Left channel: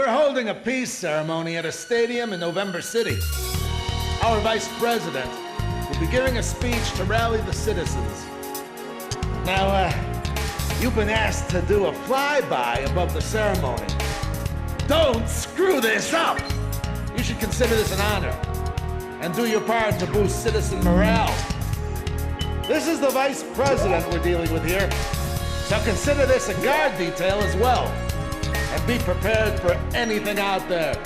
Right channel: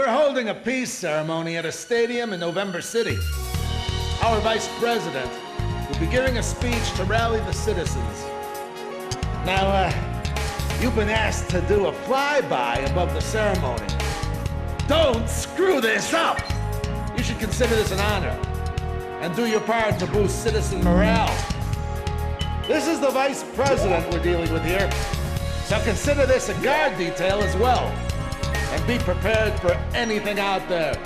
We're holding a peace ceremony at a stadium in November City. Our vice president will be giving a speech to rally the citizens. Now, you've been asked to do a flyby above the ceremony. Don't screw this up! You should consider this an honor and do your part to boost citizen morale. This is the vice president we're dealing with here, so consider this a guard detail as well, and be prepared for anything out there.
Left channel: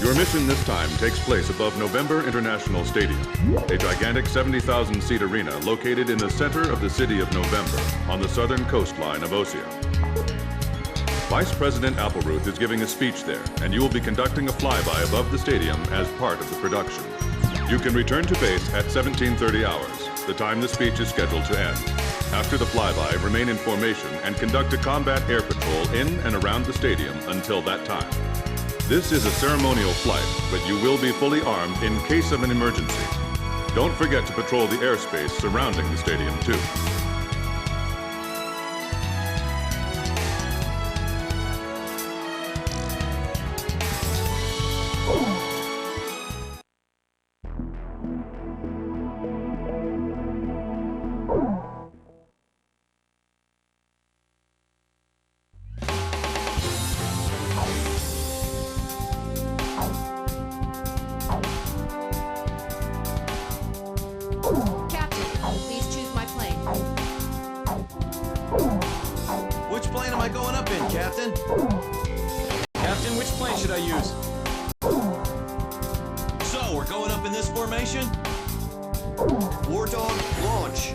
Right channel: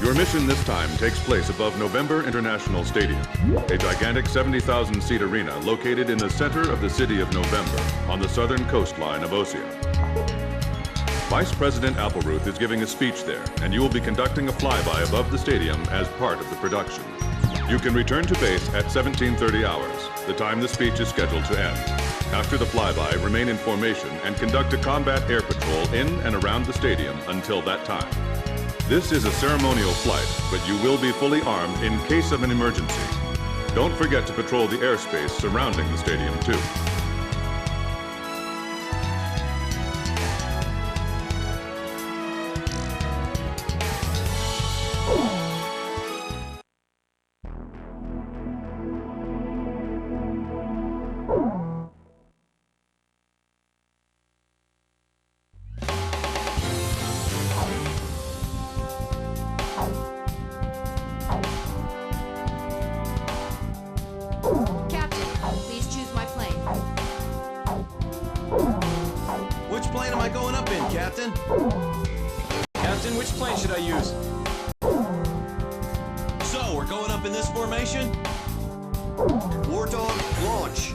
Your mission this time takes place above November International Stadium, a gigantic 70,000-seat arena located in the center of the city of November on the southern coastline of Osea. Vice President Appleruth is giving a speech there, and you will be conducting a flyby above the stadium as part of the production. You can return to base at 17:30 hours, the time the speech is scheduled to end. After the flyby, remain in formation and conduct a combat air patrol in and around the stadium until that time. This is a ceremonial flight, but you will be fully armed in case of an emergency. Don't forget to patrol the airspace surrounding the stadium, too. Which plane am I going up in, Captain? Captain, which plane should I use? So, we're going up in this formation? Wardog, launch.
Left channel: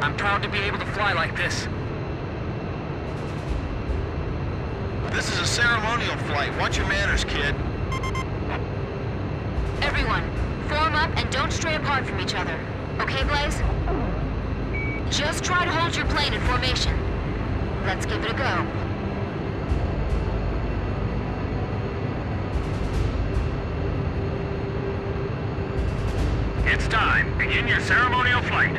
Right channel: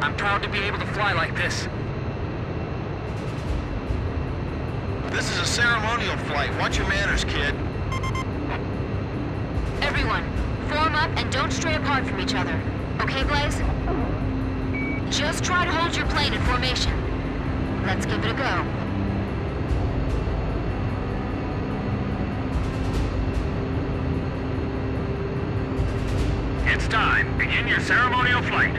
I'm proud to be able to fly like this. This is a ceremonial flight. Watch your manners, kid. Everyone, form up and don't stray apart from each other. Okay, Blaze? Just try to hold your plane in formation. Let's give it a go. It's time. Begin your ceremonial flight.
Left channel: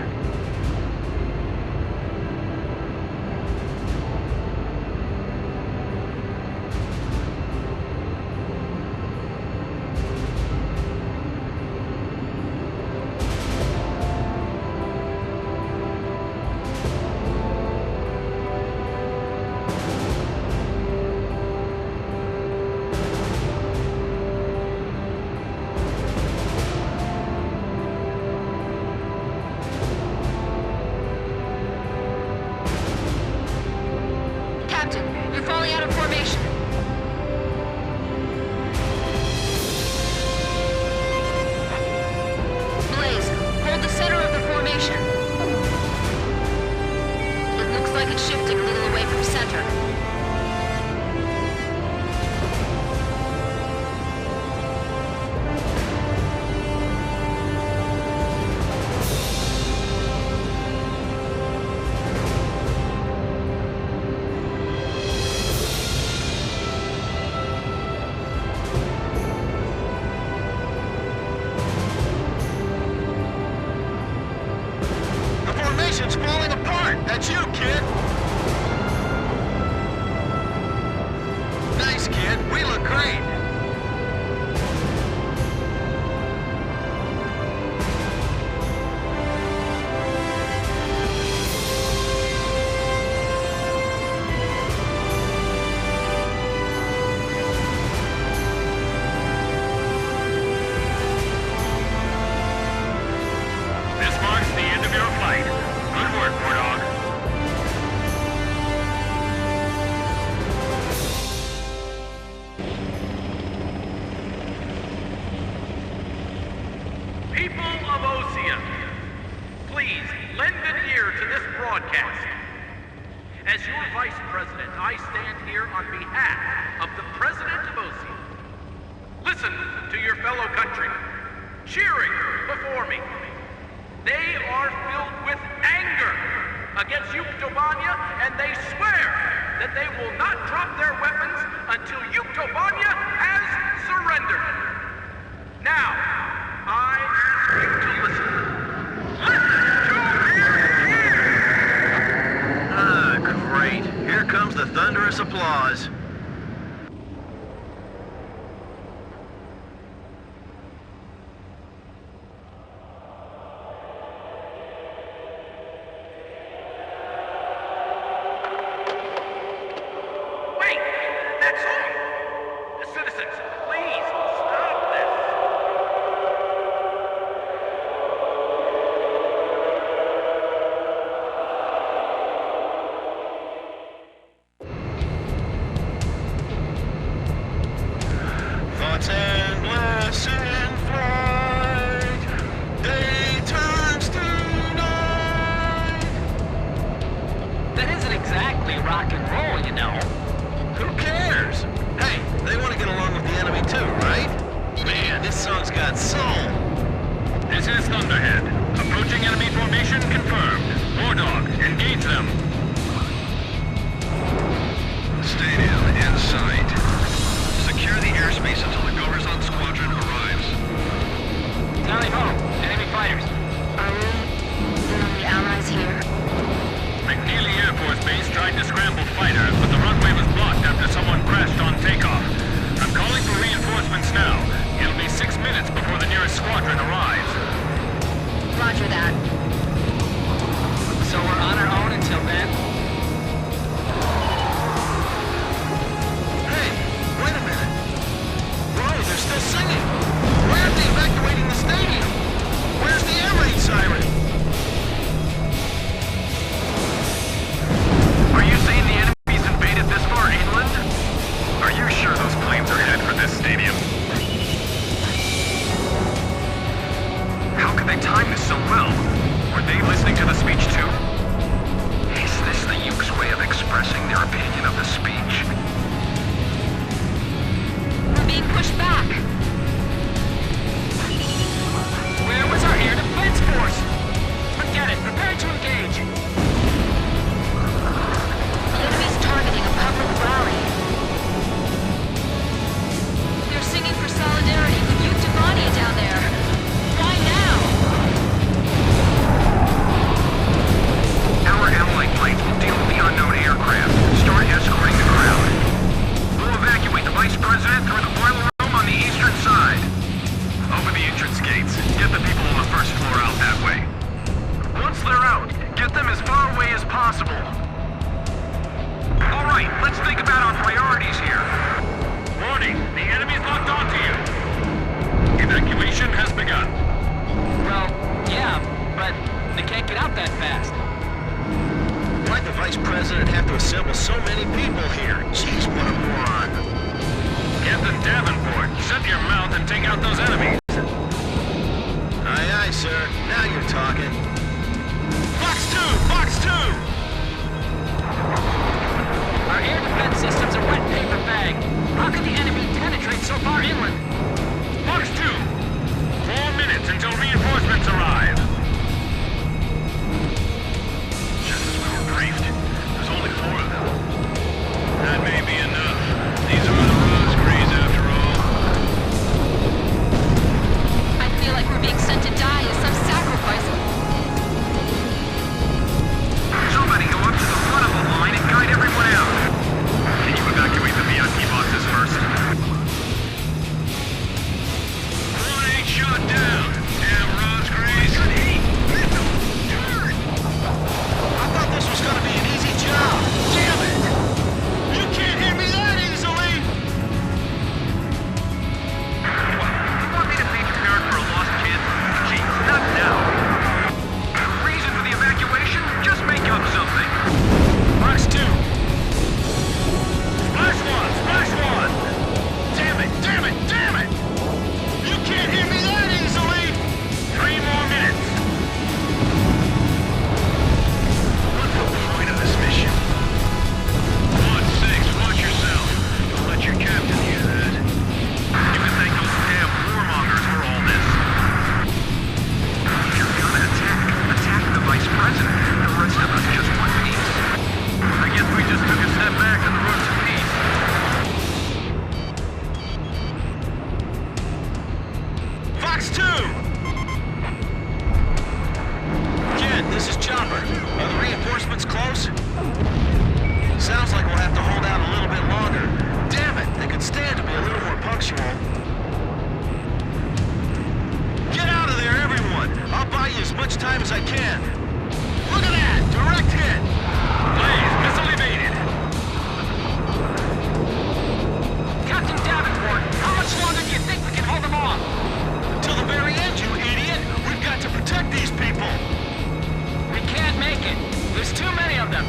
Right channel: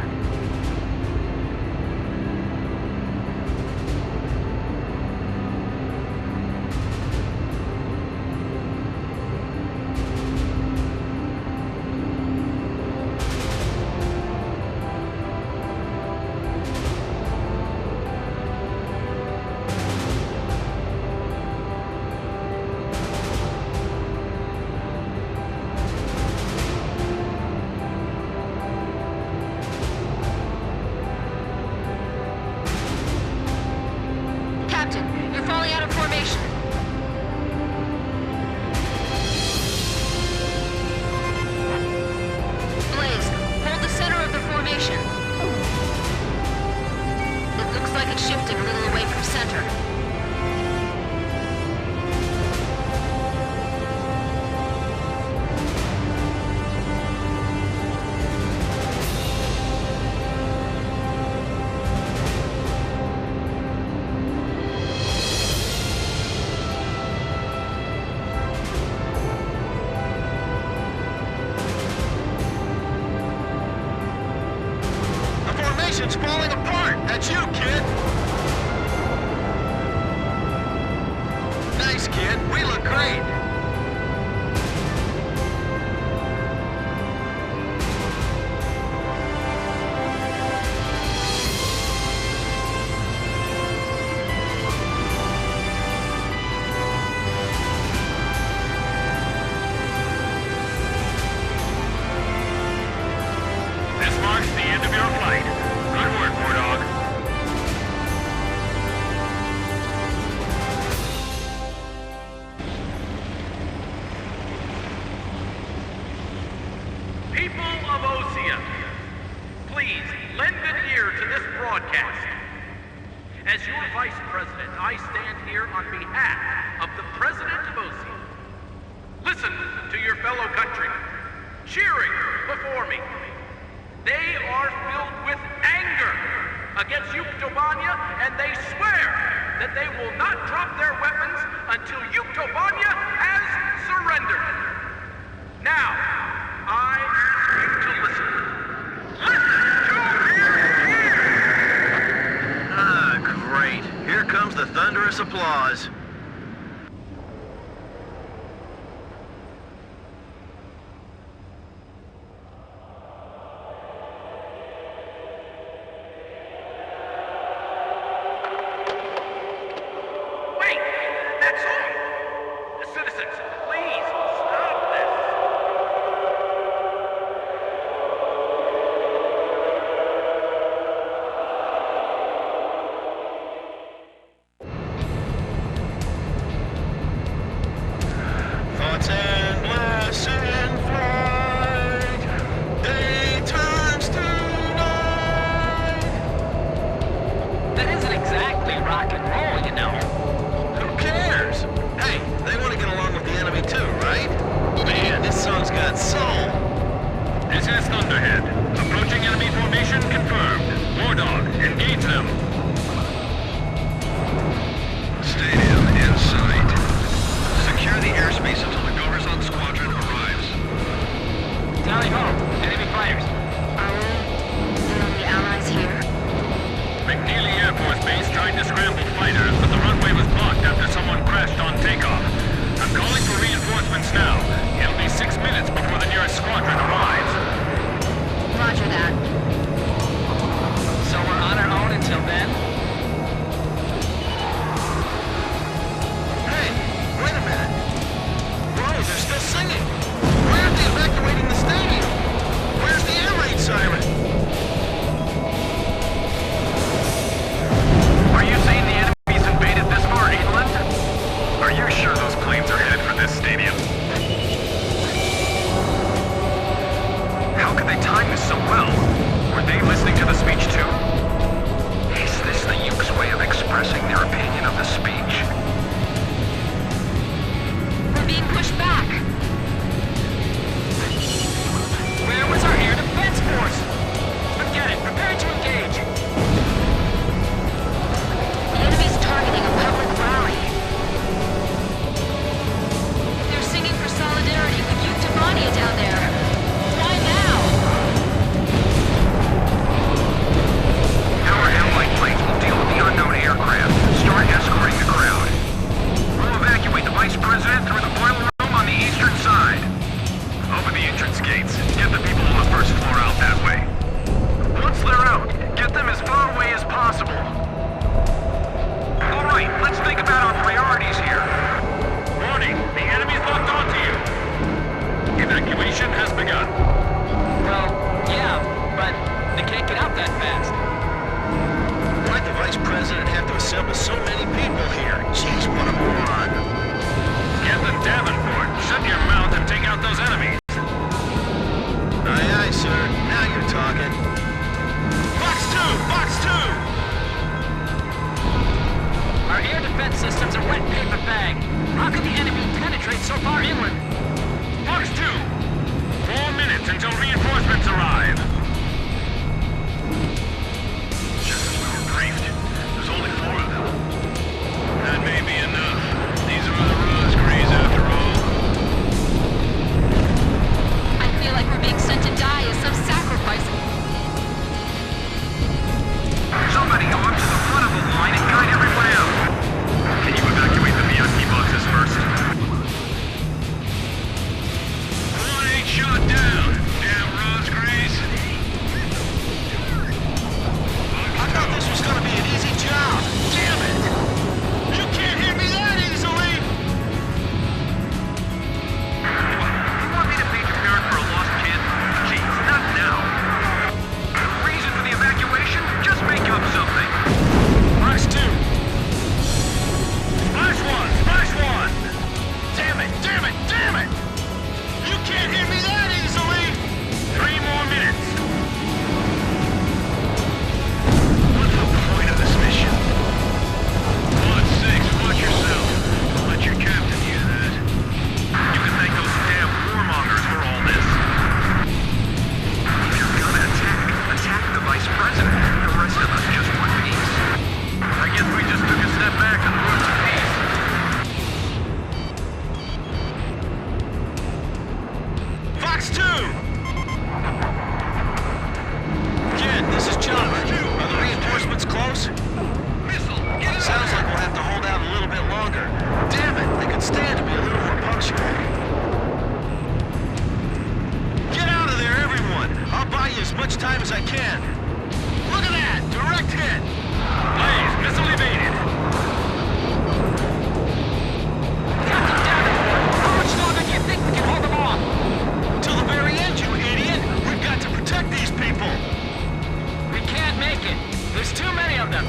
Captain, you're falling out of formation. Blaze, hold the center of the formation. It looks like it's shifting a little away from center. Formation's falling apart! That's you, kid! Nice, kid. We look great! This marks the end of your flight. Good work, Wardog. People of Osea, please lend an ear to this broadcast. As your vice president, I stand here on behalf of the president of Osea. Listen to your fellow country, cheering before me. They are filled with anger against Yuktobanya, and they swear that they will not drop their weapons until Yuktobanya has surrendered. tremendous applause. Wait! That's all! Citizens, please, stop this! Thoughts and blessed flight, day turns to night. That isn't exactly rock and roll, you know. Who cares? Hey, they want to get along with the enemy too, right? Man, this song's got soul. This is Thunderhead. Approaching enemy formation confirmed. War Dog, engage them. Stadium in sight. Secure the airspace until the Goverzon squadron arrives. Tally ho, enemy fighters. Are we the only allies here? McNeely Air Force Base tried to scramble fighters, but the runway was blocked after someone crashed on takeoff. I'm calling for reinforcements now. It'll be 6 minutes before the nearest squadron arrives. Roger that. So we're on our own until then? Hey, wait a minute. Whoa, they're still singing. Why aren't they evacuating the stadium? Where's the air raid siren? Are you saying the enemy's invaded this far inland? Are you sure those planes are headed for this stadium? How could they time this so well? Were they listening to the speech too? Is this the Yuke's way of expressing their opinion of the speech? We're being pushed back. Where was our air defense force? Forget it, prepare to engage. The enemy's targeting a public rally. They're singing for solidarity with Yuke Devania down there. Why now? Our allied planes will deal with the unknown aircraft. Start escorting the crowd. We'll evacuate the Vice President through the boiler room on the eastern side. Open the entrance gates. Get the people on the first floor out that way. Once they're out, get them as far away as possible. All right, let's think about our priorities here. Warning, the enemy's locked onto you. Evacuation has begun. Well, yeah, but they can't get out that fast. Why'd the Vice President have to assemble so many people here? Jeez, what a moron. Captain Davenport, shut your mouth and take out those enemies. Aye, aye, sir. Now you're talking. Fox 2! Fox 2! Our air defense system's a wet paper bag. How could the enemy penetrate so far inland? Fox 2, 4 minutes until reinforcements arrive. Just as we were briefed, there's only 4 of them. That may be enough. These are the Rosegrees after all. I feel like we're being sent to die as some sacrifice. Somebody go up to the front of the line and guide everyone out. Can you evacuate the VIP boxes first? One ain't shot down, damn Rosegrees. I thought this was gonna be an easy job. Damn it! You can't hear me that easily! You want me to paint your parent for a lost kid? Jeez, not now. Reason for the evacuation? Just make up something. Fox 2. Splash 1! Splash 1! Damn it! Damn it! Damn it! You can't hear me that easily! 3 more minutes. What's the point of this mission? 1-6, watch yourself. Don't let your captain hear that. You can thank those damn warmongers for all this. If you're gonna attack the Vice President. The rest of us just want peace. I guess we just took a step back on the road to peace. Fox 2! Kid, this is Chopper. Are the reinforcements close? Missile Sounds like we'll have to hold out a little bit longer. Damn it, they could stand to be a little more punctual. Get out of there, everyone! I'll buy you as much time as I can. Look at that! Direct hit! Blaze, missile evaded. Captain Davenport, how much longer do you think we can hold them off? Till the very end, you idiot! We've got to protect these people! We can't make it. There's too many of them.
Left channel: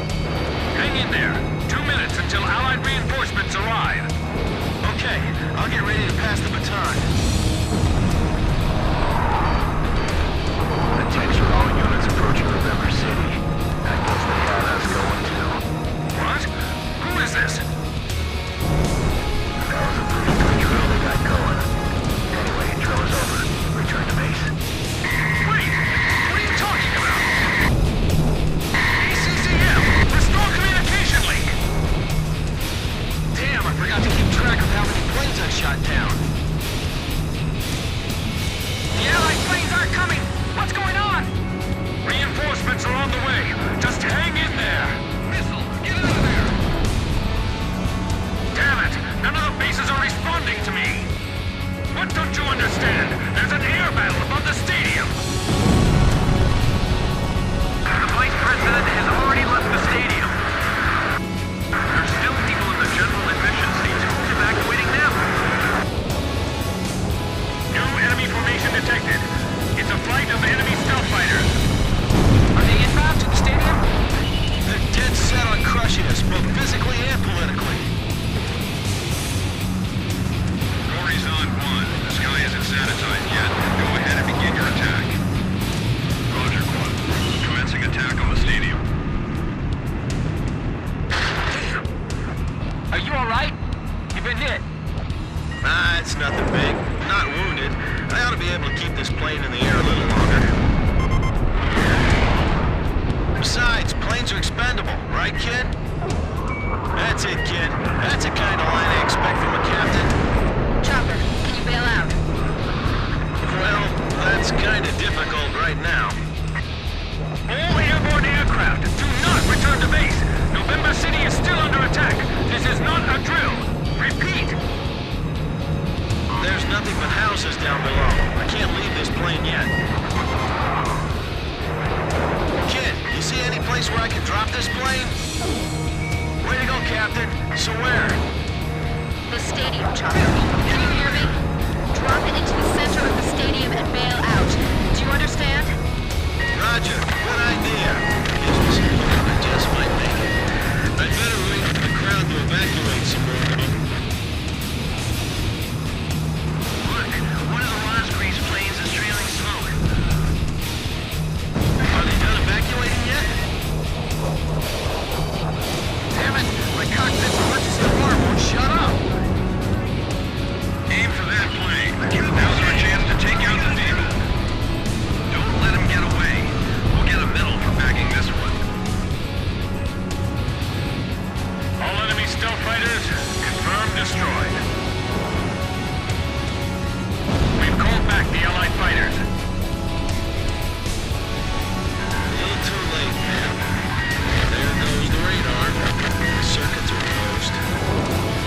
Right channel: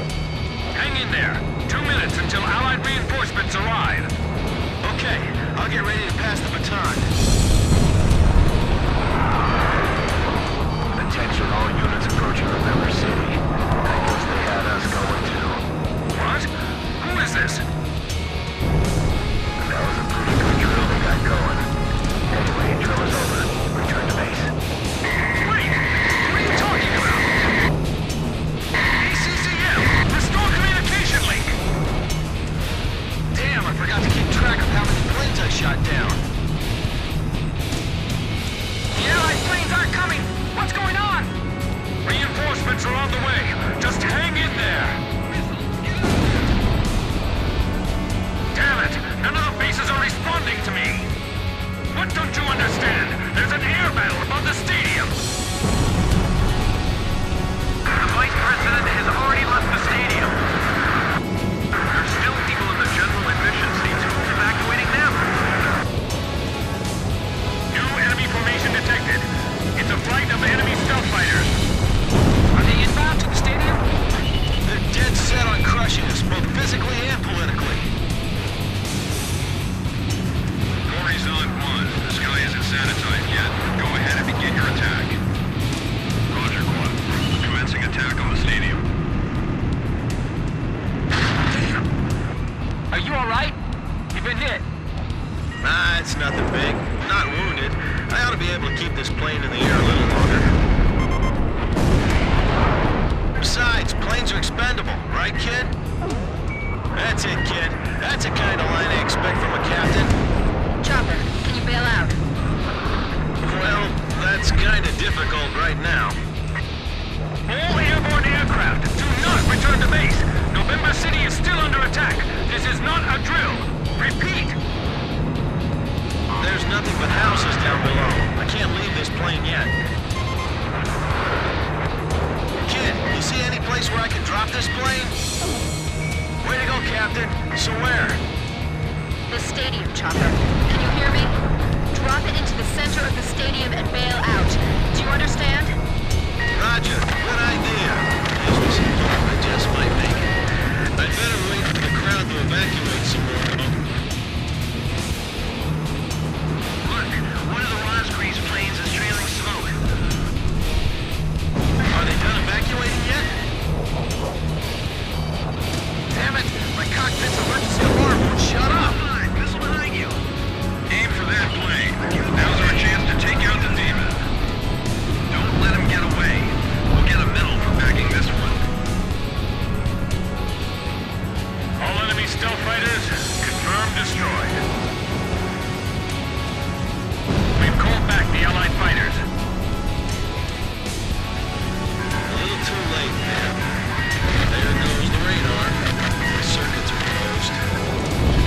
Hang in there. 2 minutes until Allied reinforcements arrive. Okay, I'll get ready to pass the baton. Attention all units approaching November City. I guess they had us going too. What? Who is this? That was a pretty good drill they got going. Anyway, drill is over. Return to base. Wait! What are you talking about? ECCM! Restore communication link! Damn, I forgot to keep track of how many planes I shot down. The Allied planes aren't coming. What's going on? Reinforcements are on the way. Just hang in there. Missile, get out of there! Damn it! None of the bases are responding to me! What don't you understand? There's an air battle above the stadium! The Vice President has already left the stadium. There's still people in the general admission seats. Who's evacuating them? New enemy formation detected. It's a flight of enemy stealth fighters. Are they inbound to the stadium? They're dead set on crushing us, both physically and politically. Horizon 1. The sky isn't sanitized yet, but go ahead and begin your attack. Roger, Quad. Commencing attack on the stadium. Are you all right? You've been hit. Ah, it's nothing big. Not wounded. I ought to be able to keep this plane in the air a little longer. Besides, planes are expendable, right, kid? That's it, kid. That's the kind of line I expect from a captain. Chopper, can you bail out? Well, that's kind of difficult right now. All airborne aircraft, do not return to base. November City is still under attack. This is not a drill. Repeat. There's nothing but houses down below. I can't leave this plane yet. Kid, you see any place where I can drop this plane? Way to go, Captain. So where? The stadium, Chopper. Can you hear me? Drop it into the center of the stadium and bail out. Do you understand? Roger. Good idea. Gives me some hope I just might make it. I'd better wait for the crowd to evacuate some more, though. Look, one of the Rosgreaves planes is trailing smoke. Are they done evacuating yet? Damn it! My cockpit's emergency alarm won't shut up! Missile behind you! Aim for that plane. Now's our chance to take out the demon. Don't let him get away. We'll get a medal for backing this one. All enemy stealth fighters, confirmed destroyed. We've called back the Allied fighters. A little too late, man. There goes the radar. The circuits are closed.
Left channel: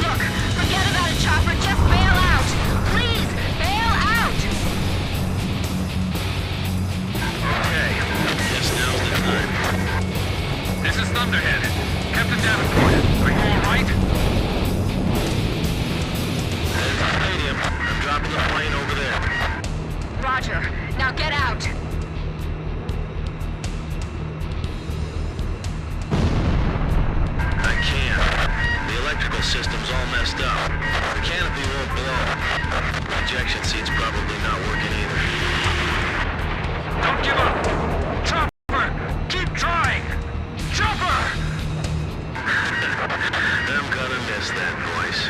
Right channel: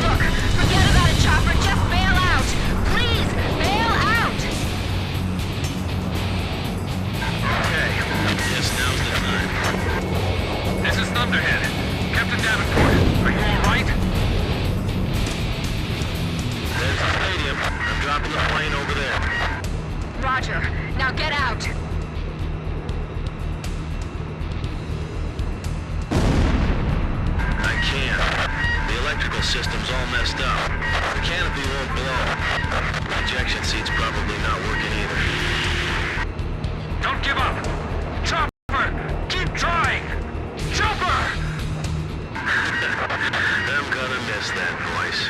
Look, forget about it, Chopper. Just bail out. Please, bail out. Okay, guess now's the time. This is Thunderhead. Captain Davenport, are you all right? There's the stadium. I'm dropping the plane over there. Roger. Now get out. I can't. The electrical system's all messed up. The canopy won't blow. The ejection seat's probably not working either. Don't give up! Chopper! Keep trying! Chopper! I'm gonna miss that voice.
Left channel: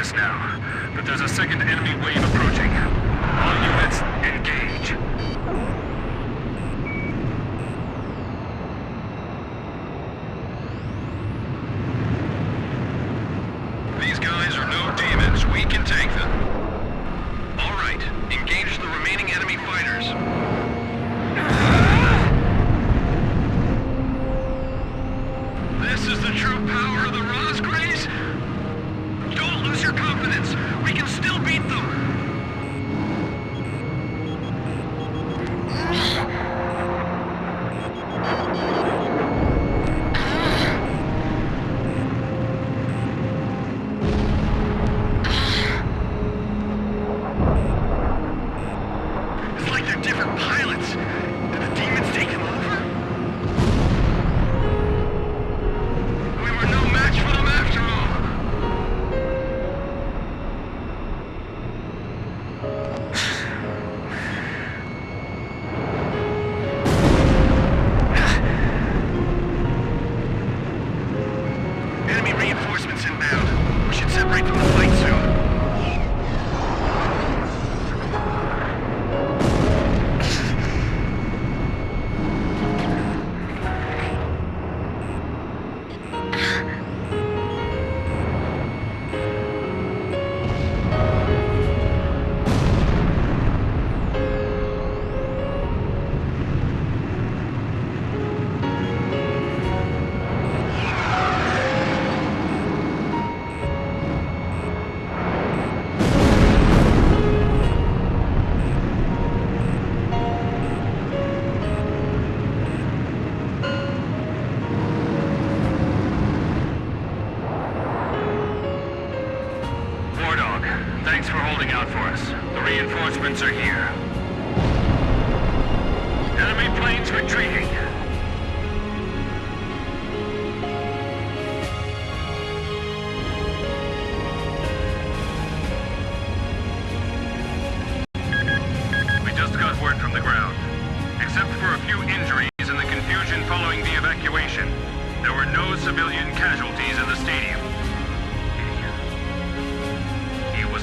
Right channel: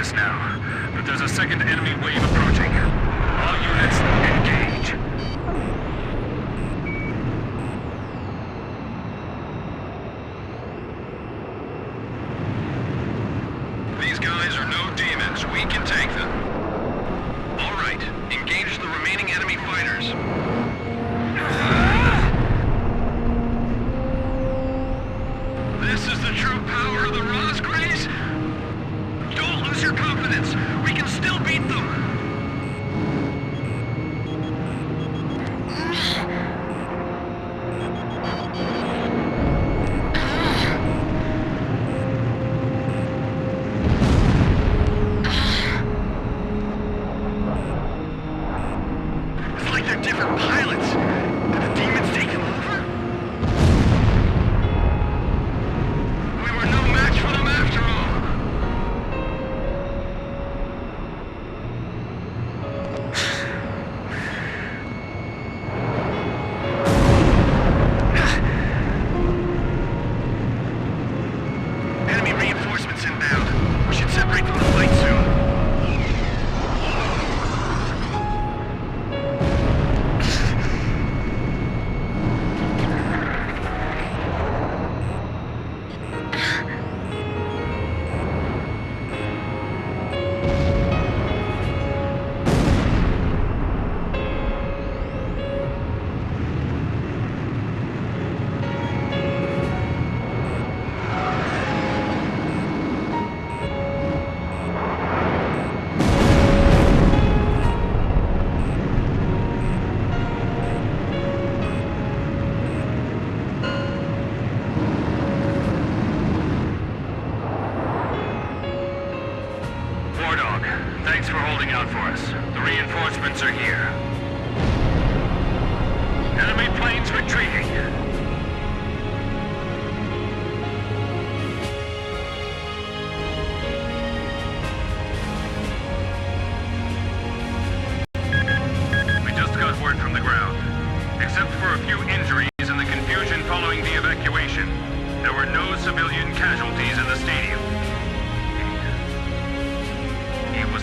this now, but there's a second enemy wave approaching. All units, engage. These guys are no demons. We can take them. All right, engage the remaining enemy fighters. This is the true power of the Rosgrays? Don't lose your confidence. We can still beat them. It's like they're different pilots. Did the demons take them over? We were no match for them after all. Enemy reinforcements inbound. We should separate from the fight soon. Thanks for holding out for us. The reinforcements are here. Enemy planes retreating. We just got word from the ground. Except for a few injuries and the confusion following the evacuation, there were no civilian casualties in the stadium.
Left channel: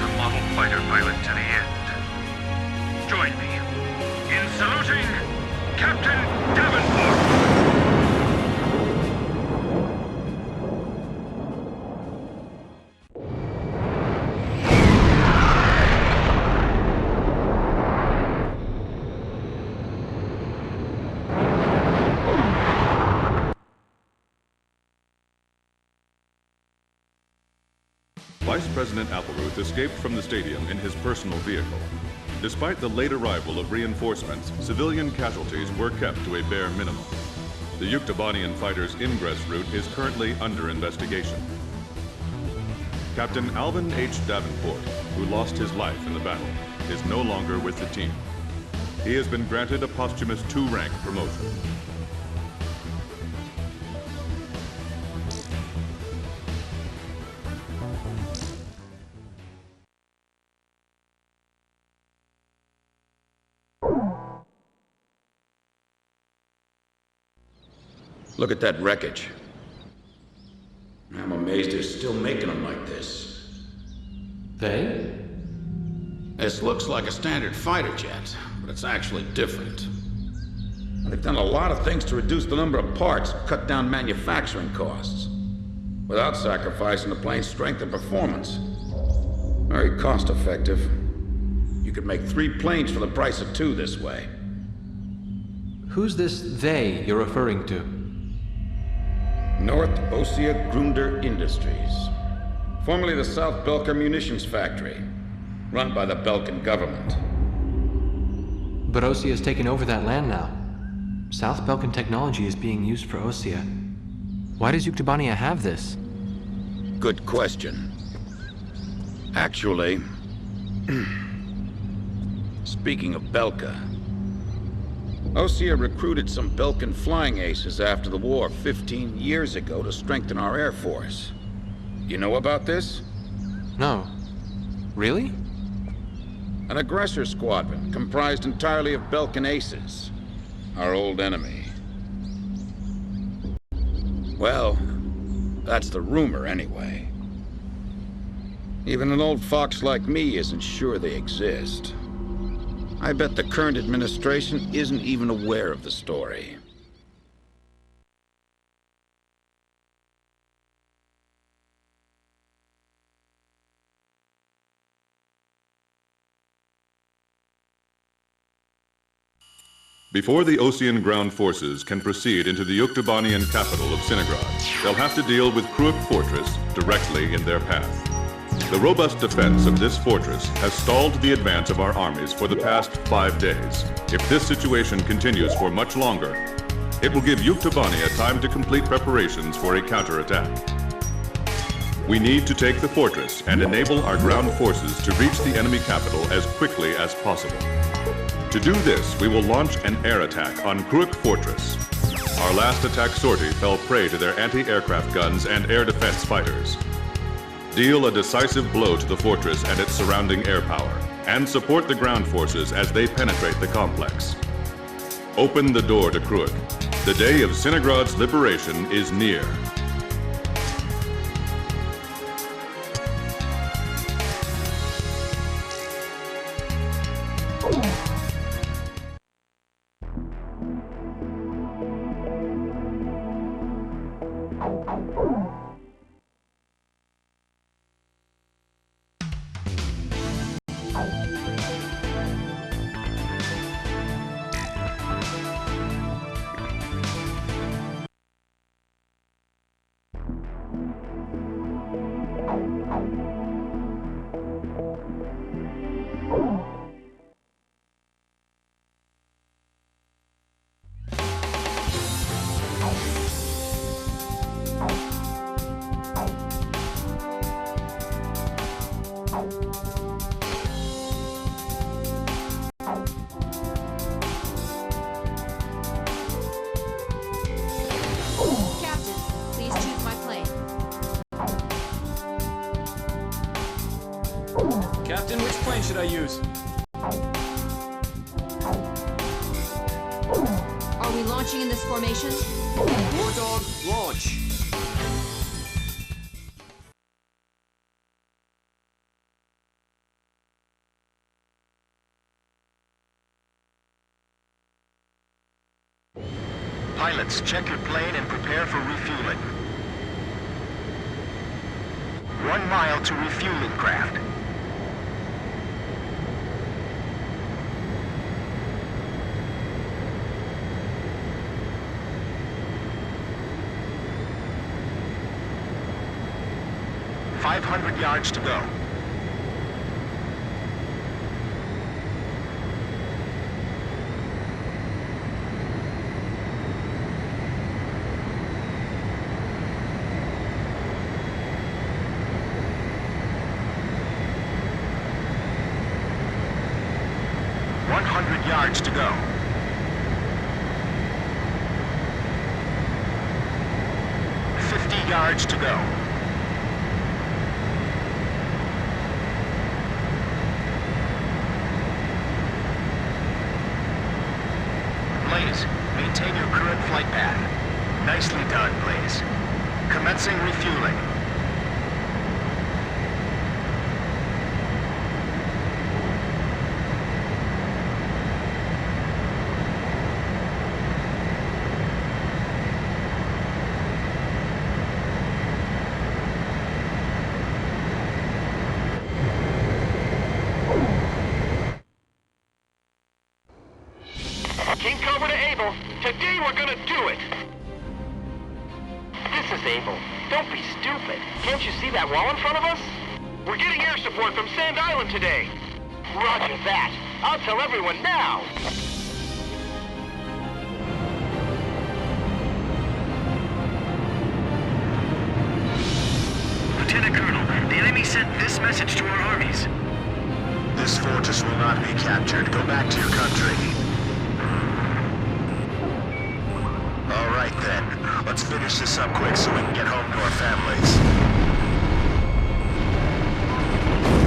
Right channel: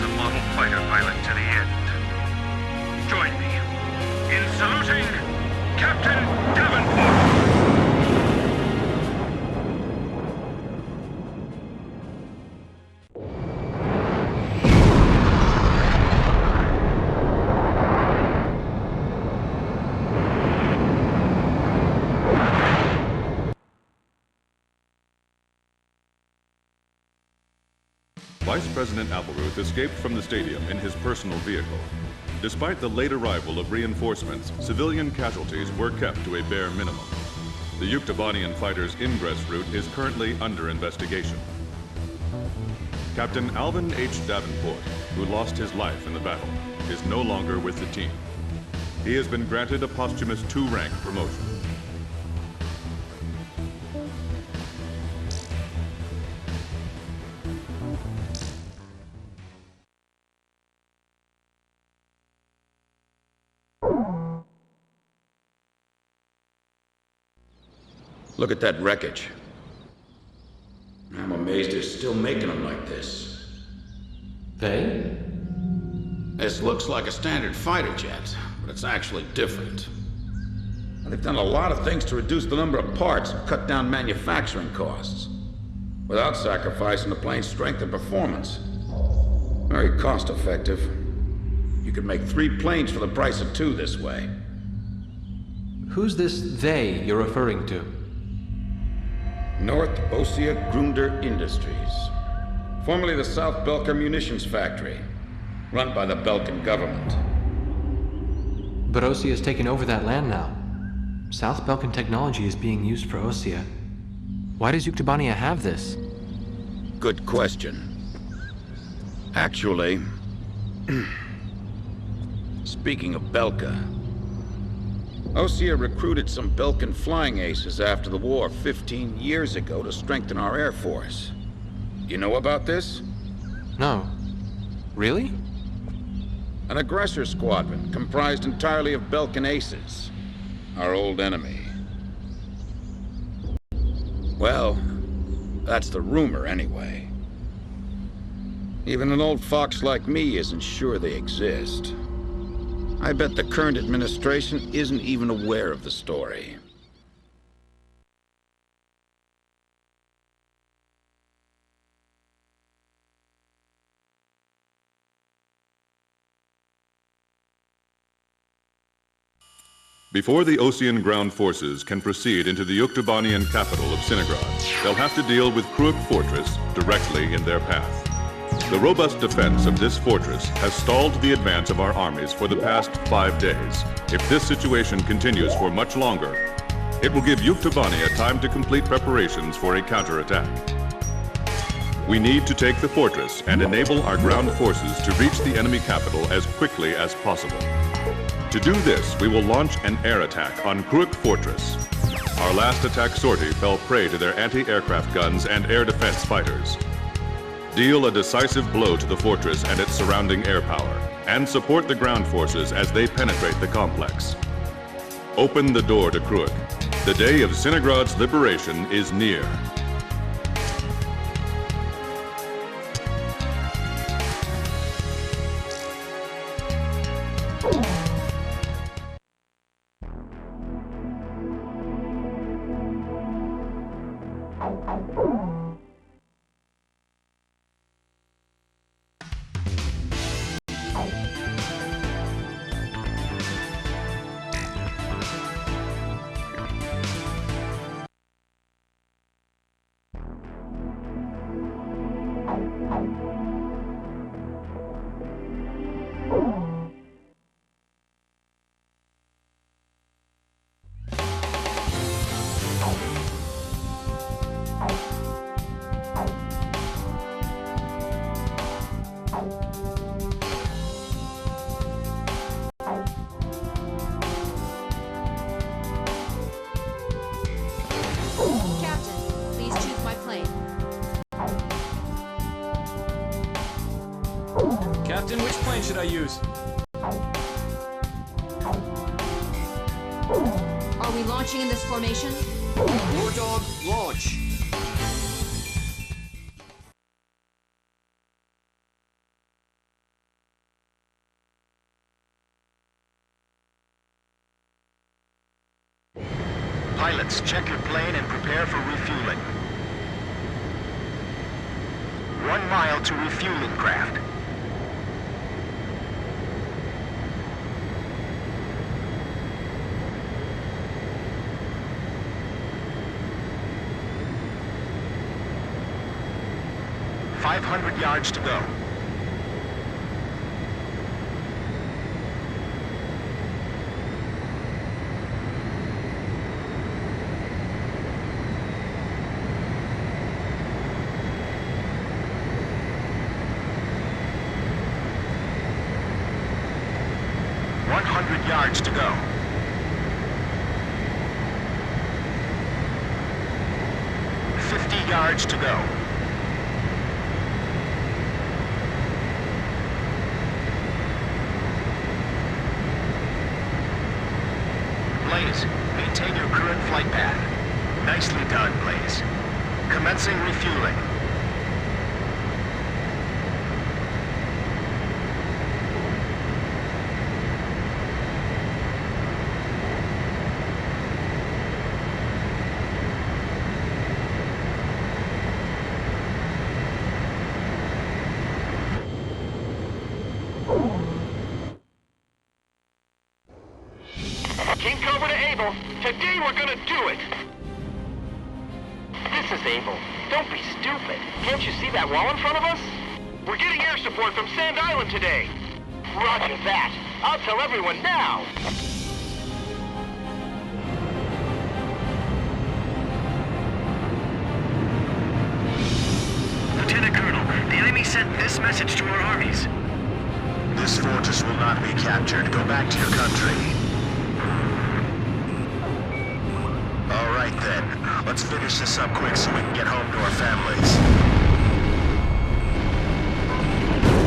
A model fighter pilot to the end. Join me in saluting Captain Davenport! Vice President Appleruth escaped from the stadium in his personal vehicle. Despite the late arrival of reinforcements, civilian casualties were kept to a bare minimum. The Yuktobanian fighters' ingress route is currently under investigation. Captain Alvin H. Davenport, who lost his life in the battle, is no longer with the team. He has been granted a posthumous 2-rank promotion. Look at that wreckage. I'm amazed they're still making them like this. They? This looks like a standard fighter jet, but it's actually different. They've done a lot of things to reduce the number of parts and cut down manufacturing costs, without sacrificing the plane's strength and performance. Very cost-effective. You could make 3 planes for the price of 2 this way. Who's this they you're referring to? North Ossia Grunder Industries, formerly the South Belka Munitions Factory, run by the Belkan government. But Ossia has taken over that land now. South Belkan technology is being used for Ossia. Why does Yuktobania have this? Good question. Actually, speaking of Belka, Ossia recruited some Belkan flying aces after the war 15 years ago to strengthen our Air Force. You know about this? No. Really? An aggressor squadron comprised entirely of Belkan aces, our old enemy. Well, that's the rumor anyway. Even an old fox like me isn't sure they exist. I bet the current administration isn't even aware of the story. Before the Osean ground forces can proceed into the Yuktubanian capital of Sinigrad, they'll have to deal with Kruik Fortress directly in their path. The robust defense of this fortress has stalled the advance of our armies for the past 5 days. If this situation continues for much longer, it will give Yuktubania time to complete preparations for a counterattack. We need to take the fortress and enable our ground forces to reach the enemy capital as quickly as possible. To do this, we will launch an air attack on Kruik Fortress. Our last attack sortie fell prey to their anti-aircraft guns and air defense fighters. Deal a decisive blow to the fortress and its surrounding air power, and support the ground forces as they penetrate the complex. Open the door to Kruik. The day of Sinigrad's liberation is near. Captain, please choose my plane. Captain, which plane should I use? Are we launching in this formation? War Dog, launch! Pilots, check your plane and prepare for refueling. 1 mile to refueling craft. $500 yards to go. Yards to go. 50 yards to go. Blaze, maintain your current flight path. Nicely done, Blaze. Commencing refueling. Team Cobra to Able. Today we're gonna do it. This is Able. Don't be stupid. Can't you see that wall in front of us? We're getting air support from Sand Island today. Roger that. I'll tell everyone now. Lieutenant Colonel, the enemy sent this message to our armies. This fortress will not be captured. Go back to your country. All right then. Let's finish this up quick so we can get home to our families.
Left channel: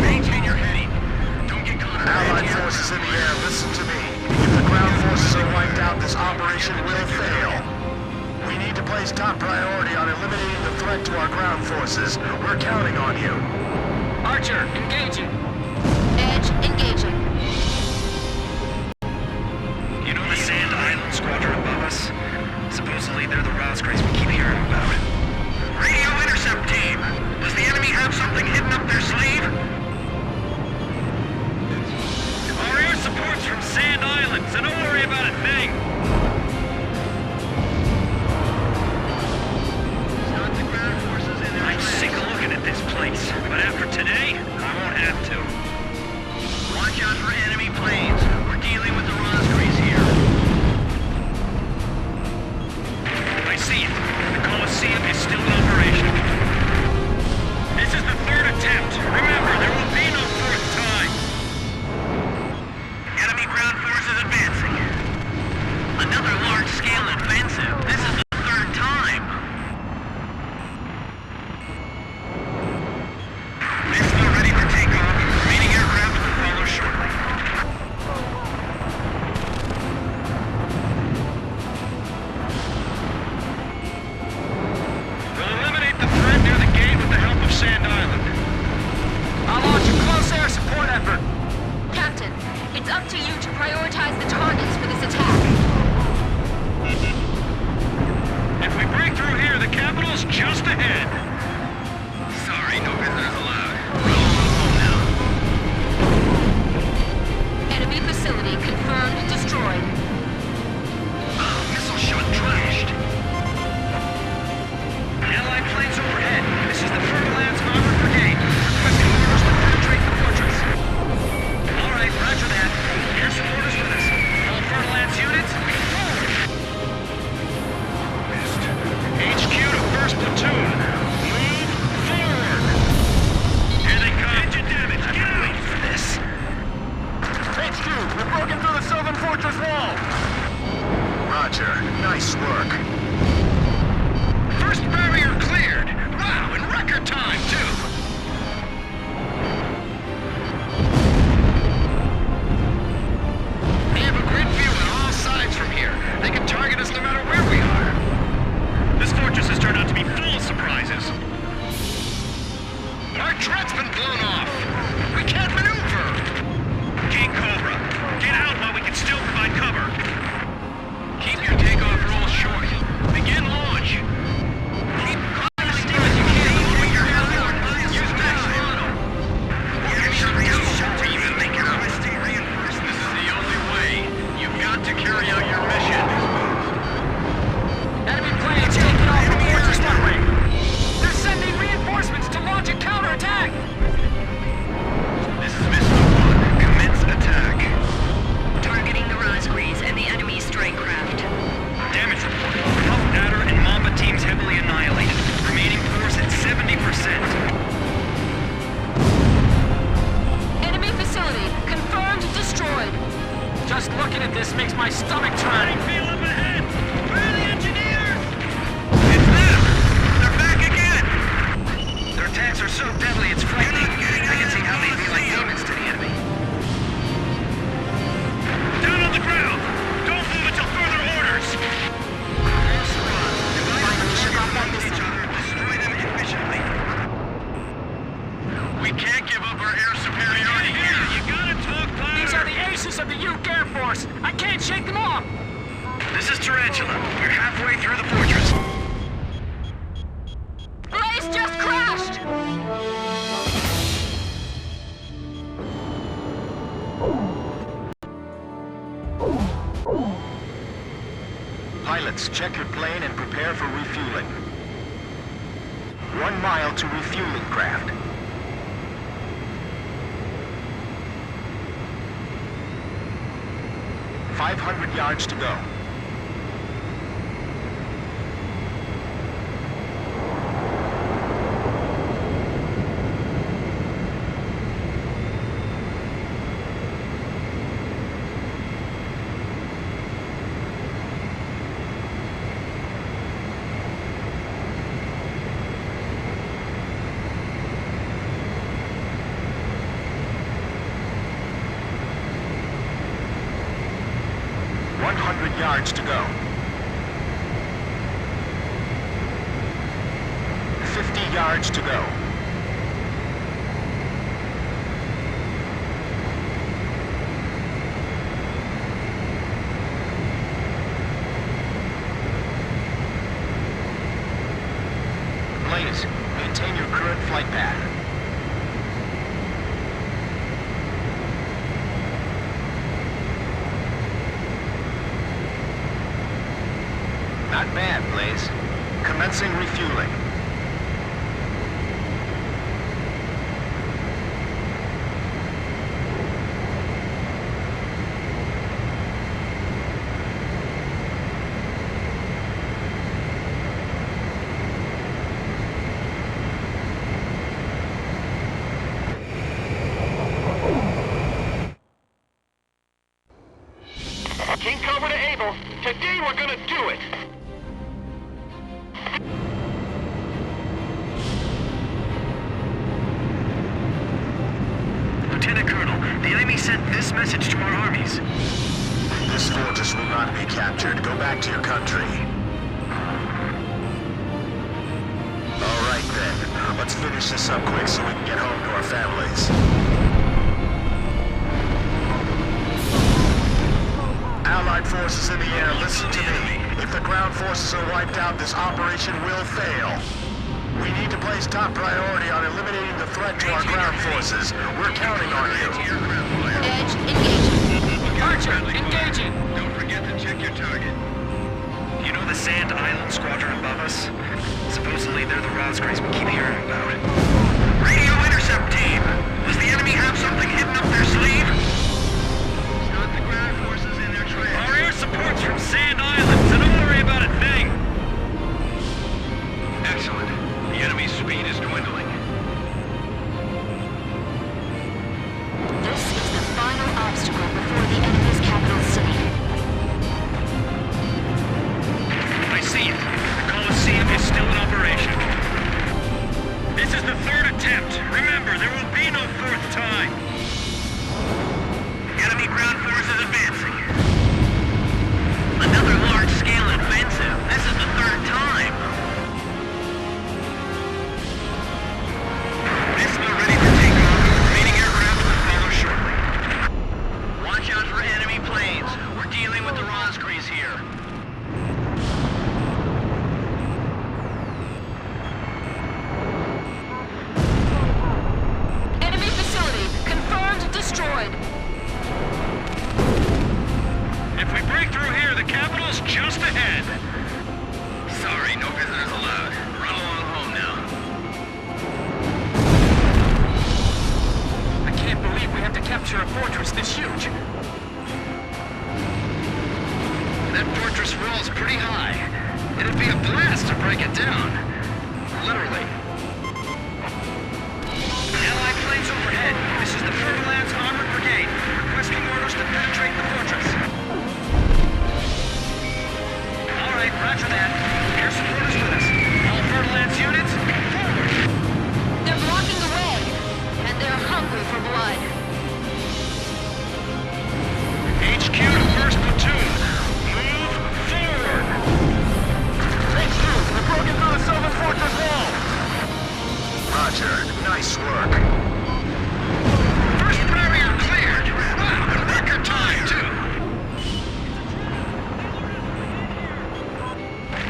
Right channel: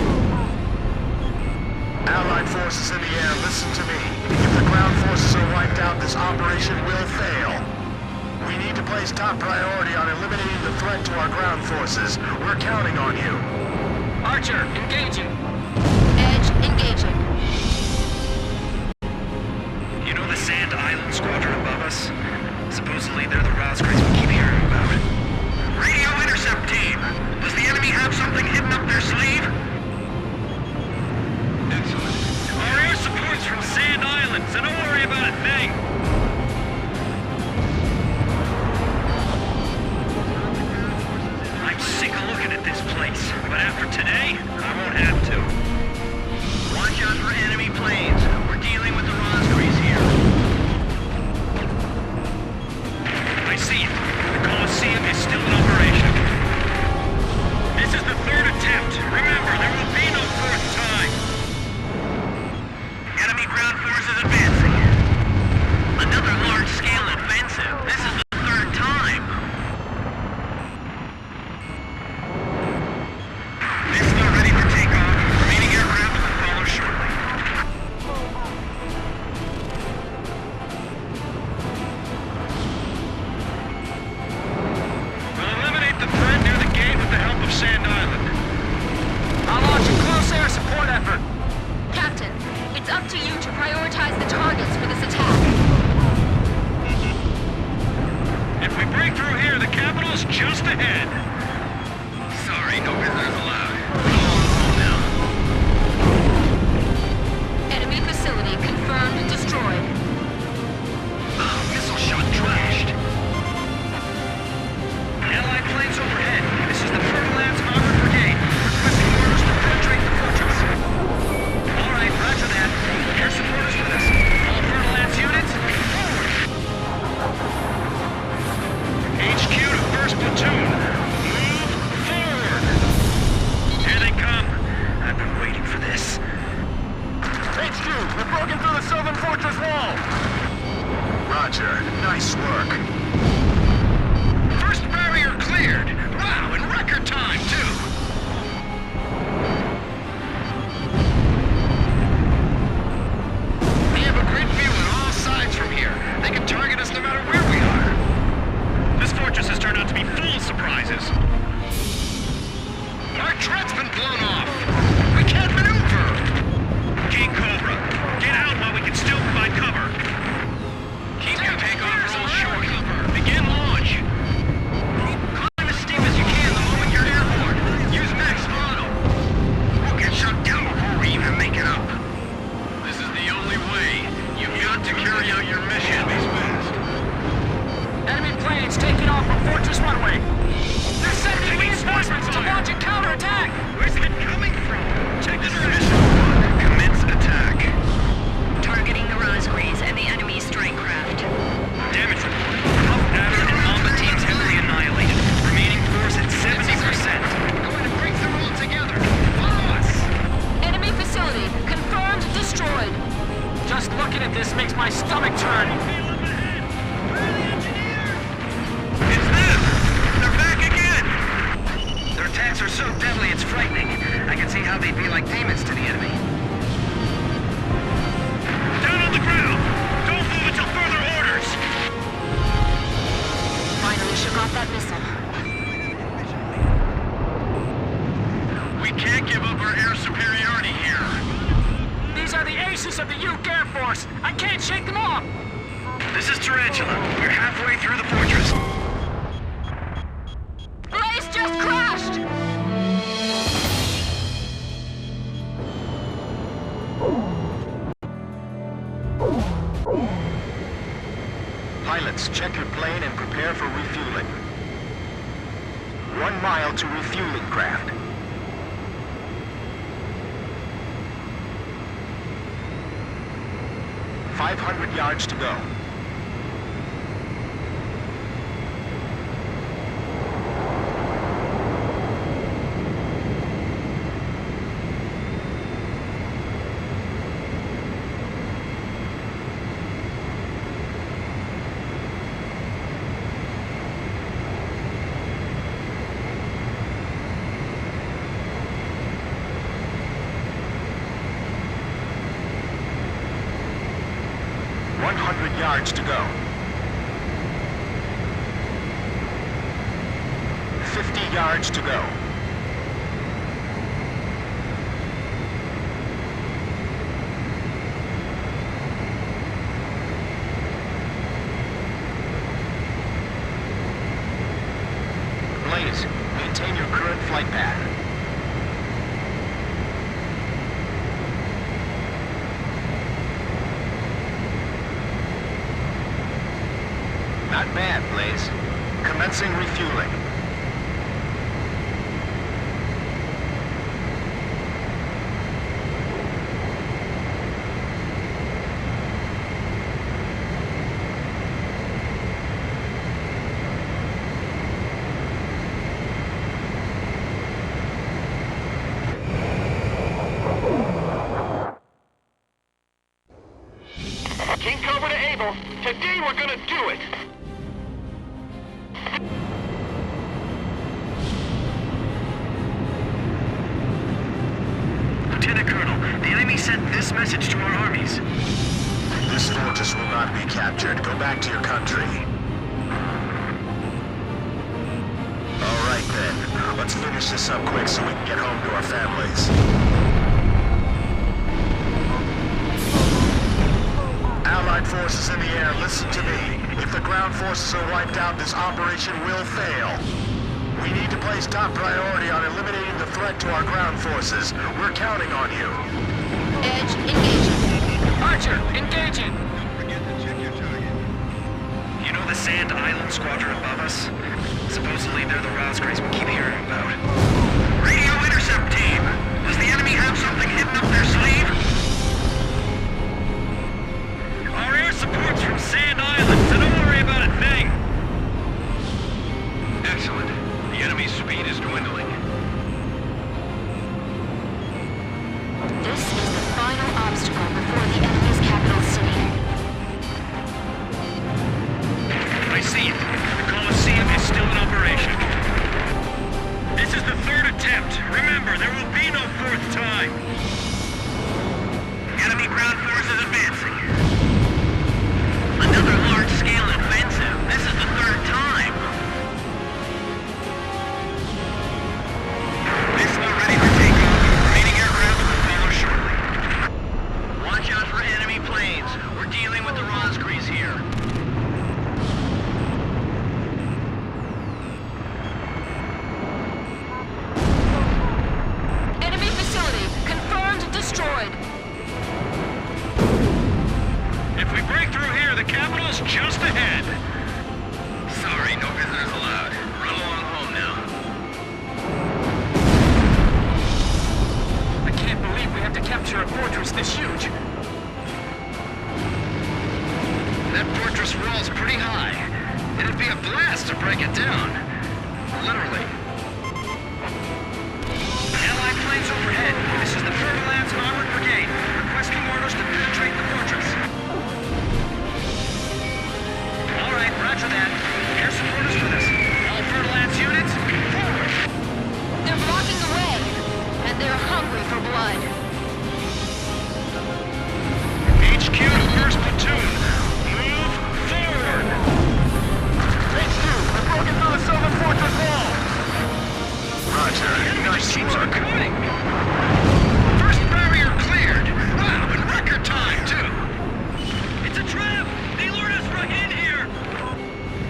Maintain your heading. Don't get caught. Allied forces in the air, listen to me. If the ground forces are wiped out, this operation will fail. We need to place top priority on eliminating the threat to our ground forces. We're counting on you. Archer, engaging. Edge, engaging. You know the Sand Island squadron above us? Supposedly they're the Rosgraves we keep hearing about. Radio intercept team! Does the enemy have something hidden up their sleeve? Our air support's from Sand Island, so don't worry about a thing! I'm sick of looking at this place, but after today, I won't have to. Watch out for enemy planes. We're dealing with the Rosgraves here. I see it. The Coliseum is still in operation. This is the third attempt. Remember, there will be no fourth time. Enemy ground forces advancing. Another large-scale offensive. This is the third time. Missile ready for takeoff. Remaining aircraft will follow shortly. We'll eliminate the threat near the gate with the help of Sand Island. I'll launch a close air support effort. Captain, it's up to you to prioritize the targets for this attack. If we break through here, the capital's just ahead. Sorry, no visitors allowed. Roll on home now. Enemy facility confirmed destroyed. Missile shot trashed. Allied planes overhead. This is the Fer-de-Lance Armored Brigade. Requesting orders to penetrate the fortress. All right, roger that. Air support is with us. All Fer-de-Lance units, forward! HQ to 1st Platoon. Move forward! Here they come. I've been waiting for this. HQ, we've broken through the southern fortress wall! Roger. Nice work. First barrier cleared! Wow, in record time, too! We have a grid view on all sides from here. They can target us no matter where we are. This fortress has turned out to be full of surprises. Our tread's been blown off! We can't maneuver! King Cobra, get out while we can still provide cover! Keep your takeoff rolls short. Begin launch! Climb as steep as you can the moment you're airborne. Use max throttle. We'll get shut down before we even make it up. This is the only way. You've got to carry out your mission. Enemy planes taking off from Fortress Runway. They're sending reinforcements to launch a counterattack. Where's it coming from? This is Missile 1. Commence attack. Targeting the Rosgraves and the enemy strike craft. Damage report. Puff, Adder, and Mamba teams heavily annihilated. Remaining force at 70%. Enemy facility confirmed destroyed. Just looking at this makes my stomach turn. It's them! They're back again! Their attacks are so deadly it's frightening. I can see how they'd be like demons to the enemy. Down on the ground! Don't move until further orders! Finally shook off that missile. Destroy them efficiently. We can't give up our air superiority here. You gotta talk power. These are the aces of the Uke Air Force. I can't shake them off. This is Tarantula. We're halfway through the fortress. Blaze just crashed! Pilots, check your plane and prepare for refueling. 1 mile to refueling craft. 500 yards to go. Yards to go. 50 yards to go. flight path. Not bad, Blaze. Commencing refueling. King Cobra to Able. Today we're gonna do it. Lieutenant Colonel, the enemy sent this message to our armies. This fortress will not be captured. Go back to your country. All right then. Let's finish this up quick so we can get home to our families. Allied forces in the air, listen to me. If the ground forces are wiped out, this operation will fail. We need to place top priority on eliminating the threat to our ground forces. We're counting on you. Edge, engaging. Archer, engaging! You know the Sand Island squadron above us? Supposedly they're the Rosgraves we keep hearing about. Radio intercept team! Does the enemy have something hidden up their sleeve? Our air support's from Sand Island, so don't worry about a thing! Excellent. The enemy's speed is dwindling. This is the final obstacle before the enemy's capital city. I see it. The Colosseum is still in operation. This is the third attempt. Remember, there will be no fourth time. Enemy ground forces advancing. Another large-scale offensive. This is the third time. Missile ready for takeoff. Remaining aircraft will follow shortly. Watch out for enemy planes. We're dealing with the Rosgrees here. Enemy facility confirmed destroyed. If we break through here, the capital's just ahead. Sorry, no visitors allowed. Run along home now. I can't believe we have to capture a fortress this huge. That fortress wall's pretty high. It'd be a blast to break it down. Literally. Allied planes overhead. This is the Fer-de-Lance Armored Brigade. Requesting orders to penetrate the fortress. All right, roger that. Air support is with us. All Fer-de-Lance units, forward! They're blocking the way, and they're hungry for blood. HQ to 1st Platoon. Move forward! HQ, we've broken through the Sylvan Fortress wall. Roger. Nice work. First barrier cleared! Wow, in record time, too! It's a trap! They lured us right in here!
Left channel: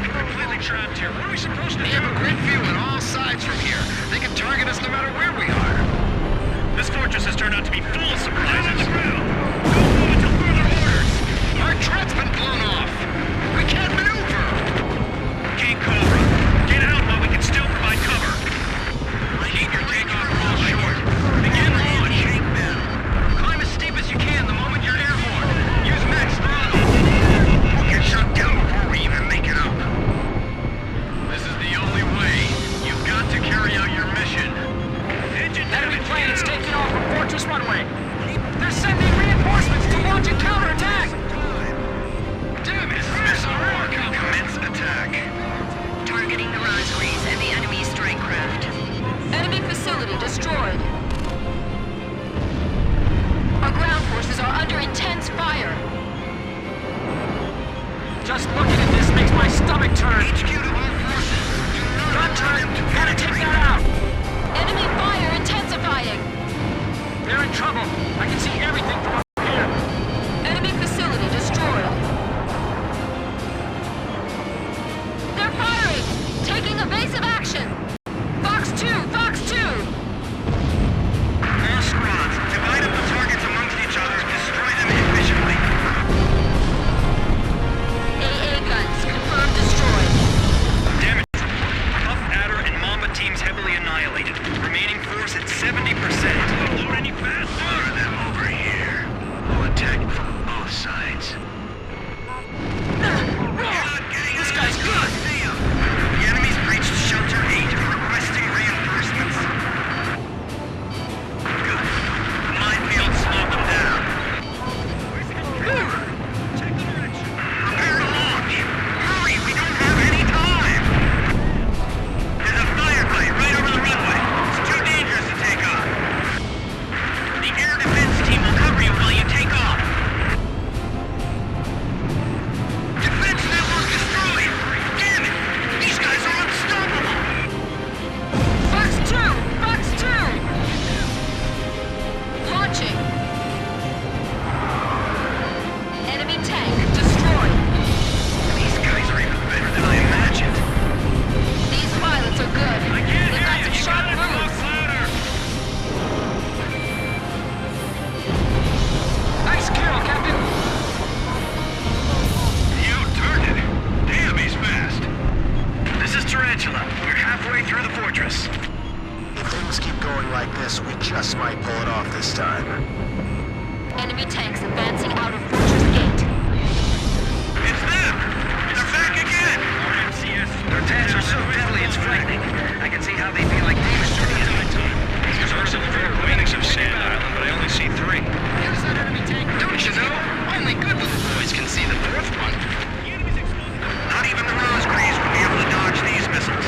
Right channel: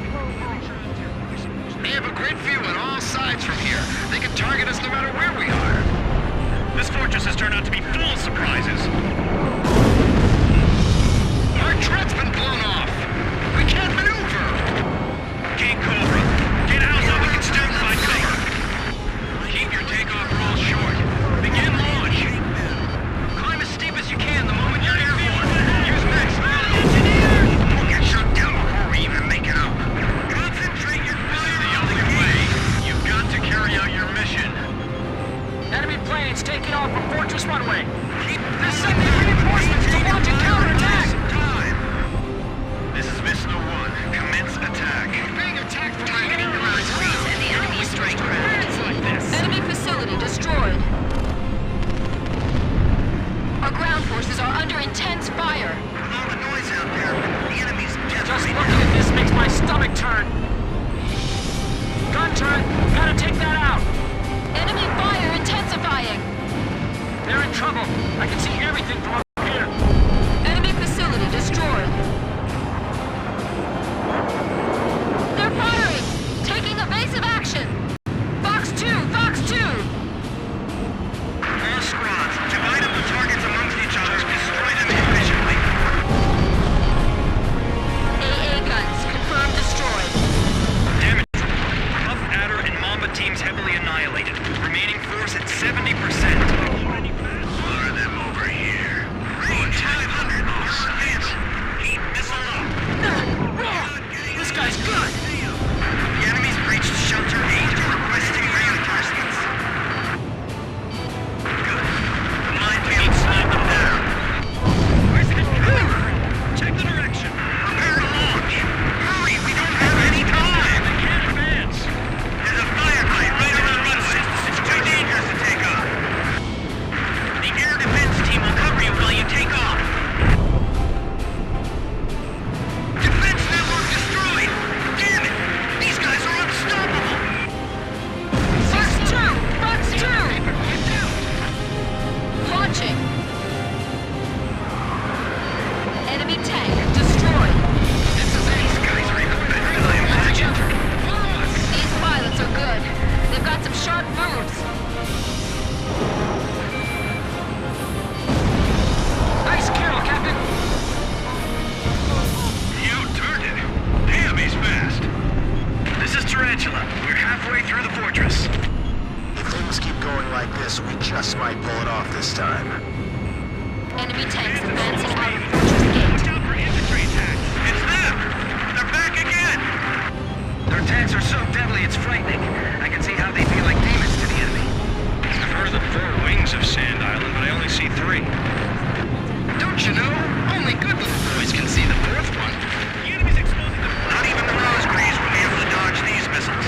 Completely trapped here. What are we supposed to do? We have a great view on all sides from here. They can target us no matter where we are. This fortress has turned out to be full of surprises. Our turret's been blown off! We can't maneuver! King Cobra, get out while we can still provide cover! Keep your takeoff roll short. Begin launch! Climb as steep as you can the moment you're airborne. Use max throttle. We'll get shut down before we even make it up. This is the only way. You've got to carry out your mission. Enemy planes taking off from Fortress Runway. They're sending reinforcements to launch a counterattack. This is Missile 1. Commence attack. Targeting the Rosgrees and the enemy strike craft. Enemy facility destroyed. Our ground forces are under intense fire. Just looking at this makes my stomach turn. Gun turret, gotta take that out. Enemy fire intensifying. They're in trouble. I can see everything from up here. Enemy facility destroyed. They're firing! Taking evasive action! Fox 2! Fox 2! Enemy tank destroyed. These guys are even better than I imagined. These pilots are good. They've got some sharp moves. Nice kill, Captain. You turned it. Damn, he's fast. This is Tarantula. We're halfway through the fortress. If things keep going like this, we just might pull it off this time. Enemy tanks advancing out of fortress gate. It's them! They're back again! Their tanks are so deadly, it's frightening. I can see how they'd be like demons to the enemy. I've heard of the 4 wings of Sand Island, but I only see 3. Don't you know? Only good little boys can see the 4th one. Not even the Rose Greaves would be able to dodge these missiles.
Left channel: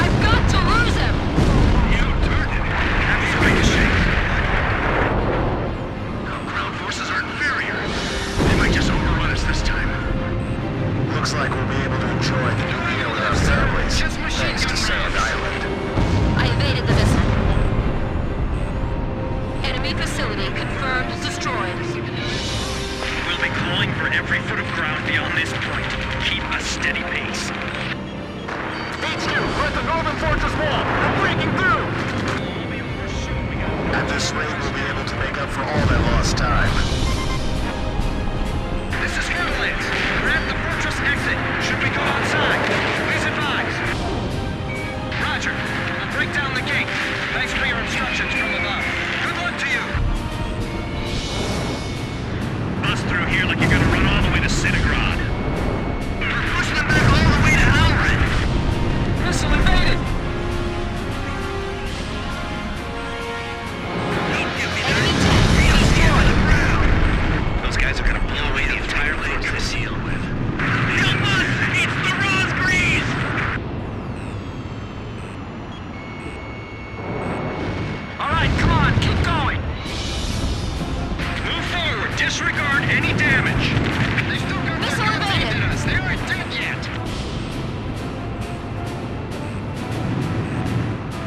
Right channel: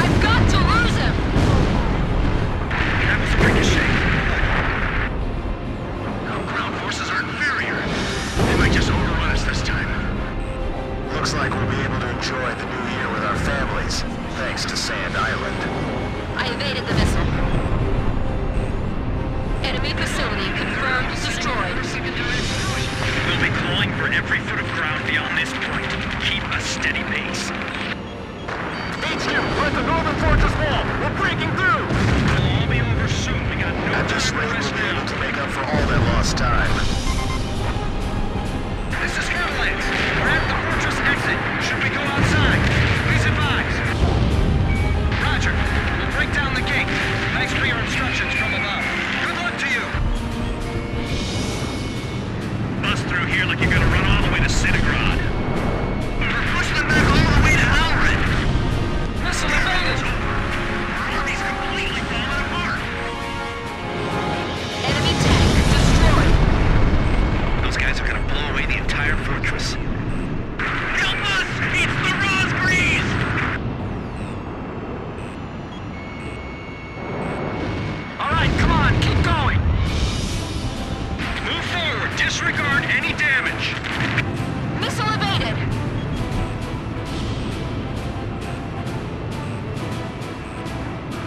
I've got to lose him! You turned it. That was a ricochet. Our ground forces are inferior. They might just overrun us this time. Looks like we'll be able to enjoy the new year with our families, thanks to Sand Island. I evaded the missile. Enemy facility confirmed destroyed. We'll be clawing for every foot of ground beyond this point. Keep a steady pace. HQ, we're at the northern fortress wall. We're breaking through. At this rate, we'll be able to make up for all that lost time. This is Avalanche. We're at the fortress exit. Should we go outside? Please advise. Roger. We'll break down the gate. Thanks for your instructions from above. Good luck to you. Bust through here like you're gonna run all the way to Citigrad. We're pushing them back all the way to Alred. Missile evaded. Enemy tank destroyed. Those guys are gonna blow away the entire fortress. Help us! It's the Rose Greaves! All right, come on, keep going. Move forward. Disregard any damage. Missile evaded.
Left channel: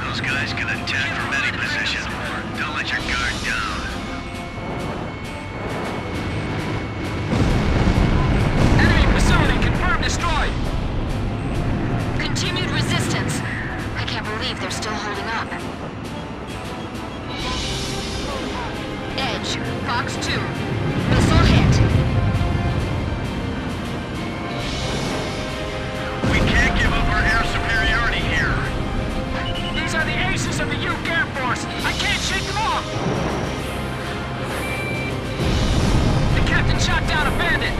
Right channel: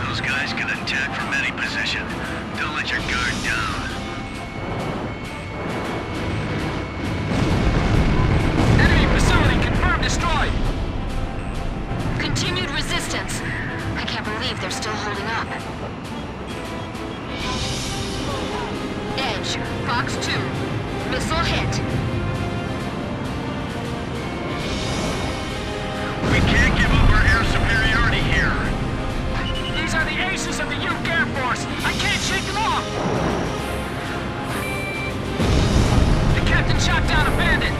Those guys can attack from any position. Don't let your guard down. Enemy facility confirmed destroyed. Continued resistance. I can't believe they're still holding up. Edge, Fox 2. Missile hit. We can't give up our air superiority here. These are the aces of the Uke Air Force. I can't shake them off. The captain shot down a bandit.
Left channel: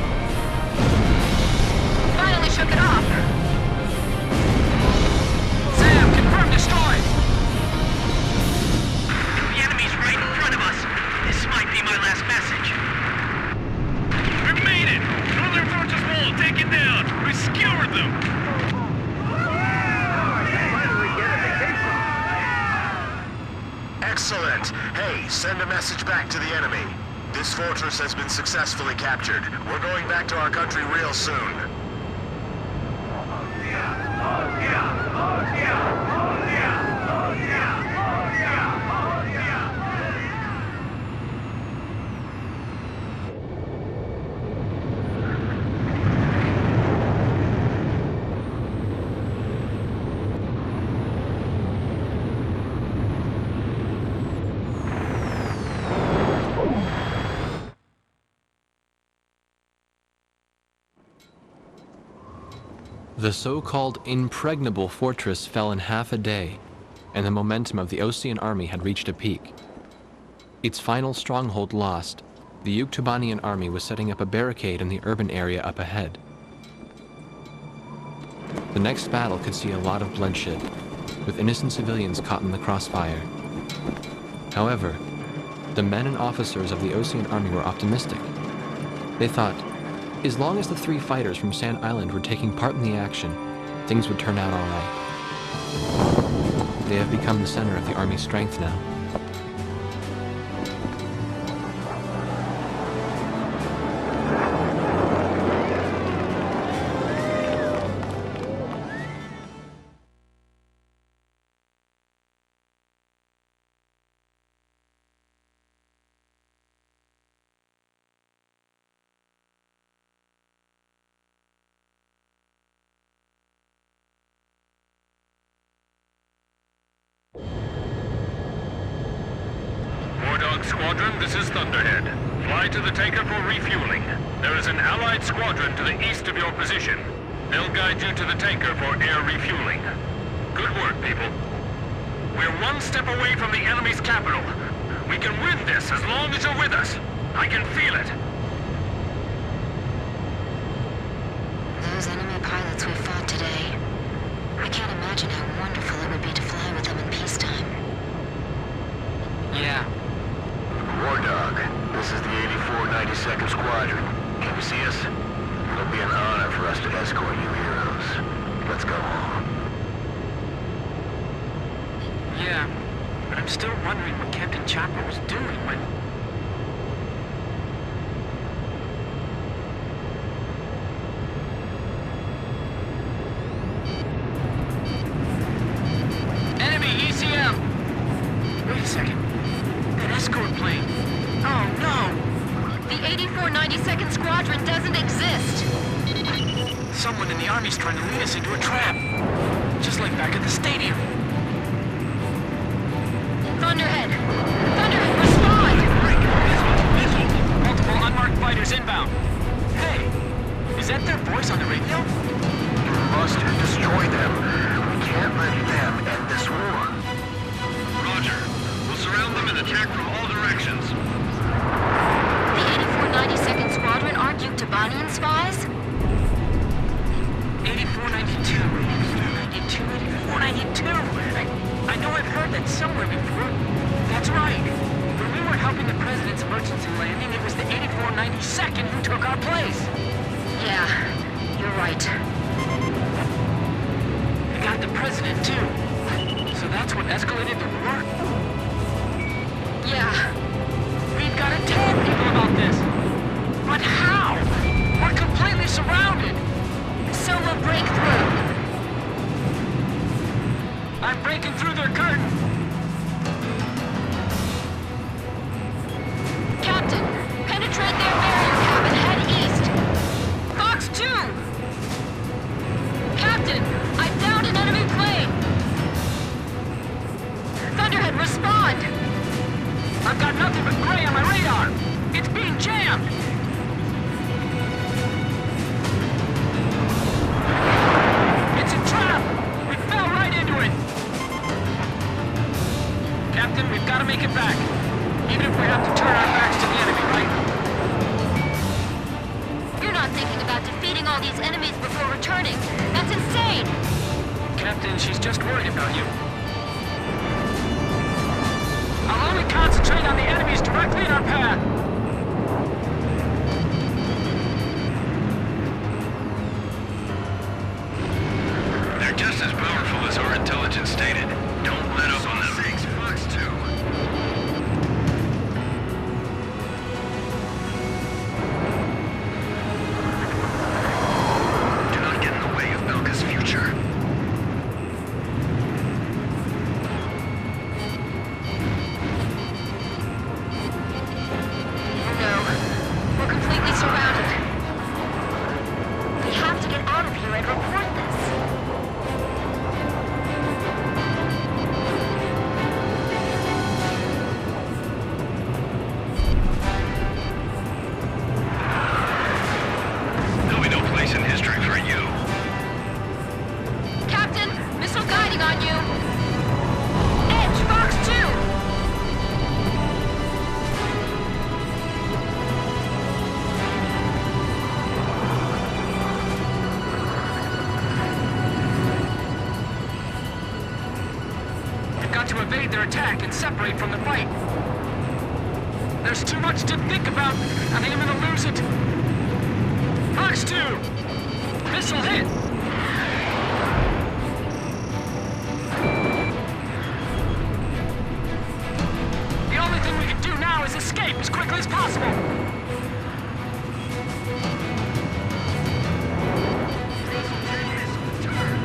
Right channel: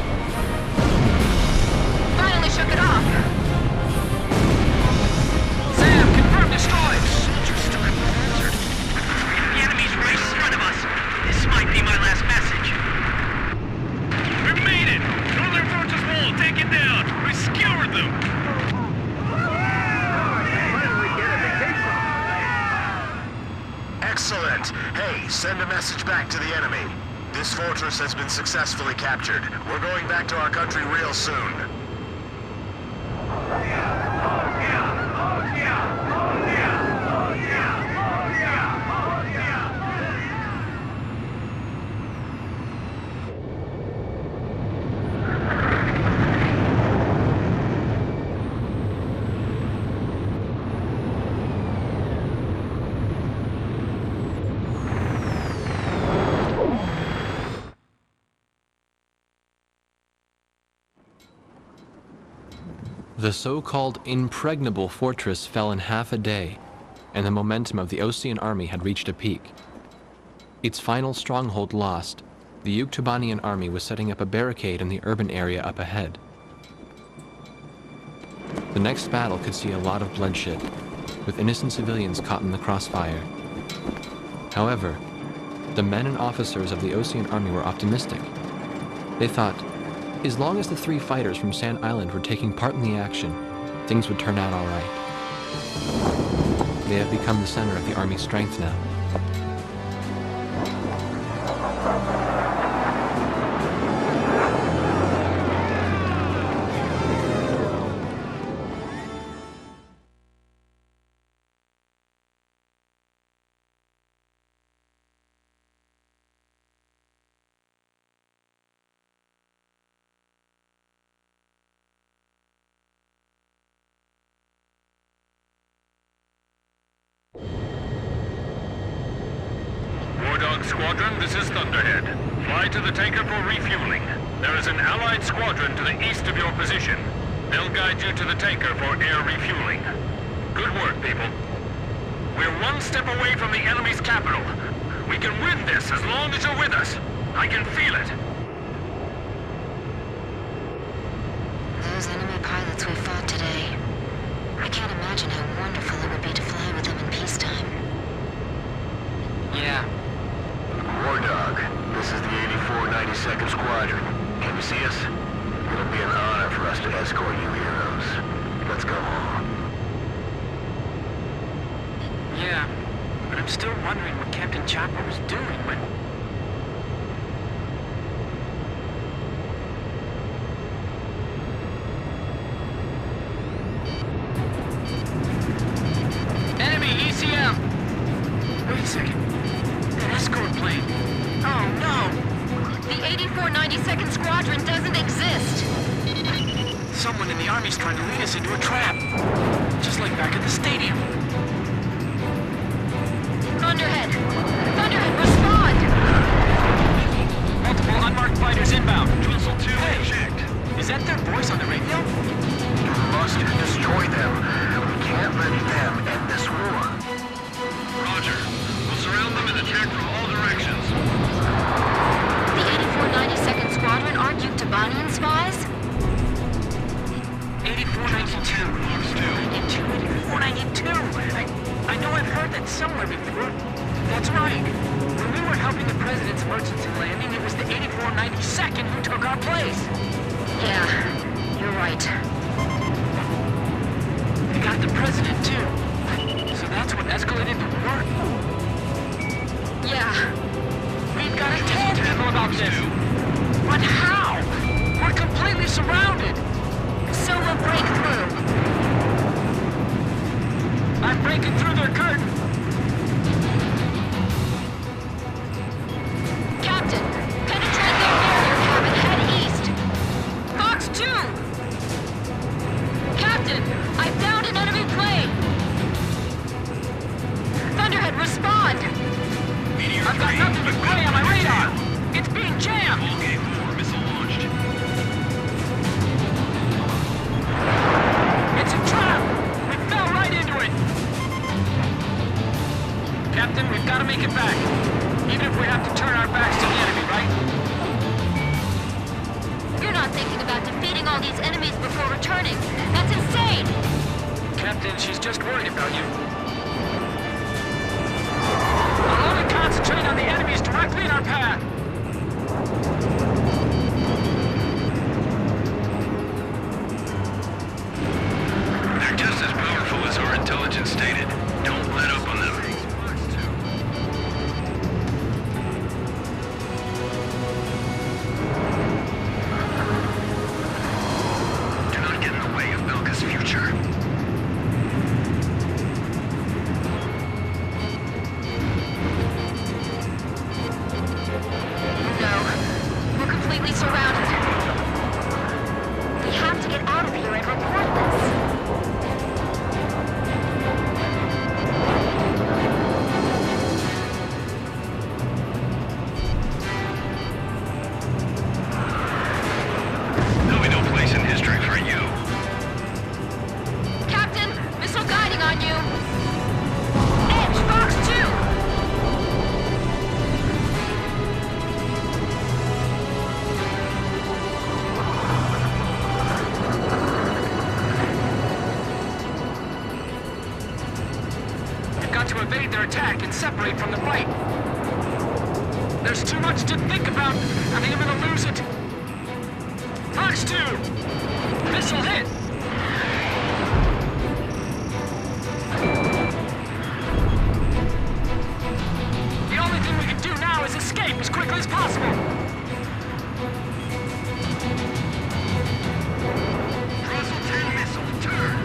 Finally shook it off. Sam, confirmed destroyed. The enemy's right in front of us. This might be my last message. We made it! Northern Fortress Wall taken down! We skewered them! Excellent! Hey, send a message back to the enemy. This fortress has been successfully captured. We're going back to our country real soon. The so-called impregnable fortress fell in half a day, and the momentum of the Osean army had reached a peak. Its final stronghold lost, the Yuktubanian army was setting up a barricade in the urban area up ahead. The next battle could see a lot of bloodshed, with innocent civilians caught in the crossfire. However, the men and officers of the Osean army were optimistic. They thought, as long as the 3 fighters from Sand Island were taking part in the action, things would turn out all right. They have become the center of the army's strength now. War Dog Squadron, this is Thunderhead. Fly to the tanker for refueling. There is an Allied squadron to the east of your position. They'll guide you to the tanker for air refueling. Good work, people. We're one step away from the enemy's capital. We can win this as long as you're with us. I can feel it. Those enemy pilots we fought today. I can't imagine how wonderful it would be to fly with them in peacetime. Yeah. War Dog, this is the 8492nd Squadron. Can you see us? It'll be an honor for us to escort you heroes. Let's go home. Yeah. But I'm still wondering what Captain Chopper was doing when... Enemy ECM! Wait a second. That escort plane. Oh, no! The 8492nd Squadron doesn't exist! Someone in the Army's trying to lead us into a trap. Just like back at the stadium. Thunderhead! Thunderhead, respond! Multiple unmarked fighters inbound. Hey! Is that their voice on the radio? You must destroy them. We can't let them end this war. Roger. We'll surround them and attack from all directions. The 8492nd Squadron aren't you Tabanian spies? 8492, 8492. I know I've heard that somewhere before. That's right. When we were helping the President's emergency landing, it was the 8492nd who took our place. Yeah, you're right. They got the President, too. So that's what escalated the war? Yeah. We've got to tell people about this. But how? We're completely surrounded. So we'll break through. I'm breaking through their curtain. Captain, penetrate their barrier cabin, head east. Fox 2! Captain, I've downed an enemy plane. Thunderhead, respond. I've got nothing but gray on my radar. It's being jammed. It's a trap! We fell right into it! Captain, we've got to make it back. Even if we have to turn our backs to the enemy, right? You're not thinking about defeating all these enemies before returning. That's insane! Captain, she's just worried about you. I'll only concentrate on the enemies directly in our path. They're just as powerful as our intelligence stated. Don't let up on them. Do not get in the way of Belka's future. No, we're completely surrounded. We have to get out of here and report this. There'll be no place in history for you. Captain, missile guiding on you. Edge, Fox 2! We've got to evade their attack and separate from the fight. There's too much to think about. I think I'm gonna lose it. Fox 2! Missile hit! The only thing we can do now is escape as quickly as possible. Russell 10 missile, turn!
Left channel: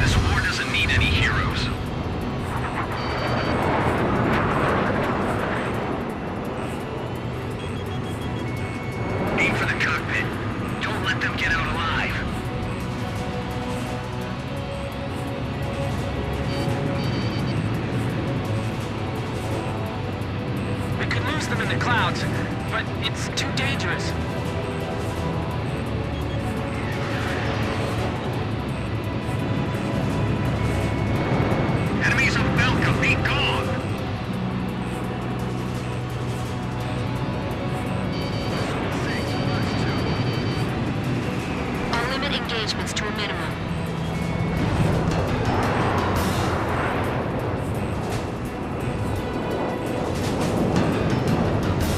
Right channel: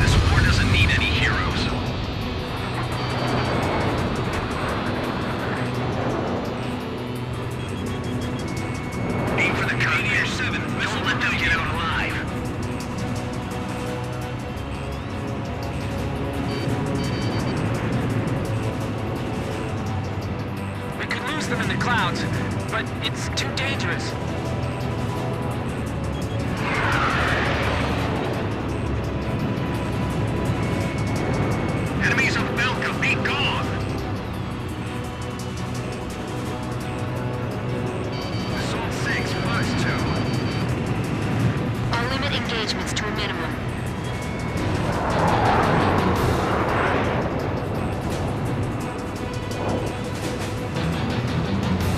This war doesn't need any heroes. Aim for the cockpit. Don't let them get out alive. them in the clouds, but it's too dangerous. Enemies of Belka, be gone! I'll limit engagements to a minimum.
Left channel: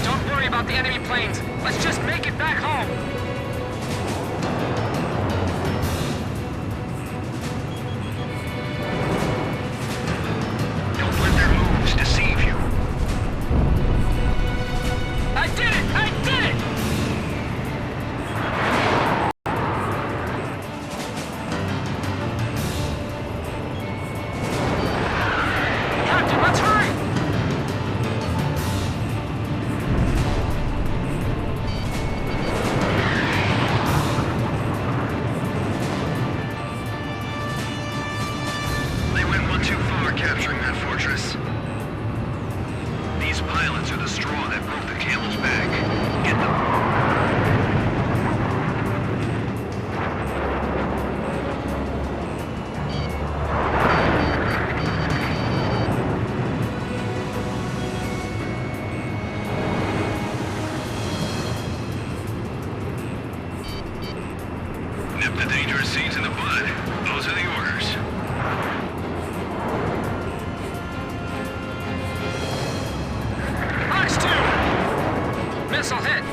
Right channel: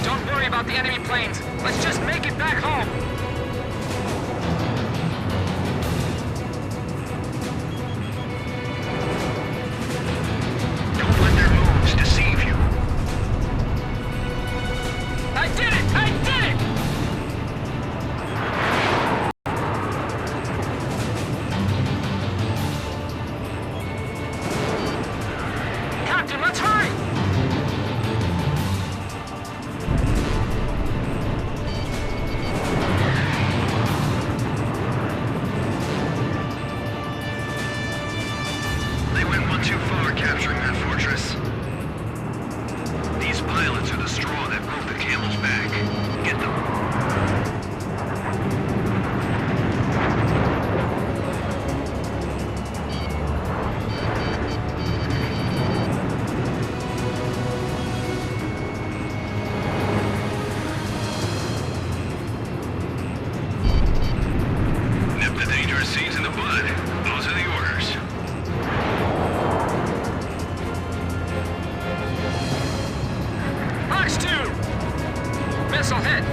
Don't worry about the enemy planes. Let's just make it back home. Don't let their moves deceive you. I did it! I did it! Captain, let's hurry! They went one too far capturing that fortress. These pilots are the straw that broke the camel's back. Get them. Nip the dangerous seeds in the bud. Those are the orders. Fox 2! Missile hit!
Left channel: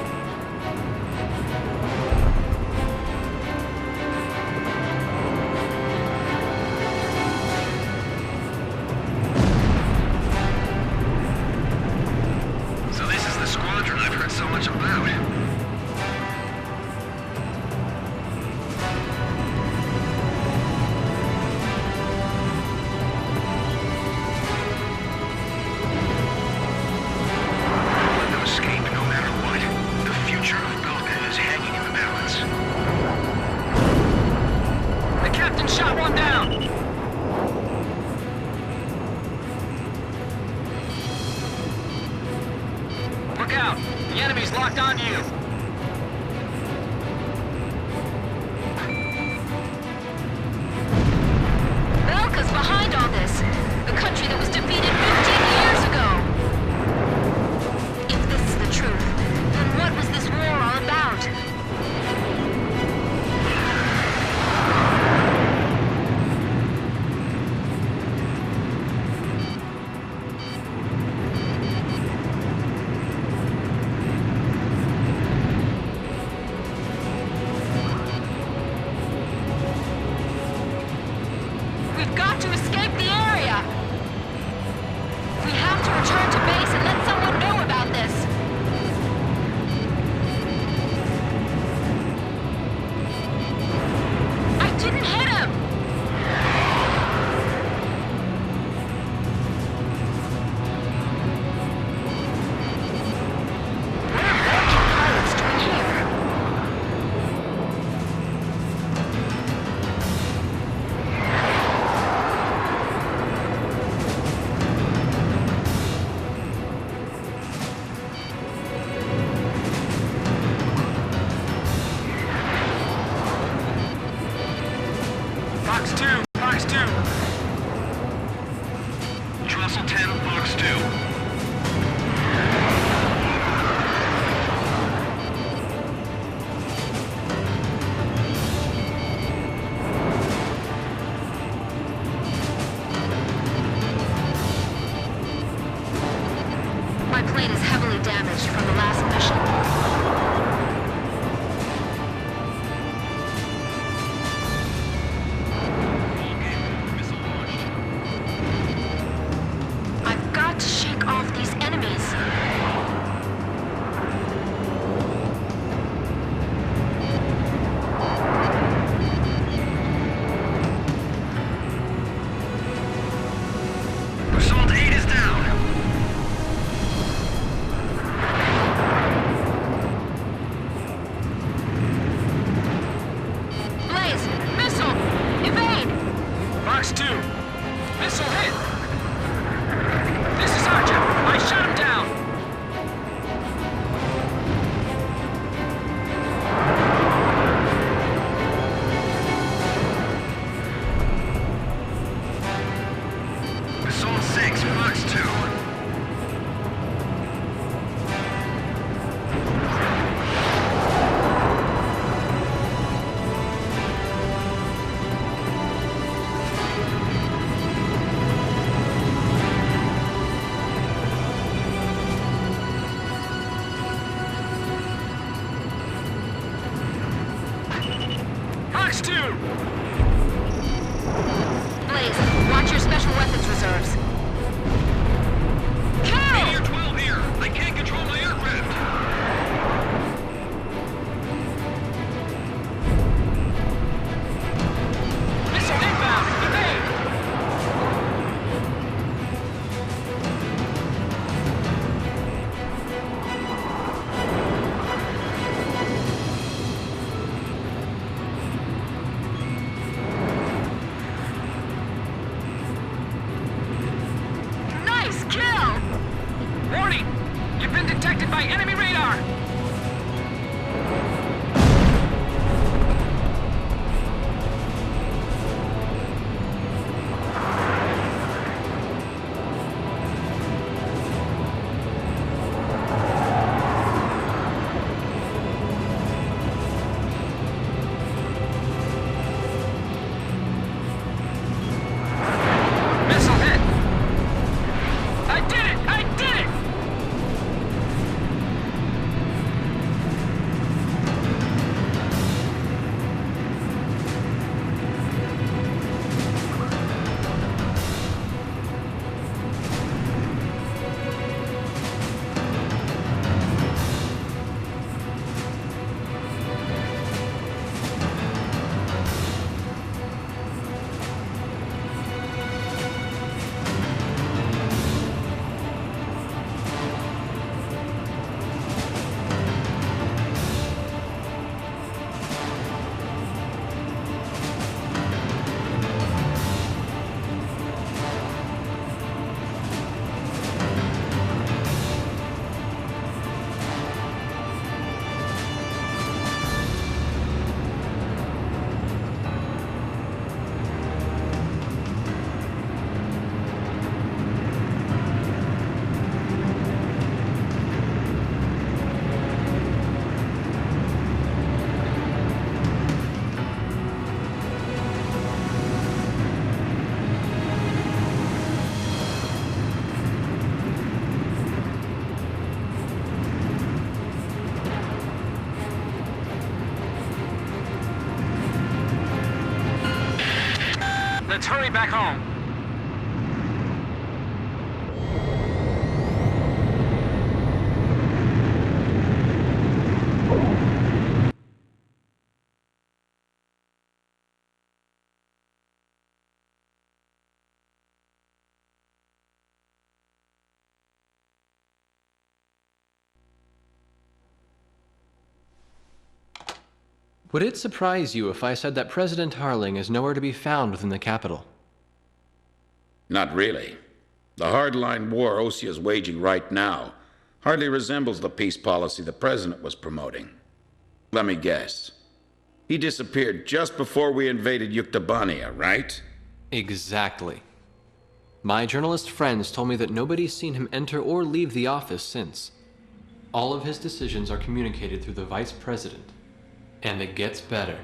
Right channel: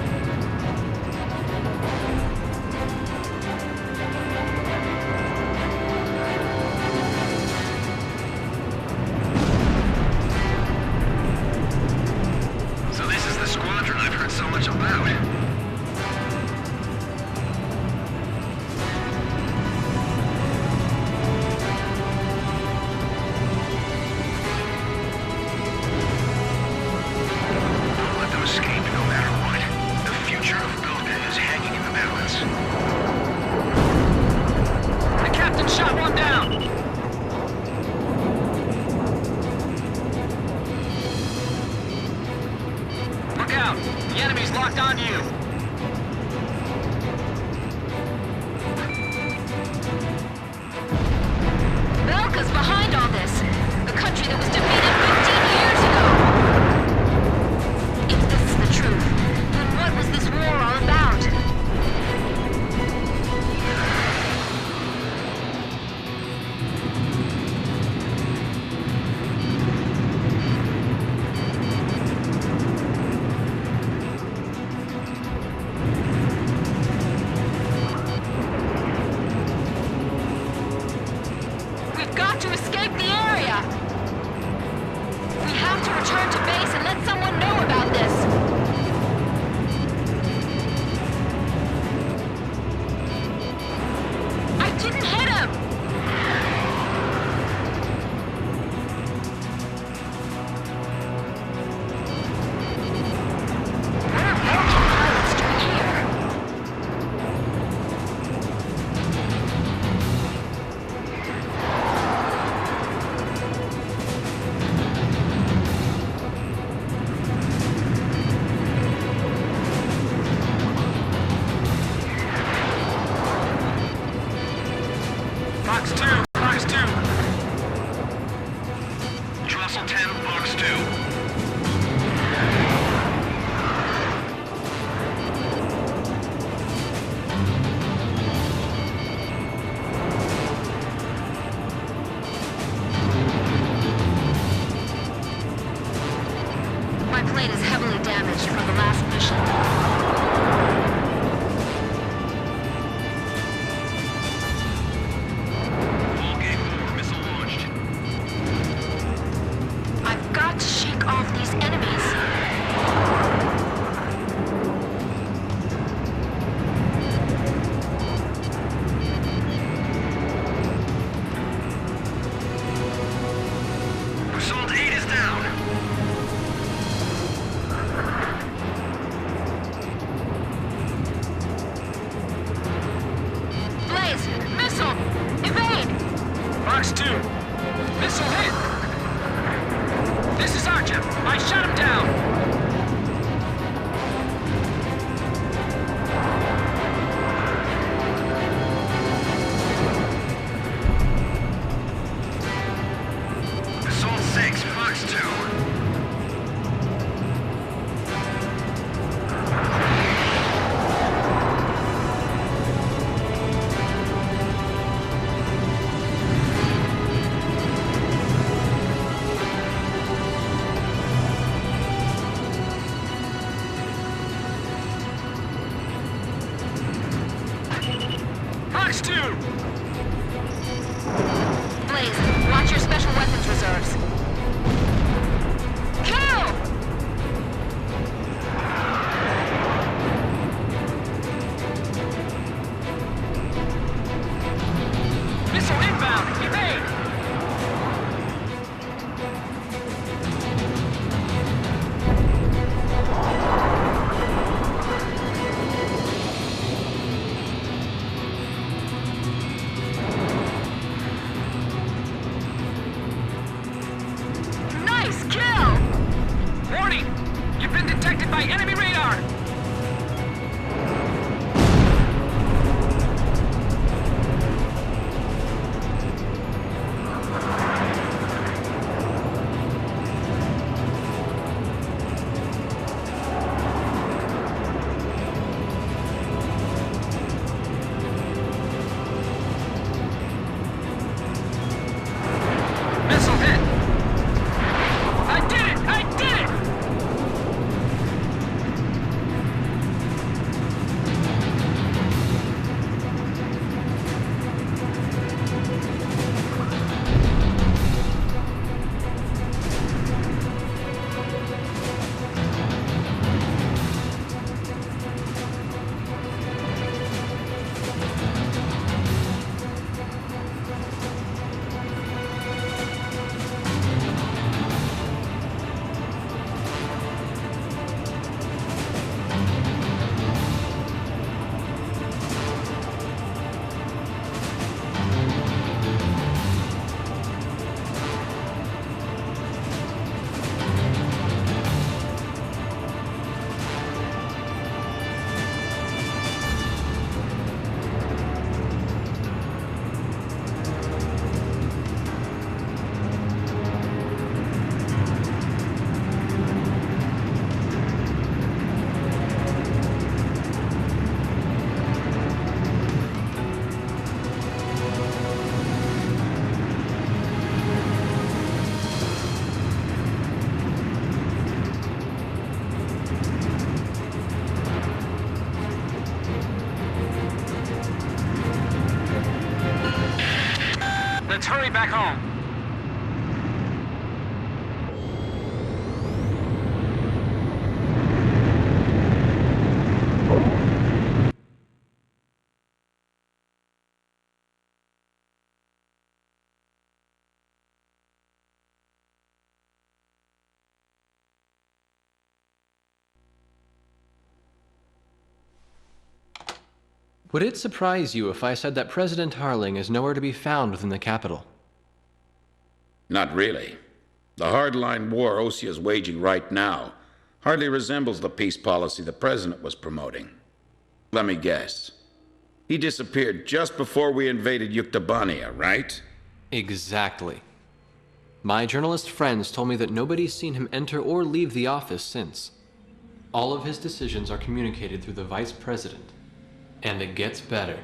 So this is the squadron I've heard so much about. Don't let them escape no matter what. The future of Belka is hanging in the balance. The captain shot one down! Look out! The enemy's locked on you! Belka's behind all this. A country that was defeated 15 years ago. If this is the truth, then what was this war all about? We've got to escape the area! We have to return to base and let someone know about this! I didn't hit him! What are American pilots doing here? Fox 2! Fox 2! Trussell 10, Fox 2. My plane is heavily damaged from the last mission. All game over, missile launched. I've got to shake off these enemies. Assault 8 is down. Blaze! Missile! Evade! Fox 2! Missile hit! This is Archer! I shot him down! Fox 2! Blaze, watch your special weapons reserves. Kill! I can't control my aircraft. Missile inbound! Evade! Nice kill! Warning! You've been detected by enemy radar! Missile hit! I did it! I did it! Let's hurry back home. Would it surprise you if I said that President Harling is nowhere to be found within the capital? Not really. The hardline war Osea is waging right now hardly resembles the peace policy the president was promoting. Let me guess. He disappeared just before we invaded Yuktobania, right? Exactly. My journalist friends told me that nobody's seen him enter or leave the office since. All of his decisions are communicated through the vice president. And it gets better.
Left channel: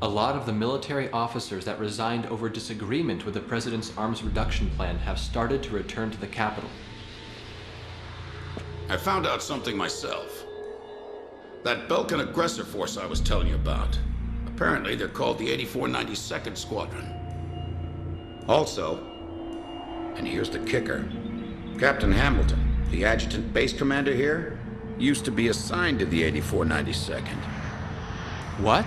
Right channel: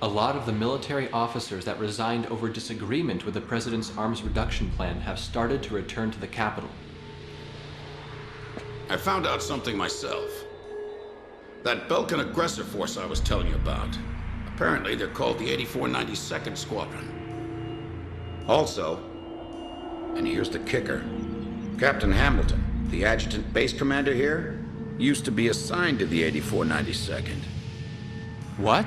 A lot of the military officers that resigned over disagreement with the president's arms reduction plan have started to return to the capital. I found out something myself. That Belkan aggressor force I was telling you about. Apparently they're called the 8492nd Squadron. Also, and here's the kicker, Captain Hamilton, the adjutant base commander here, used to be assigned to the 8492nd. What?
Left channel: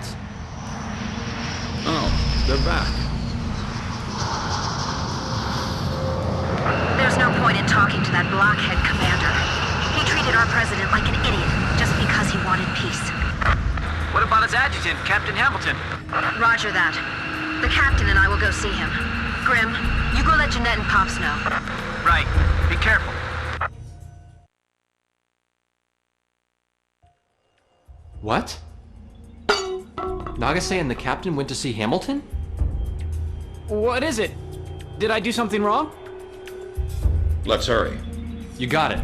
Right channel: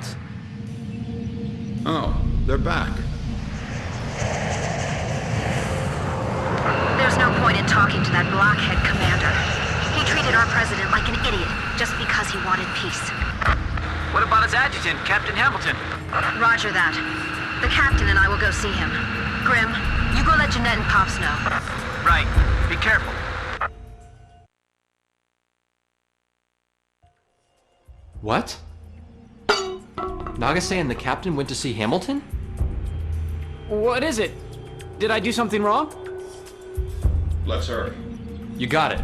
Oh, they're back. There's no point in talking to that blockhead commander. He treated our president like an idiot just because he wanted peace. What about his adjutant, Captain Hamilton? Roger that. The captain and I will go see him. Grim, you go let Jeanette and Pops know. Right. Be careful. What? Nagase and the captain went to see Hamilton? What is it? Did I do something wrong? Let's hurry. You got it.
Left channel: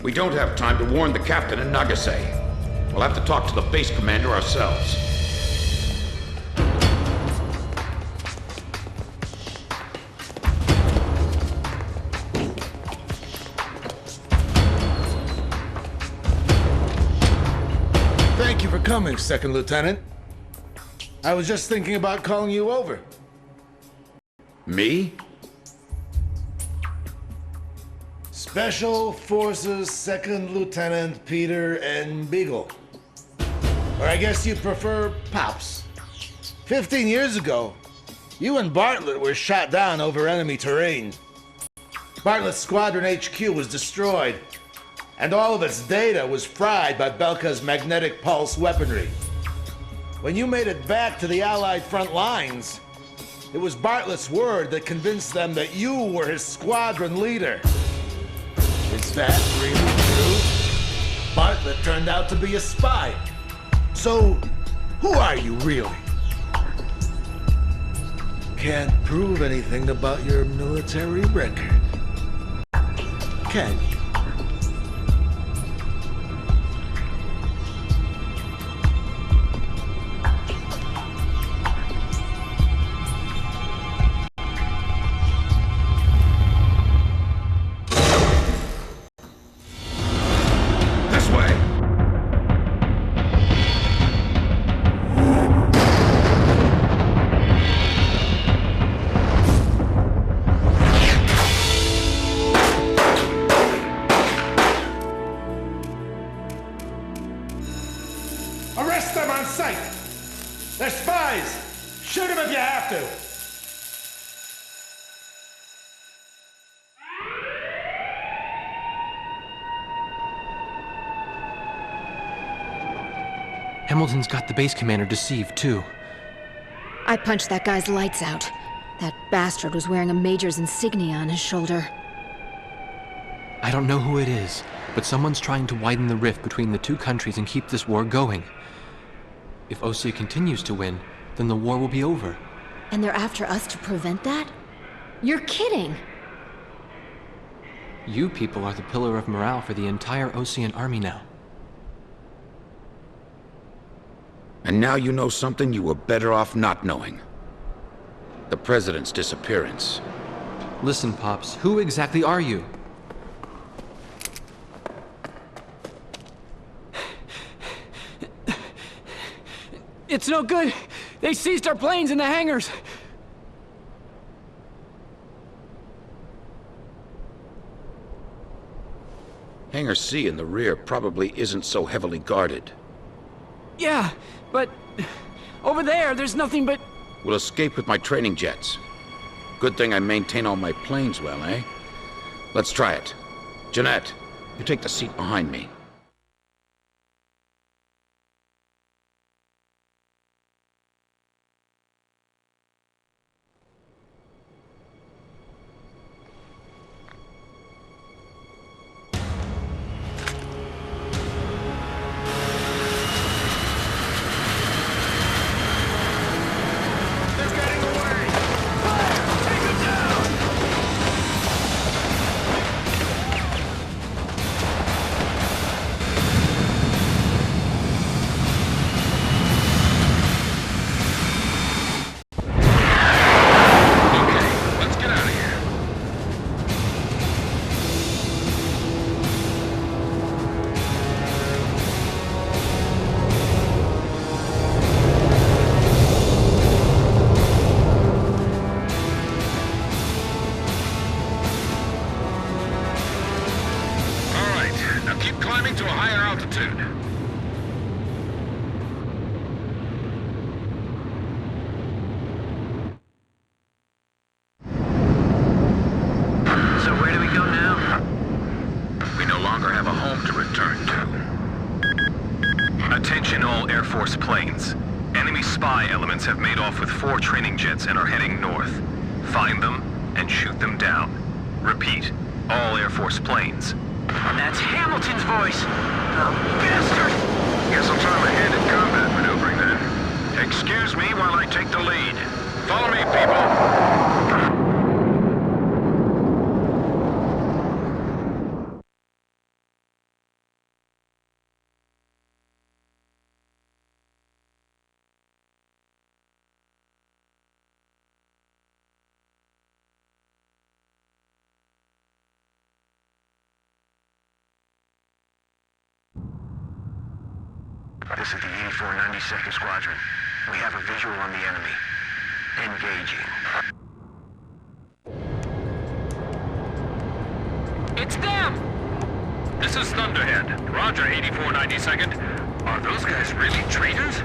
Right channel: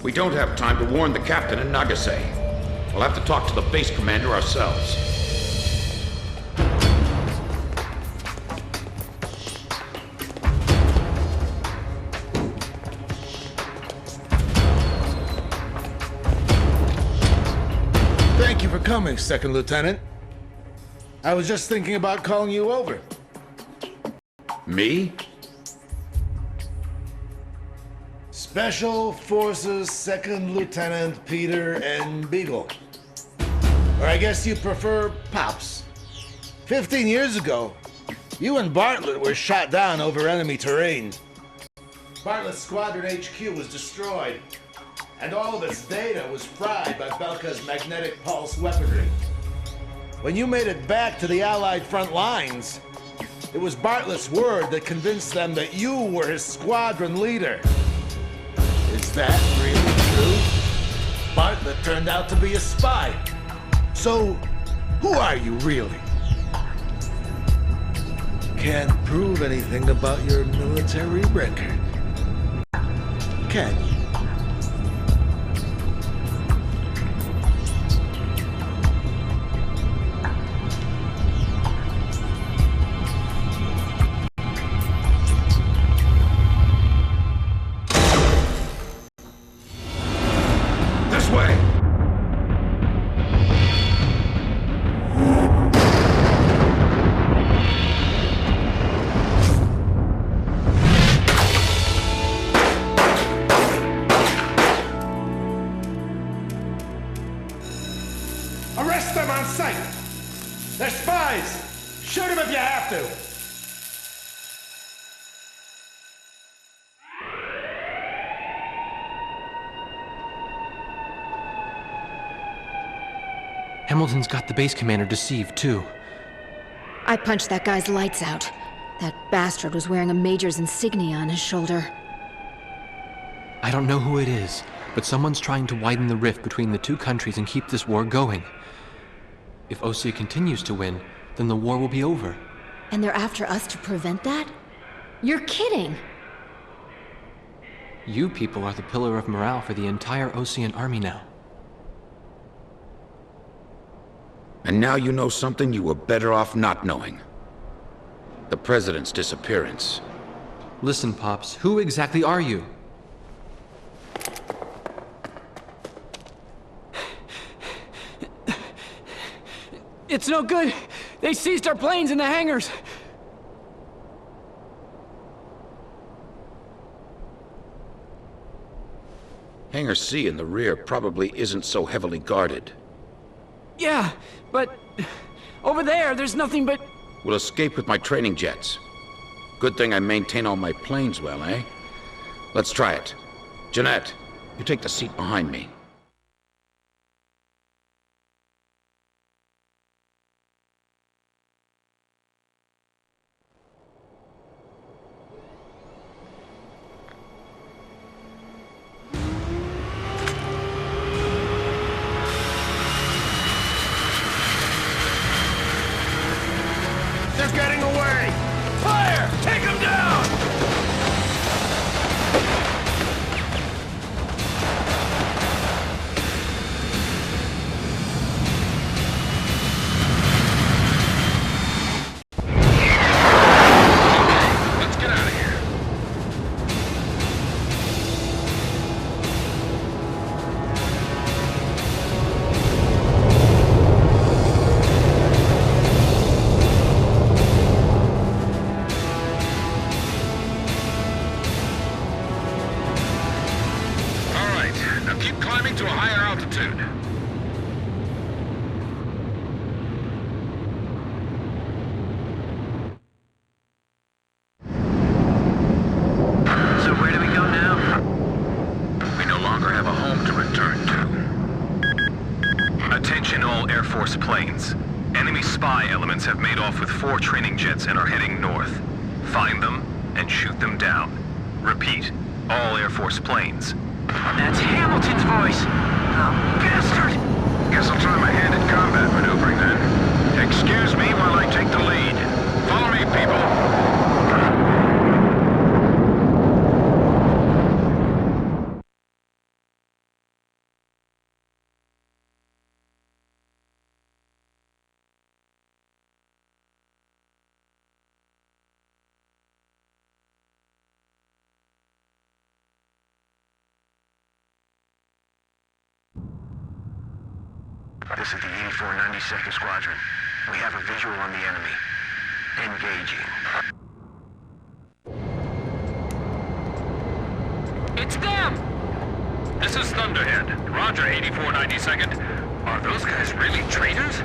We don't have time to warn the captain in Nagase. We'll have to talk to the base commander ourselves. Thank you for coming, Second Lieutenant. I was just thinking about calling you over. Me? Special Forces 2nd Lieutenant Peter and Beagle. Or I guess you prefer Pops. 15 years ago, you and Bartlett were shot down over enemy terrain. Bartlett's Squadron HQ was destroyed, and all of its data was fried by Belka's magnetic pulse weaponry. When you made it back to the Allied front lines, it was Bartlett's word that convinced them that you were his squadron leader. Is that really true? Bartlett turned out to be a spy. So, who are you really? Can't prove anything about your military record, can you? This way! Arrest them on sight! They're spies! Shoot them if you have to! Hamilton's got the base commander deceived, too. I punched that guy's lights out. That bastard was wearing a major's insignia on his shoulder. I don't know who it is, but someone's trying to widen the rift between the two countries and keep this war going. If Osea continues to win, then the war will be over. And they're after us to prevent that? You're kidding! You people are the pillar of morale for the entire Osean army now. And now you know something you were better off not knowing. The President's disappearance. Listen, Pops, who exactly are you? It's no good. They seized our planes in the hangars. Hangar C in the rear probably isn't so heavily guarded. Yeah, but over there's nothing but... We'll escape with my training jets. Good thing I maintain all my planes well, eh? Let's try it. Jeanette, you take the seat behind me. They're getting away! Fire! Take them down! Okay, let's get out of here. All right, now keep climbing to a higher altitude. So where do we go now? We no longer have a home to return to. Attention all Air Force planes. Enemy spy elements have made off with 4 training jets and are heading north. Find them and shoot them down. Repeat, all Air Force planes. That's Hamilton's voice! Oh, bastard! Guess I'll try my hand at combat maneuvering then. Excuse me while I take the lead. Follow me, people. This is the 84 92nd Squadron. We have a visual on the enemy. Engaging. It's them! This is Thunderhead. Roger, 8492nd. Are those guys really traitors?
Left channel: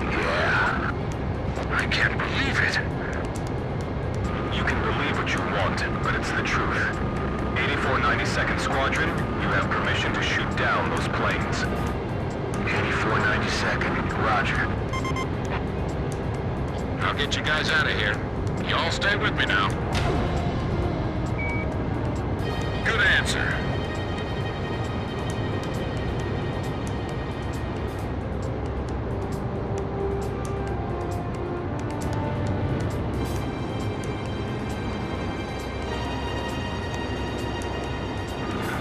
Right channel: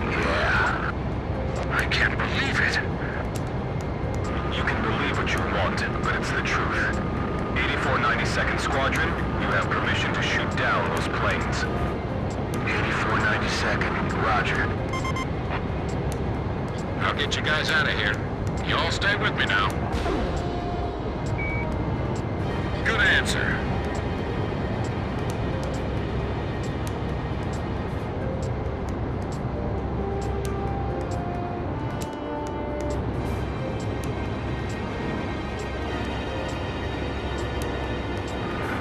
Yeah. I can't believe it. You can believe what you want, but it's the truth. 8492nd Squadron, you have permission to shoot down those planes. 8492nd, roger. I'll get you guys out of here. You all stay with me now. Good answer.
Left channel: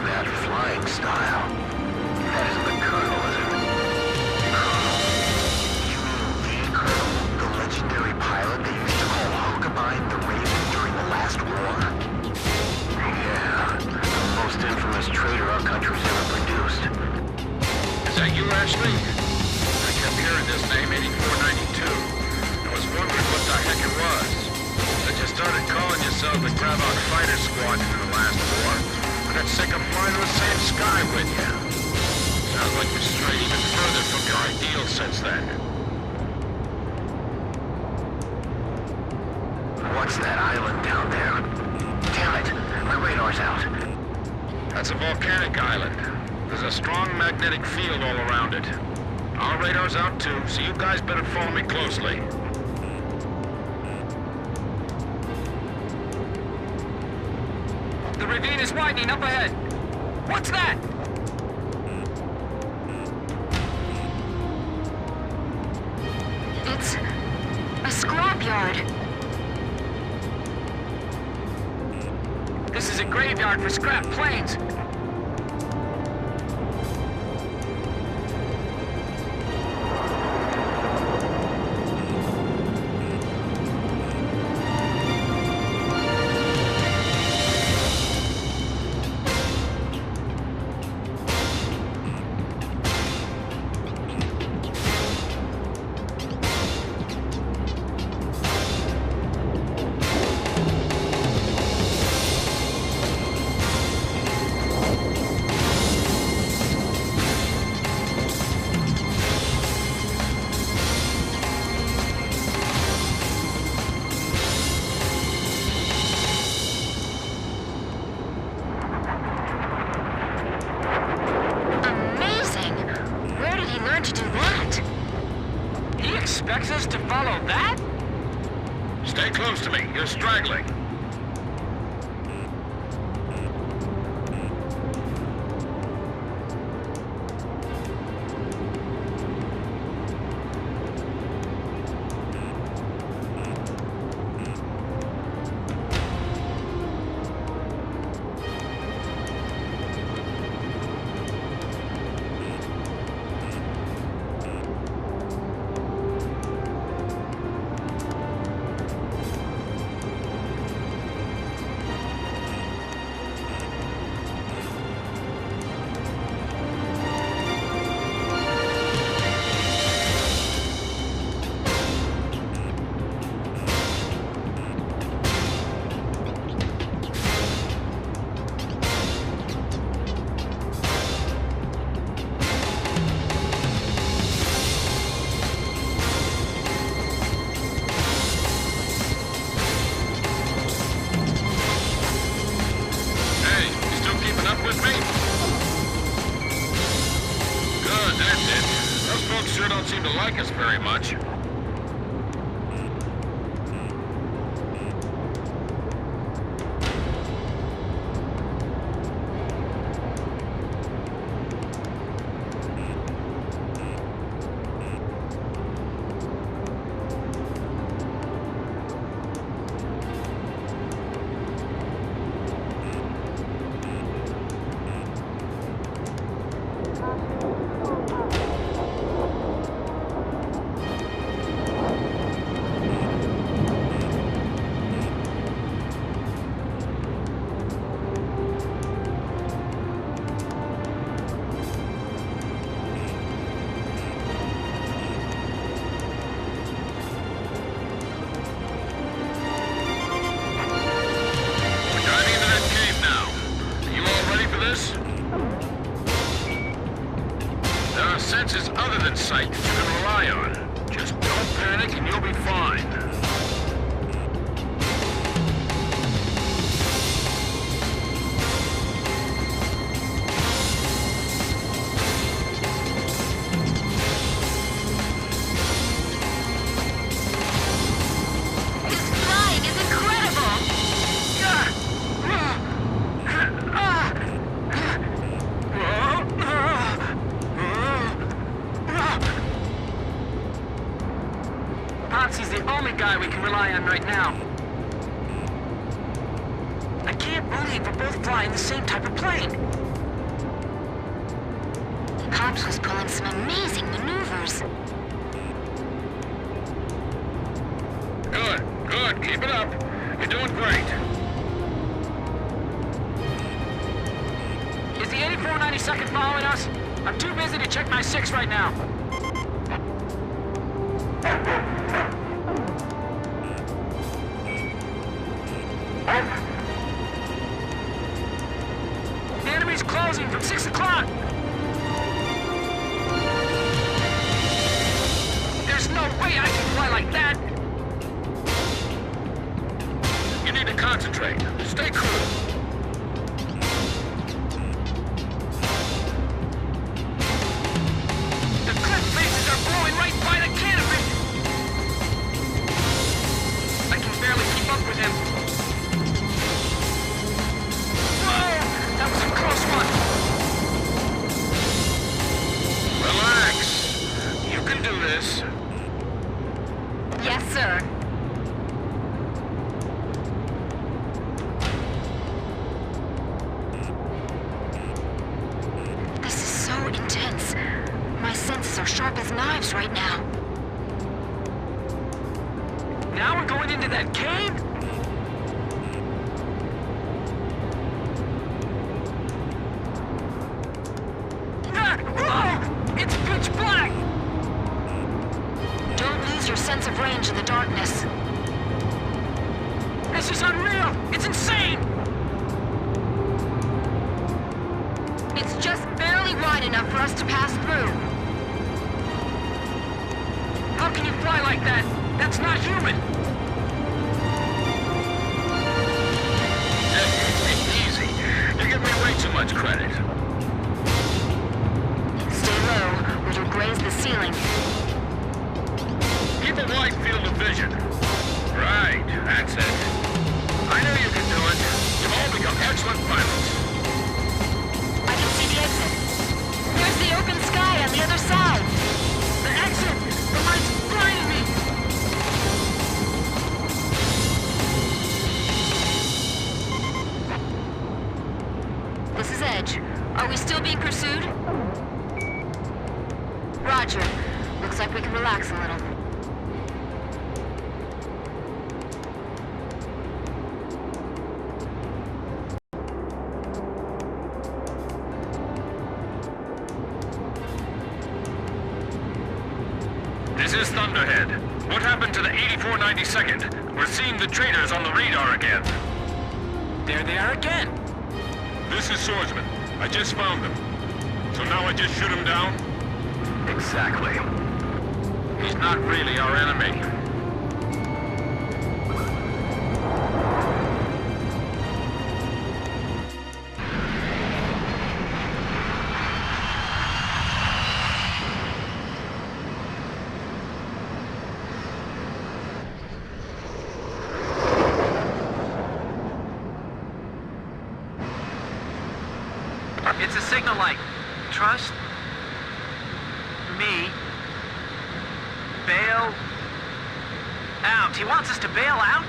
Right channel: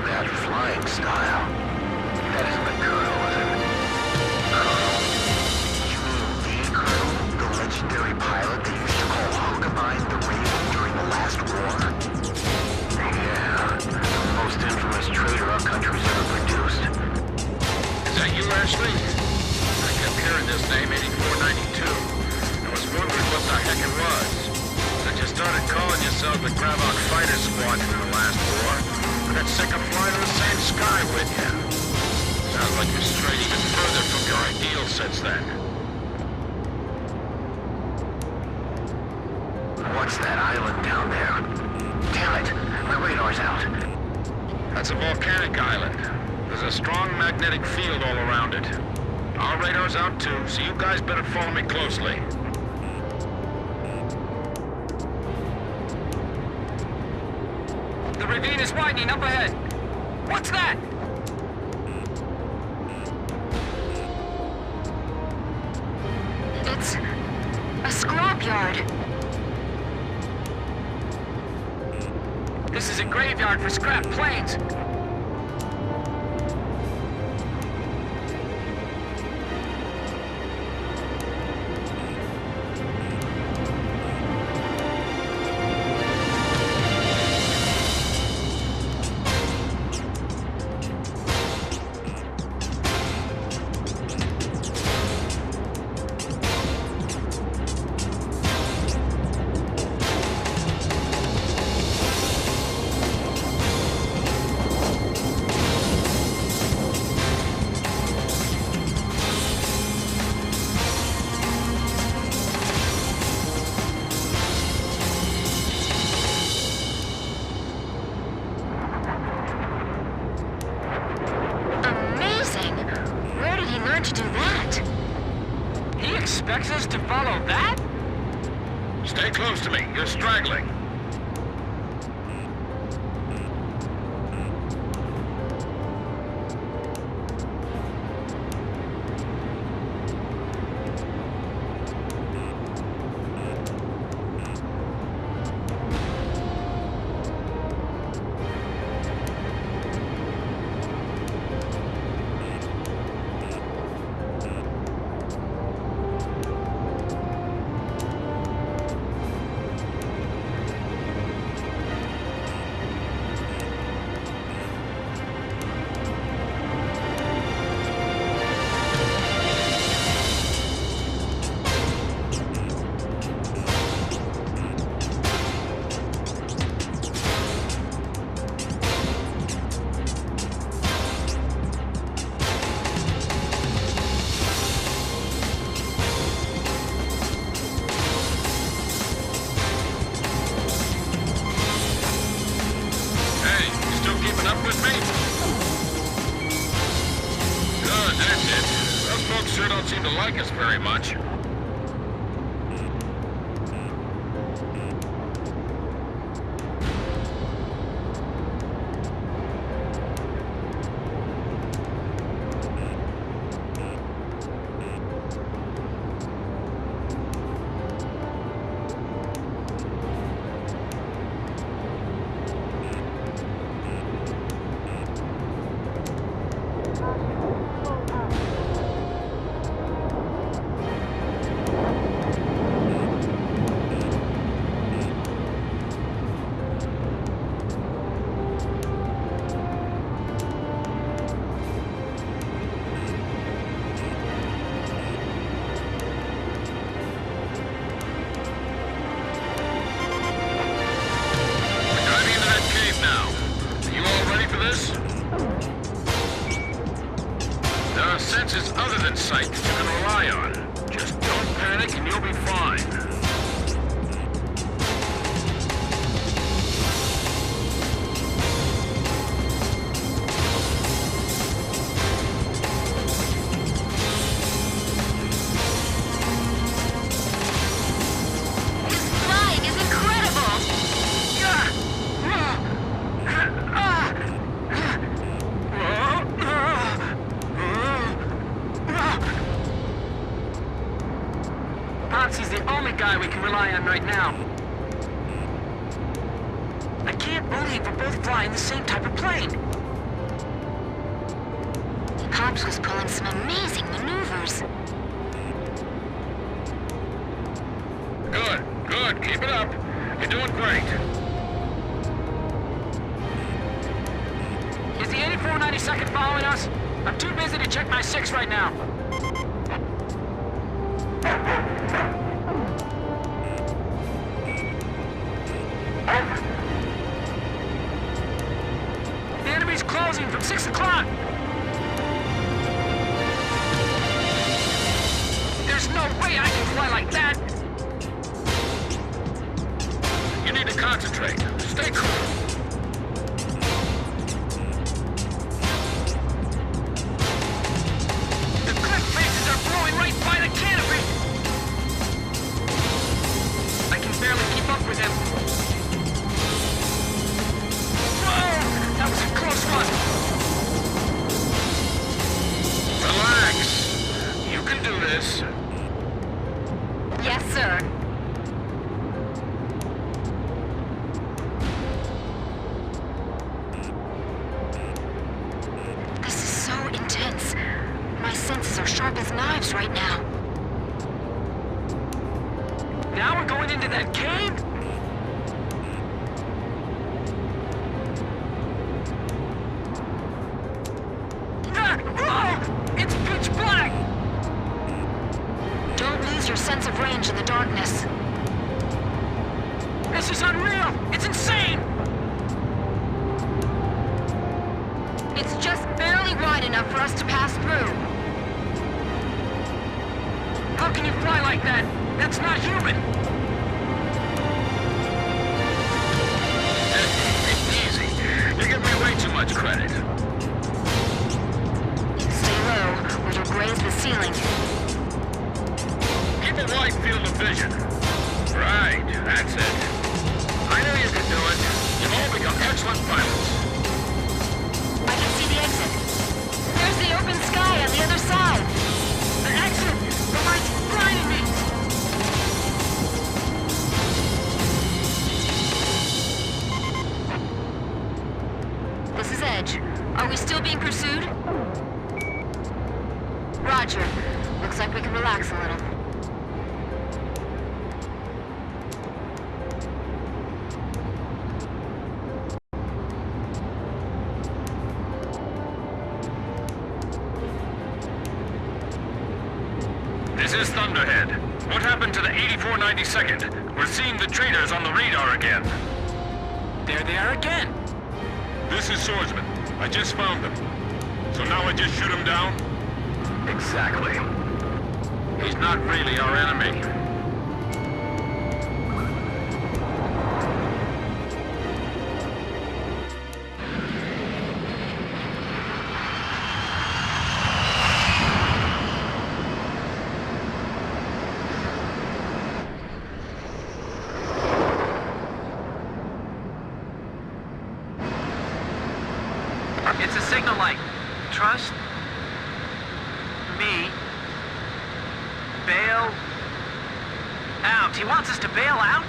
That flying style. That isn't the Colonel, is it? Colonel? You mean the Colonel? The legendary pilot they used to call Huckabine the Raven during the last war? Yeah, the most infamous traitor our country's ever produced. Is that you, Ashley? I kept hearing this name, 8492. I was wondering what the heck it was. Since you started calling yourself the Gravok Fighter Squadron in the last war, I got sick of flying in the same sky with you. Sounds like you've strayed even further from your ideals since then. What's that island down there? Damn it, my radar's out. That's a volcanic island. There's a strong magnetic field all around it. Our radar's out too, so you guys better follow me closely. The ravine is widening up ahead. What's that? It's a scrapyard. This is a graveyard for scrap planes. Where did he learn to do that? He expects us to follow that? Stay close to me. You're straggling. Keeping up with me? Good, that's it. Those folks sure don't seem to like us very much. this? There are senses other than sight that you can rely on. Just don't panic and you'll be fine. Popsy's the only guy we can rely on right now. I can't believe we're both flying the same type of plane. Pops was pulling some amazing maneuvers. Good, good. Keep it up. You're doing great. Is the 8492nd following us? I'm too busy to check my 6 right now. The enemy's closing from 6 o'clock. There's no way I can fly like that. You need to concentrate. Stay cool. The cliff faces are blowing right by the canopy. I can barely keep up with him. Whoa! That was a close one. Relax. You can do this. Yes, sir. This is so intense. My senses are sharp as knives right now. Now we're going into that cave? Ah! Whoa! It's pitch black! Don't lose your sense of range in the darkness. This is unreal! It's insane! It's just barely wide enough for us to pass through. How can you fly like that? That's not human! Easy. You give me way too much credit. Stay low, or you'll graze the ceiling. Keep a wide field of vision. Right, that's it. I knew you could do it. You've all become excellent pilots. I can see the exit. There's the open sky on the other side. The exit! The light's blinding me! This is Edge. Are we still being pursued? Roger. Looks like we can relax a little. This is Thunderhead. What happened to the 8492nd? We're seeing the traitors on the radar again. There they are again! This is Swordsman. I just found them. So now I just shoot him down? Exactly. He's not really our enemy. It's a signal light. Trust me. Bail out. He wants us to bail out?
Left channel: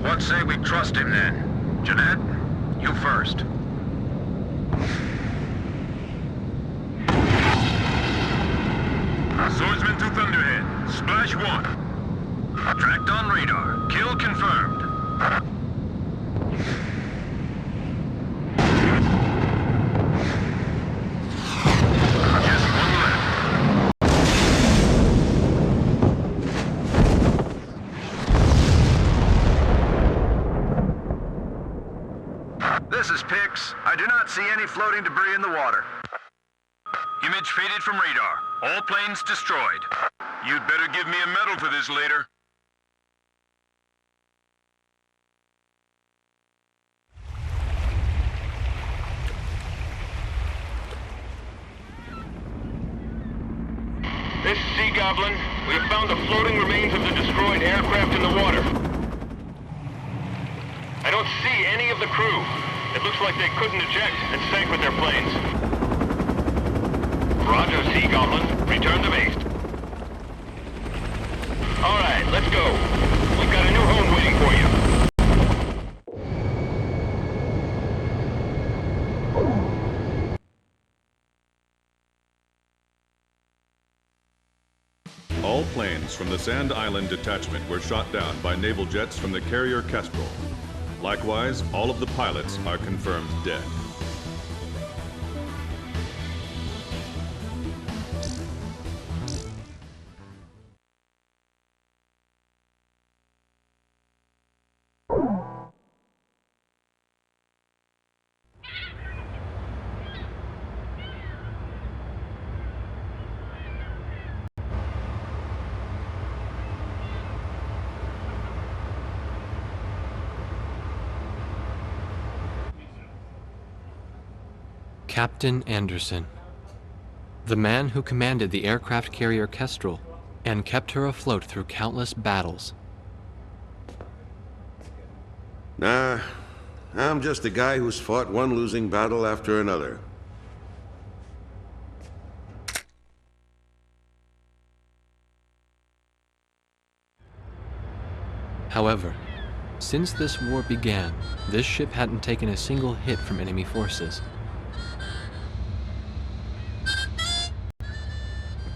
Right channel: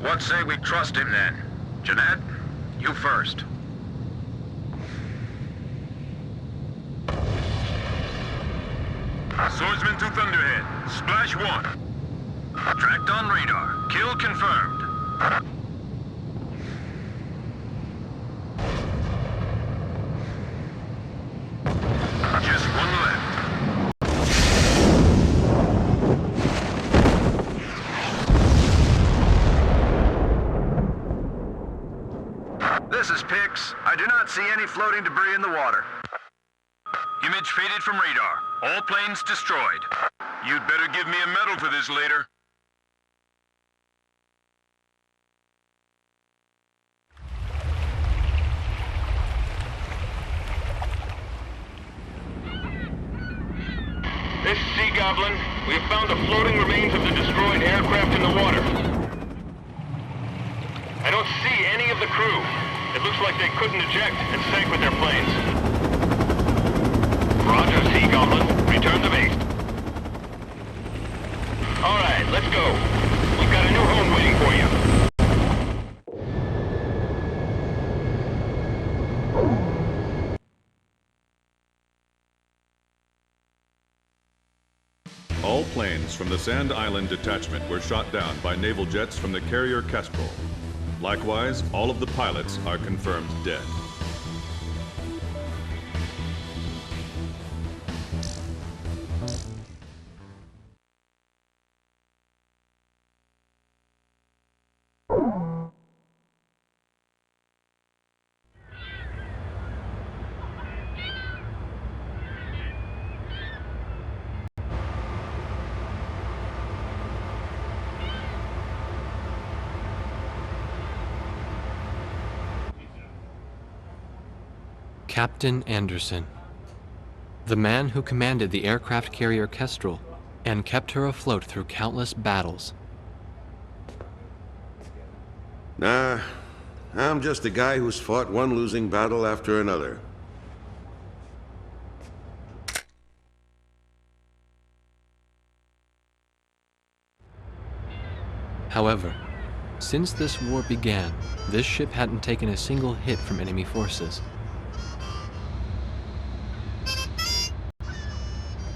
What say we trust him then? Jeanette, you first. Swordsman to Thunderhead. Splash 1. Tracked on radar. Kill confirmed. Just one left. This is Pix. I do not see any floating debris in the water. Image faded from radar. All planes destroyed. You'd better give me a medal for this later. This is Sea Goblin. We have found the floating remains of the destroyed aircraft in the water. I don't see any of the crew. It looks like they couldn't eject and sank with their planes. Roger, Sea Goblin. Return to base. All right, let's go. We've got a new home waiting for you. All planes from the Sand Island detachment were shot down by naval jets from the carrier Kestrel. Likewise, all of the pilots are confirmed dead. Captain Anderson, the man who commanded the aircraft carrier Kestrel and kept her afloat through countless battles. Nah, I'm just a guy who's fought one losing battle after another. However, since this war began, this ship hadn't taken a single hit from enemy forces.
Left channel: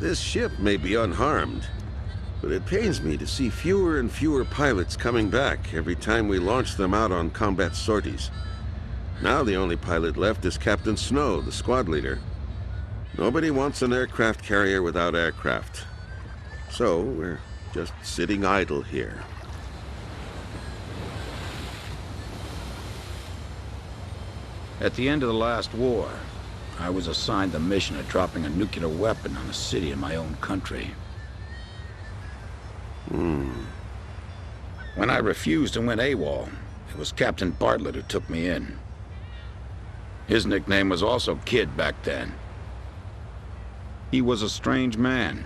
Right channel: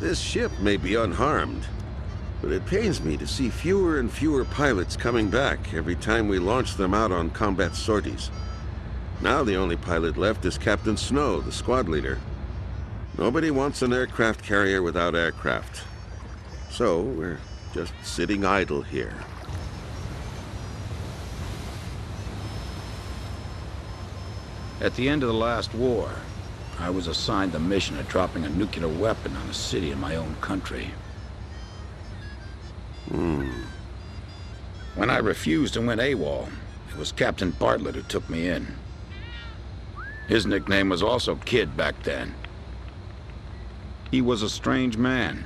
This ship may be unharmed, but it pains me to see fewer and fewer pilots coming back every time we launch them out on combat sorties. Now the only pilot left is Captain Snow, the squad leader. Nobody wants an aircraft carrier without aircraft. So we're just sitting idle here. At the end of the last war, I was assigned the mission of dropping a nuclear weapon on a city in my own country. When I refused and went AWOL, it was Captain Bartlett who took me in. His nickname was also Kid back then. He was a strange man.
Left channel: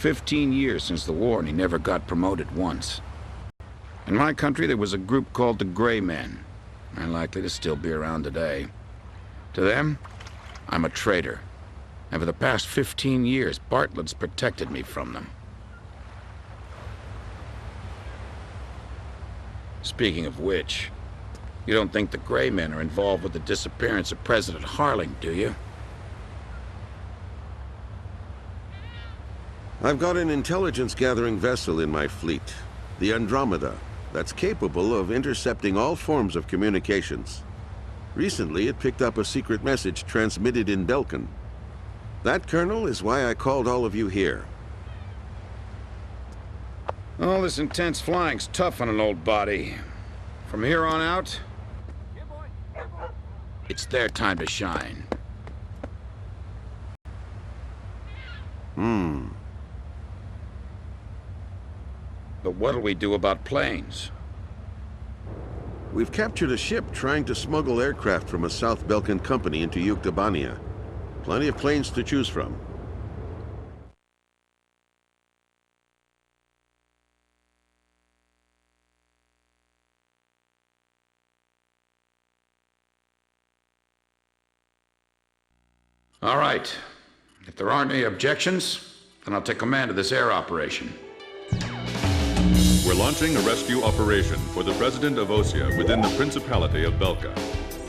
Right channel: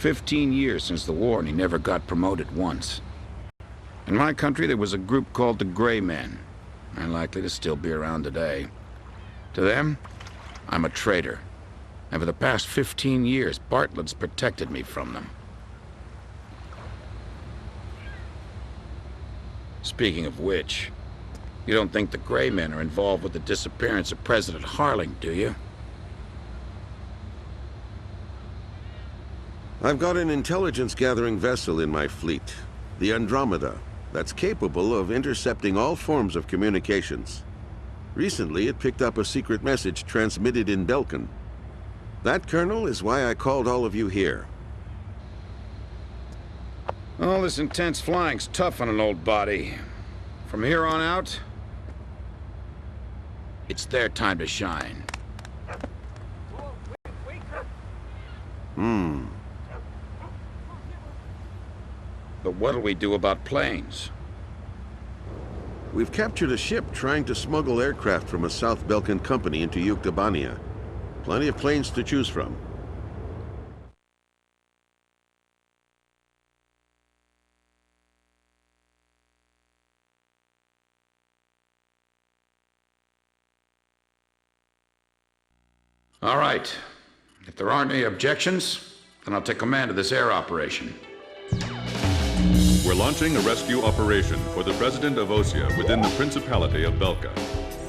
15 years since the war and he never got promoted once. In my country there was a group called the Gray Men. They're likely to still be around today. To them, I'm a traitor. And for the past 15 years, Bartlett's protected me from them. Speaking of which, you don't think the Gray Men are involved with the disappearance of President Harling, do you? I've got an intelligence-gathering vessel in my fleet, the Andromeda, that's capable of intercepting all forms of communications. Recently, it picked up a secret message transmitted in Belkan. That, Colonel, is why I called all of you here. All this intense flying's tough on an old body. From here on out, it's their time to shine. But what'll we do about planes? We've captured a ship trying to smuggle aircraft from a South Belkan company into Yuktobania. Plenty of planes to choose from. All right. If there aren't any objections, then I'll take command of this air operation. We're launching a rescue operation for the President of Osea within the Principality of Belka.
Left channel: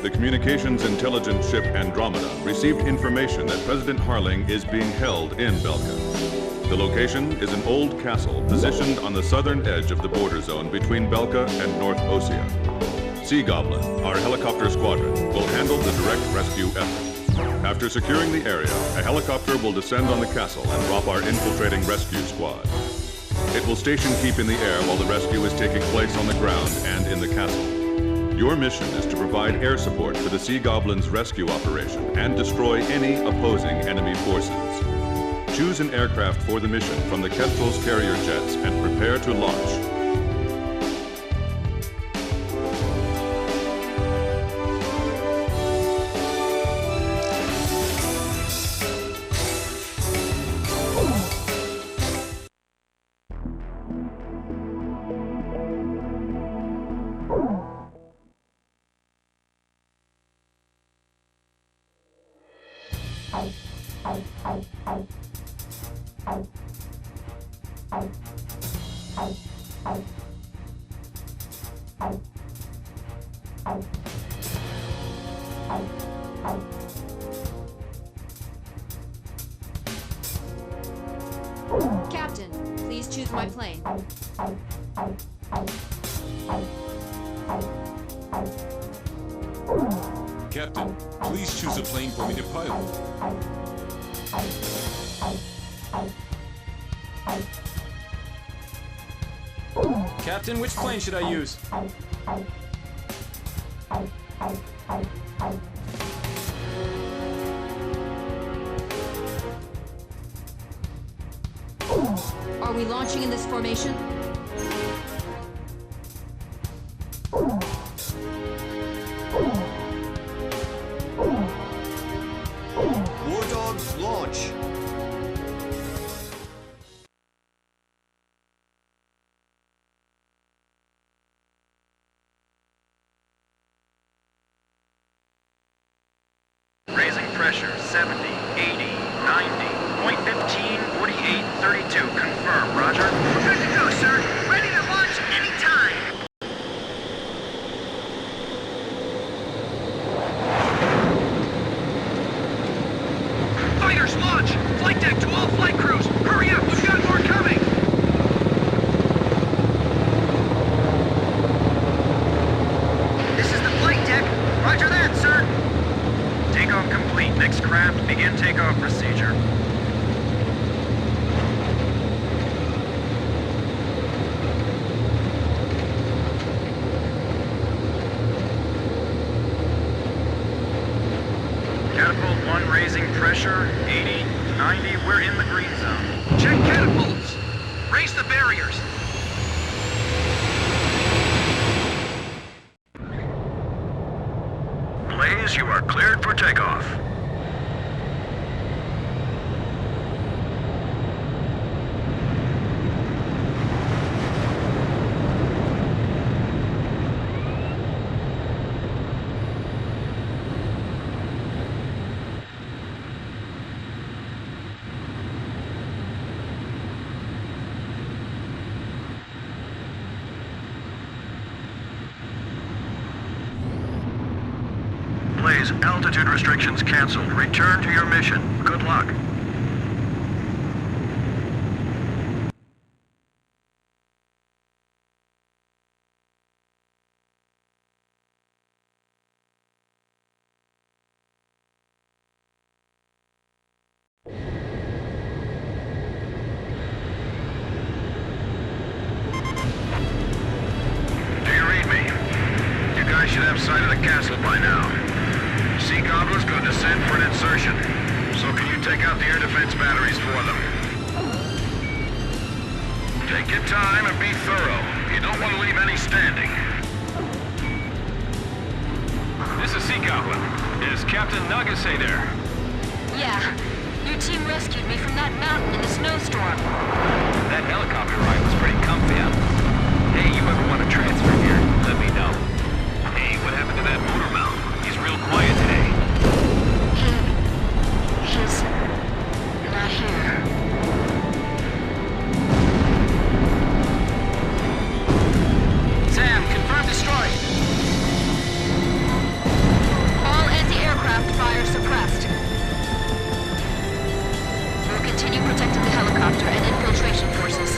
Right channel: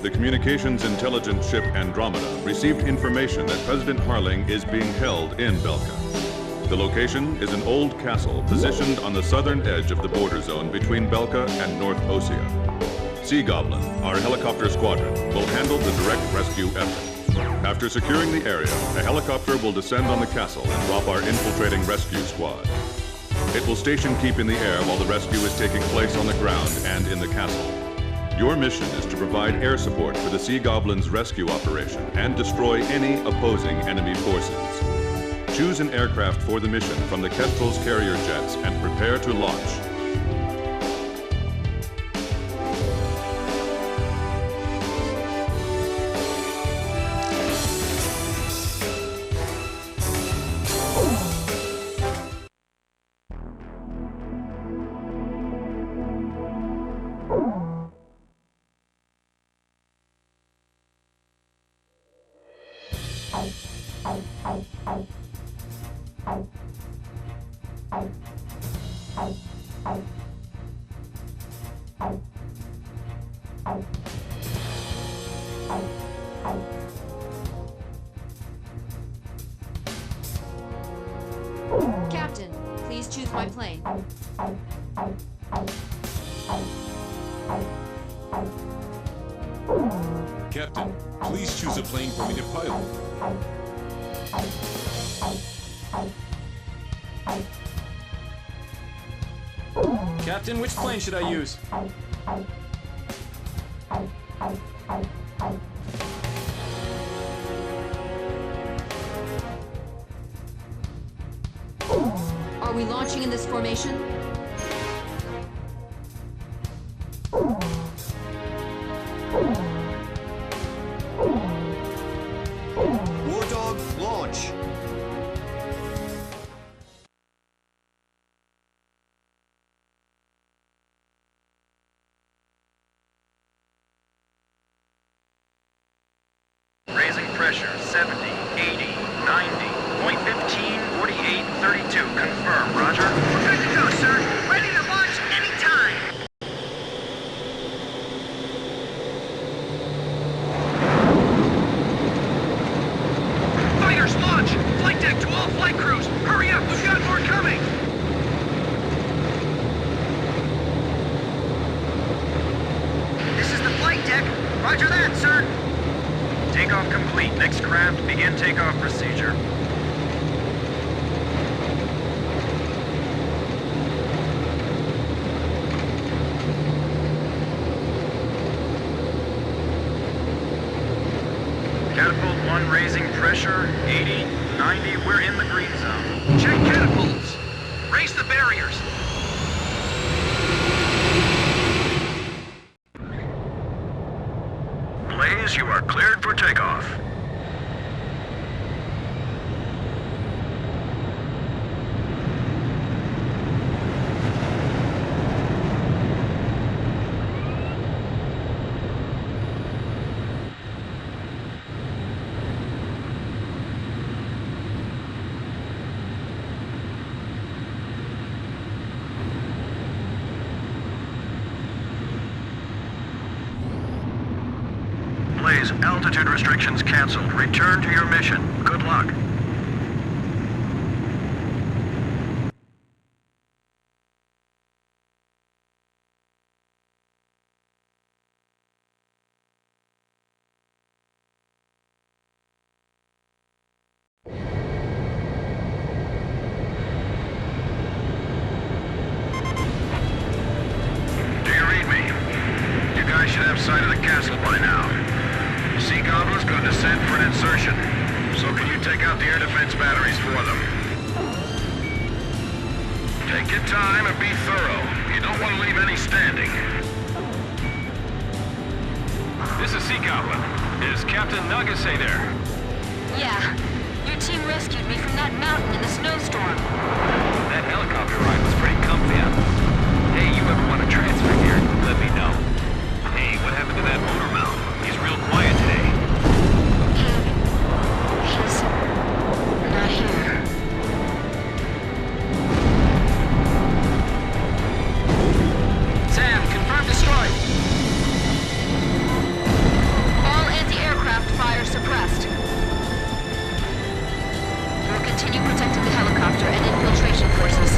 The communications intelligence ship Andromeda received information that President Harling is being held in Belka. The location is an old castle positioned on the southern edge of the border zone between Belka and North Osea. Sea Goblin, our helicopter squadron, will handle the direct rescue effort. After securing the area, a helicopter will descend on the castle and drop our infiltrating rescue squad. It will station keep in the air while the rescue is taking place on the ground and in the castle. Your mission is to provide air support for the Sea Goblin's rescue operation and destroy any opposing enemy forces. Choose an aircraft for the mission from the Kestrel's carrier jets and prepare to launch. Captain, please choose my plane. Captain, please choose a plane for me to pilot. Captain, which plane should I use? Are we launching in this formation? War Dog, launch! Raising pressure, 70, 80, 90, point 15, 48, 32. Confirm, roger. We're good to go, sir. Ready to launch anytime. Fighters, launch! Flight deck to all flight crews! Hurry up, we've got more coming! This is the flight deck. Roger that, sir. Takeoff complete. Next craft, begin takeoff procedure. Catapult 1 raising pressure, 80, 90, we're in the green zone. Check catapults. Raise the barriers. Blaze, you are cleared for takeoff. Blaze, altitude restrictions canceled. Return to your mission. Good luck. Do you read me? You guys should have sight of the castle by now. Sea Goblin's going to send for an insertion. So can you take out the air defense batteries for them? Take your time and be thorough. You don't want to leave any standing. This is Sea Goblin. Is Captain Nagase there? Yeah. Your team rescued me from that mountain in the snowstorm. That helicopter ride was pretty comfy, huh? Hey, you ever want to transfer here? Let me know. Hey, what happened to that motor mount? He's real quiet today. He's not here. Sam, confirm destroyed. All anti-aircraft fire suppressed. We'll continue protecting the helicopter and infiltration forces.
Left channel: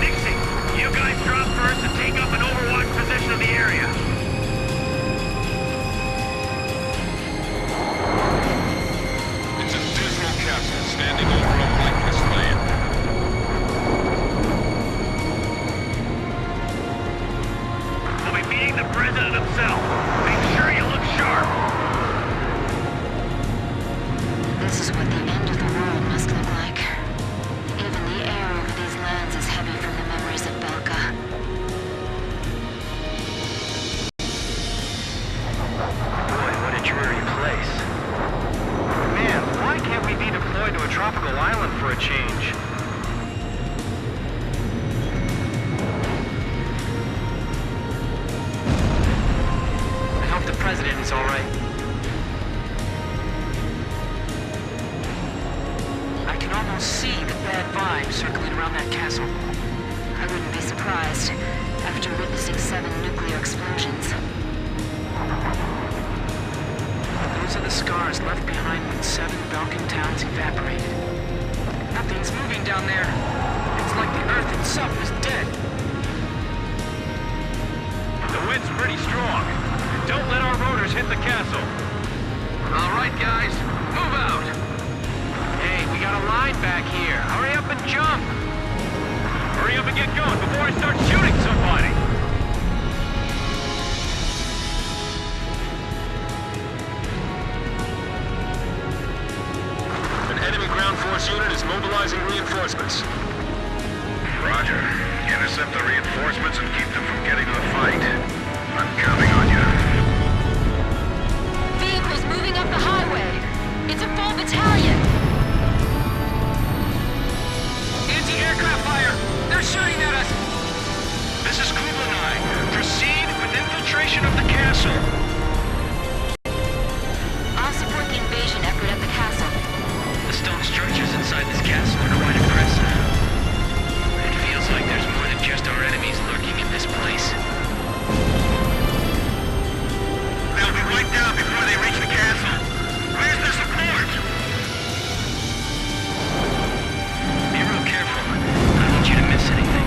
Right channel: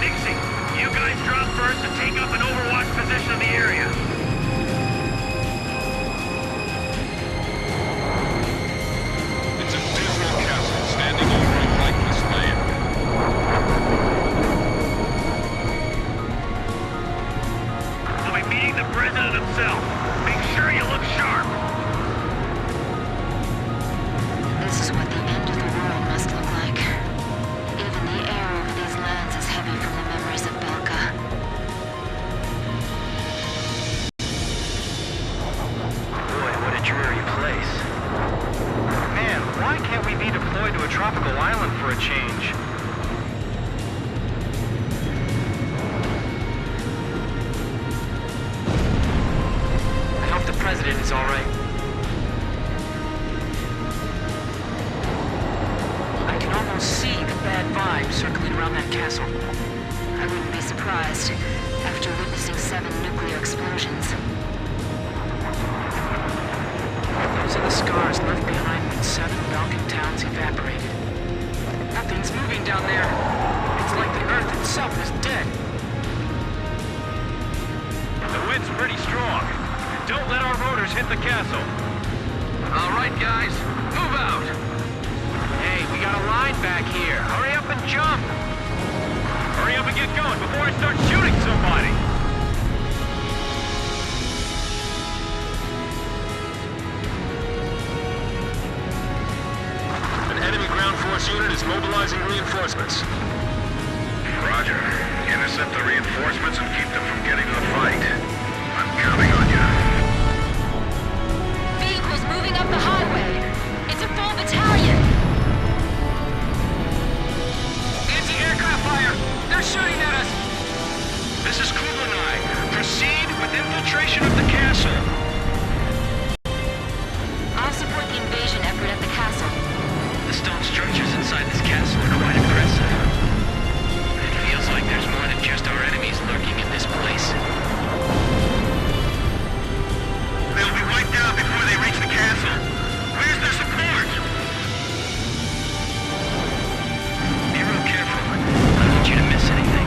Nixie, you guys drop first and take up an overwatch position of the area. It's a dismal castle standing over a lifeless land. This is what the end of the world must look like. Even the air over these lands is heavy from the memories of Belka. Boy, what a dreary place. Man, why can't we be deployed to a tropical island for a change? I hope the president is all right. I can almost see the bad vibes circling around that castle. I wouldn't be surprised after witnessing 7 nuclear explosions. Those are the scars left behind when 7 Balkan towns evaporated. Nothing's moving down there. It's like the Earth itself is dead. The wind's pretty strong. Don't let our rotors hit the castle. All right, guys, move out. Hey, we got a line back here. Hurry up and jump. Hurry up and get going before I start shooting somebody. An enemy ground force unit is mobilizing reinforcements. Roger. Intercept the reinforcements and keep them from getting to the fight. I'm counting on you. Vehicles moving up the highway. It's a full battalion. Anti-aircraft fire! They're shooting at us! This is Kublai. Proceed with infiltration of the castle. I'll support the invasion effort at the castle. The stone structures inside this castle are quite impressive. It feels like there's more than just our enemies lurking in this place. They'll be wiped out before they reach the castle. Where's their support? Be real careful. I don't want you to miss anything.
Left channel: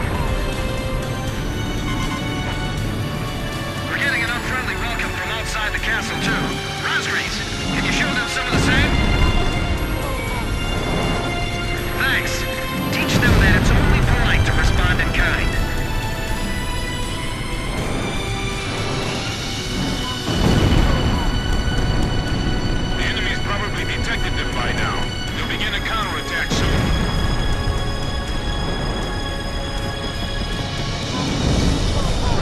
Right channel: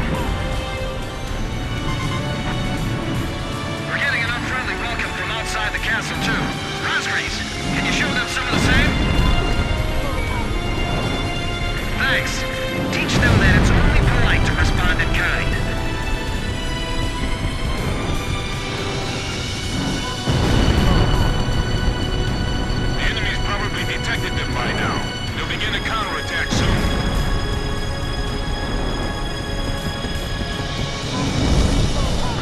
We're getting an unfriendly welcome from outside the castle, too. Rosgreaves, can you show them some of the same? Thanks. Teach them that it's only polite to respond in kind. The enemy's probably detected them by now. They'll begin a counterattack soon.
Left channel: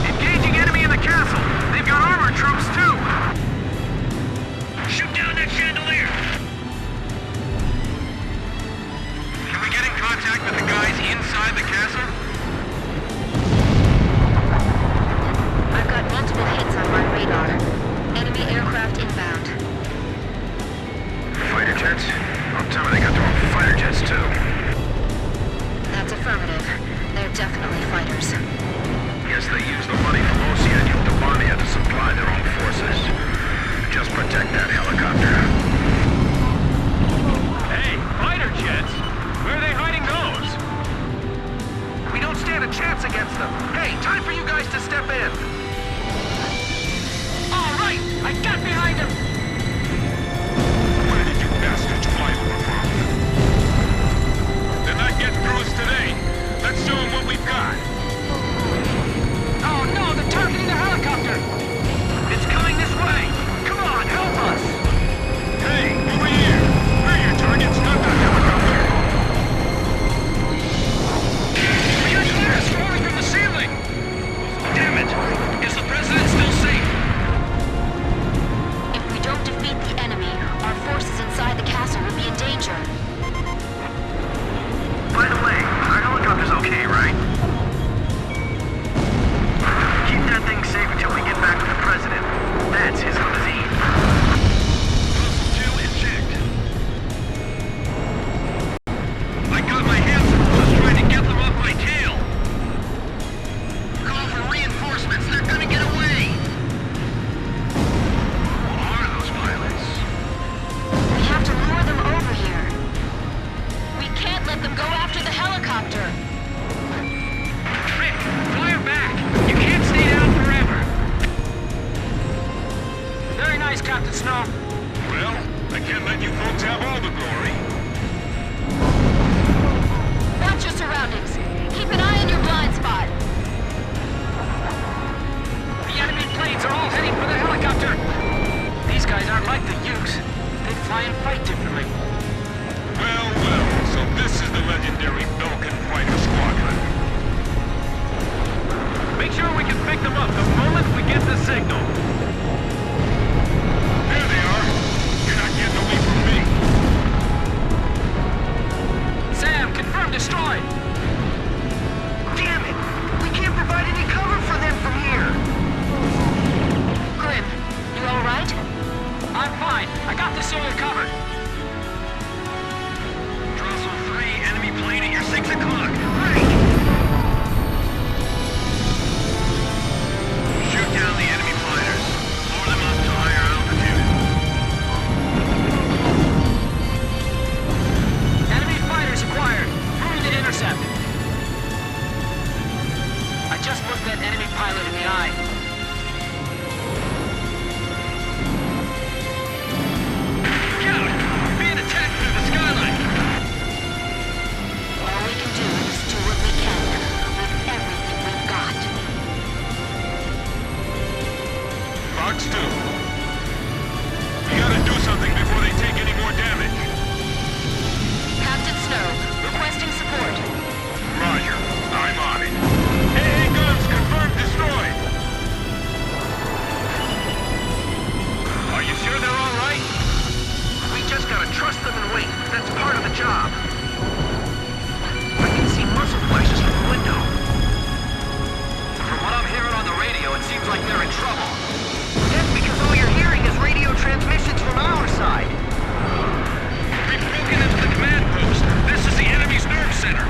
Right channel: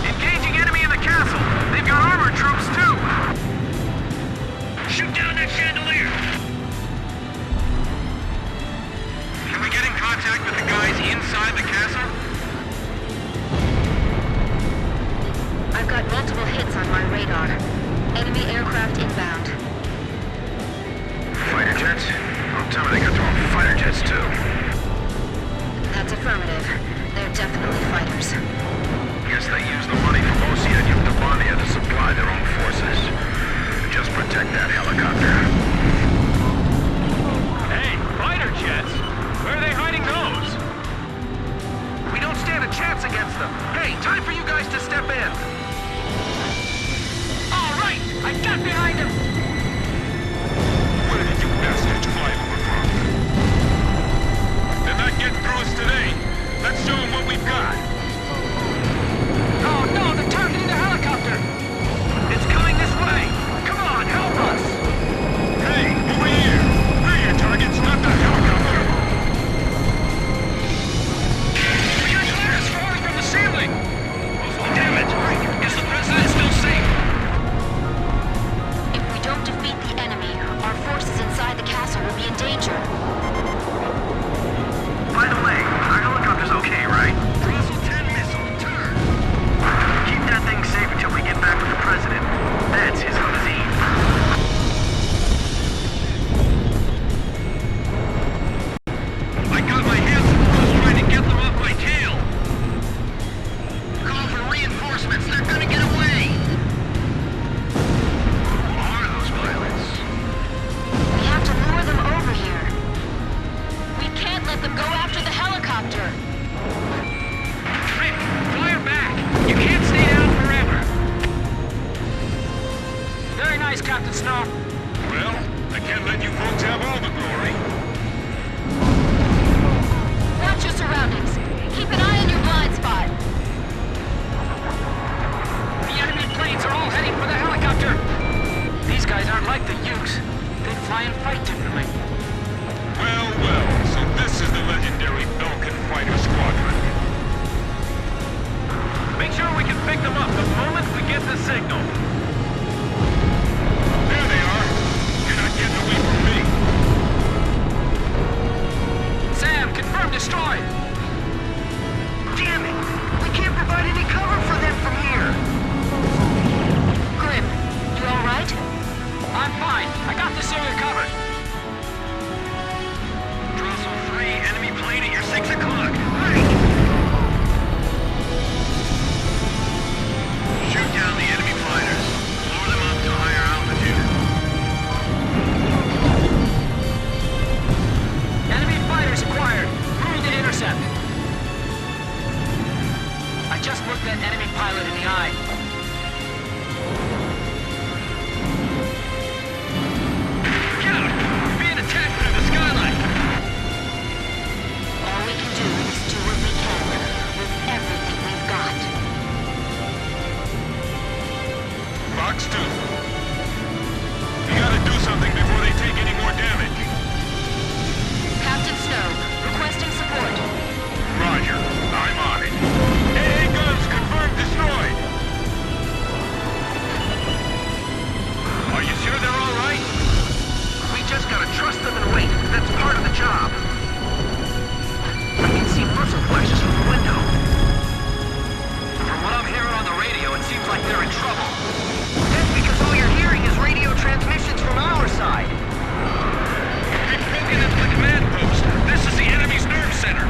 Engaging enemy in the castle. They've got armored troops, too. Shoot down that chandelier. Can we get in contact with the guys inside the castle? I've got multiple hits on my radar. Enemy aircraft inbound. Fighter jets? Don't tell me they got their own fighter jets, too. That's affirmative. They're definitely fighters. Guess they use the money from Osia and Yuktabania to supply their own forces. Just protect that helicopter. Hey, fighter jets? Where are they hiding those? We don't stand a chance against them. Hey, time for you guys to step in. All right! I got behind him! Where did you bastards fly over from? They're not getting through us today. Let's show them what we've got. Oh no, they're targeting the helicopter! It's coming this way. Come on, help us. Hey, over here. We're your targets, not the helicopter. We got glass falling from the ceiling. Damn it. Is the president still safe? If we don't defeat the enemy, our forces inside the castle will be in danger. By the way, our helicopter's okay, right? Keep that thing safe until we get back with the president. That's his limousine. I got my hands full just trying to get them off my tail. Call for reinforcements. They're gonna get away. Who are those pilots? We have to lure them over here. We can't let them go after the helicopter. Rick, fire back! You can't stay down forever! Very nice, Captain Snow. Well, I can't let you folks have all the glory. Watch your surroundings. Keep an eye on your blind spot. The enemy planes are all heading for the helicopter! These guys aren't like the Ukes. They fly and fight differently. legendary Belkin fighter squadron. Make sure we can pick them up the moment we get the signal. There they are. You're not getting away from me. Sam, confirm destroyed. Damn it! We can't provide any cover for them from here! Grim, you all right? I'm fine. I got this area covered. Drossel 3, enemy plane at your 6 o'clock. Right! Shoot down the enemy fighters. Lower them up to higher altitude. Enemy fighters acquired. Moving to intercept. I just looked that enemy pilot in the eye. Scout! We're being attacked through the skylight. All we can do is do what we can with everything we've got. Fox 2. You gotta do something before they take any more damage. Captain Snow, requesting support. Roger. I'm on it. AA guns confirmed destroyed. Are you sure they're all right? We just gotta trust them and wait. That's part of the job. I can see muzzle flashes from the window. From what I'm hearing on the radio, it seems like they're in trouble. That's because all you're hearing is radio transmissions from our side. We've broken into the command post. This is the enemy's nerve center.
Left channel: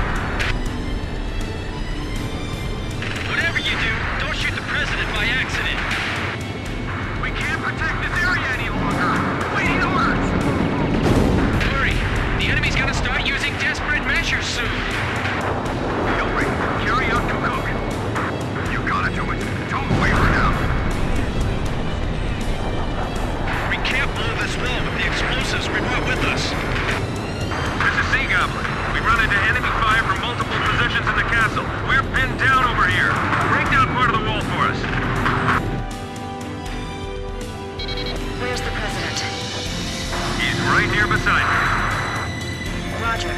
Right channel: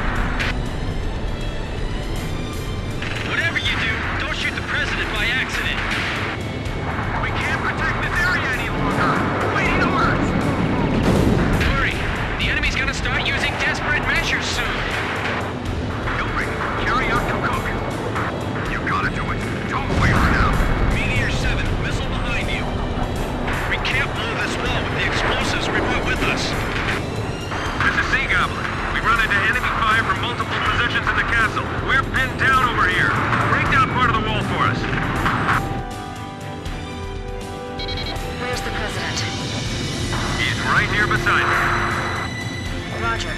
Whatever you do, don't shoot the president by accident. We can't protect this area any longer. Waiting orders. Hurry. The enemy's gonna start using desperate measures soon. Hillary, carry out Cook. You gotta do it. Don't waver now. Meteor 7, missile behind you. We can't blow this wall with the explosives we brought with us. This is Sea Goblin. We run into enemy fire from multiple positions in the castle. We're pinned down over here. Break down part of the wall for us. Where's the president? He's right here beside me. Roger.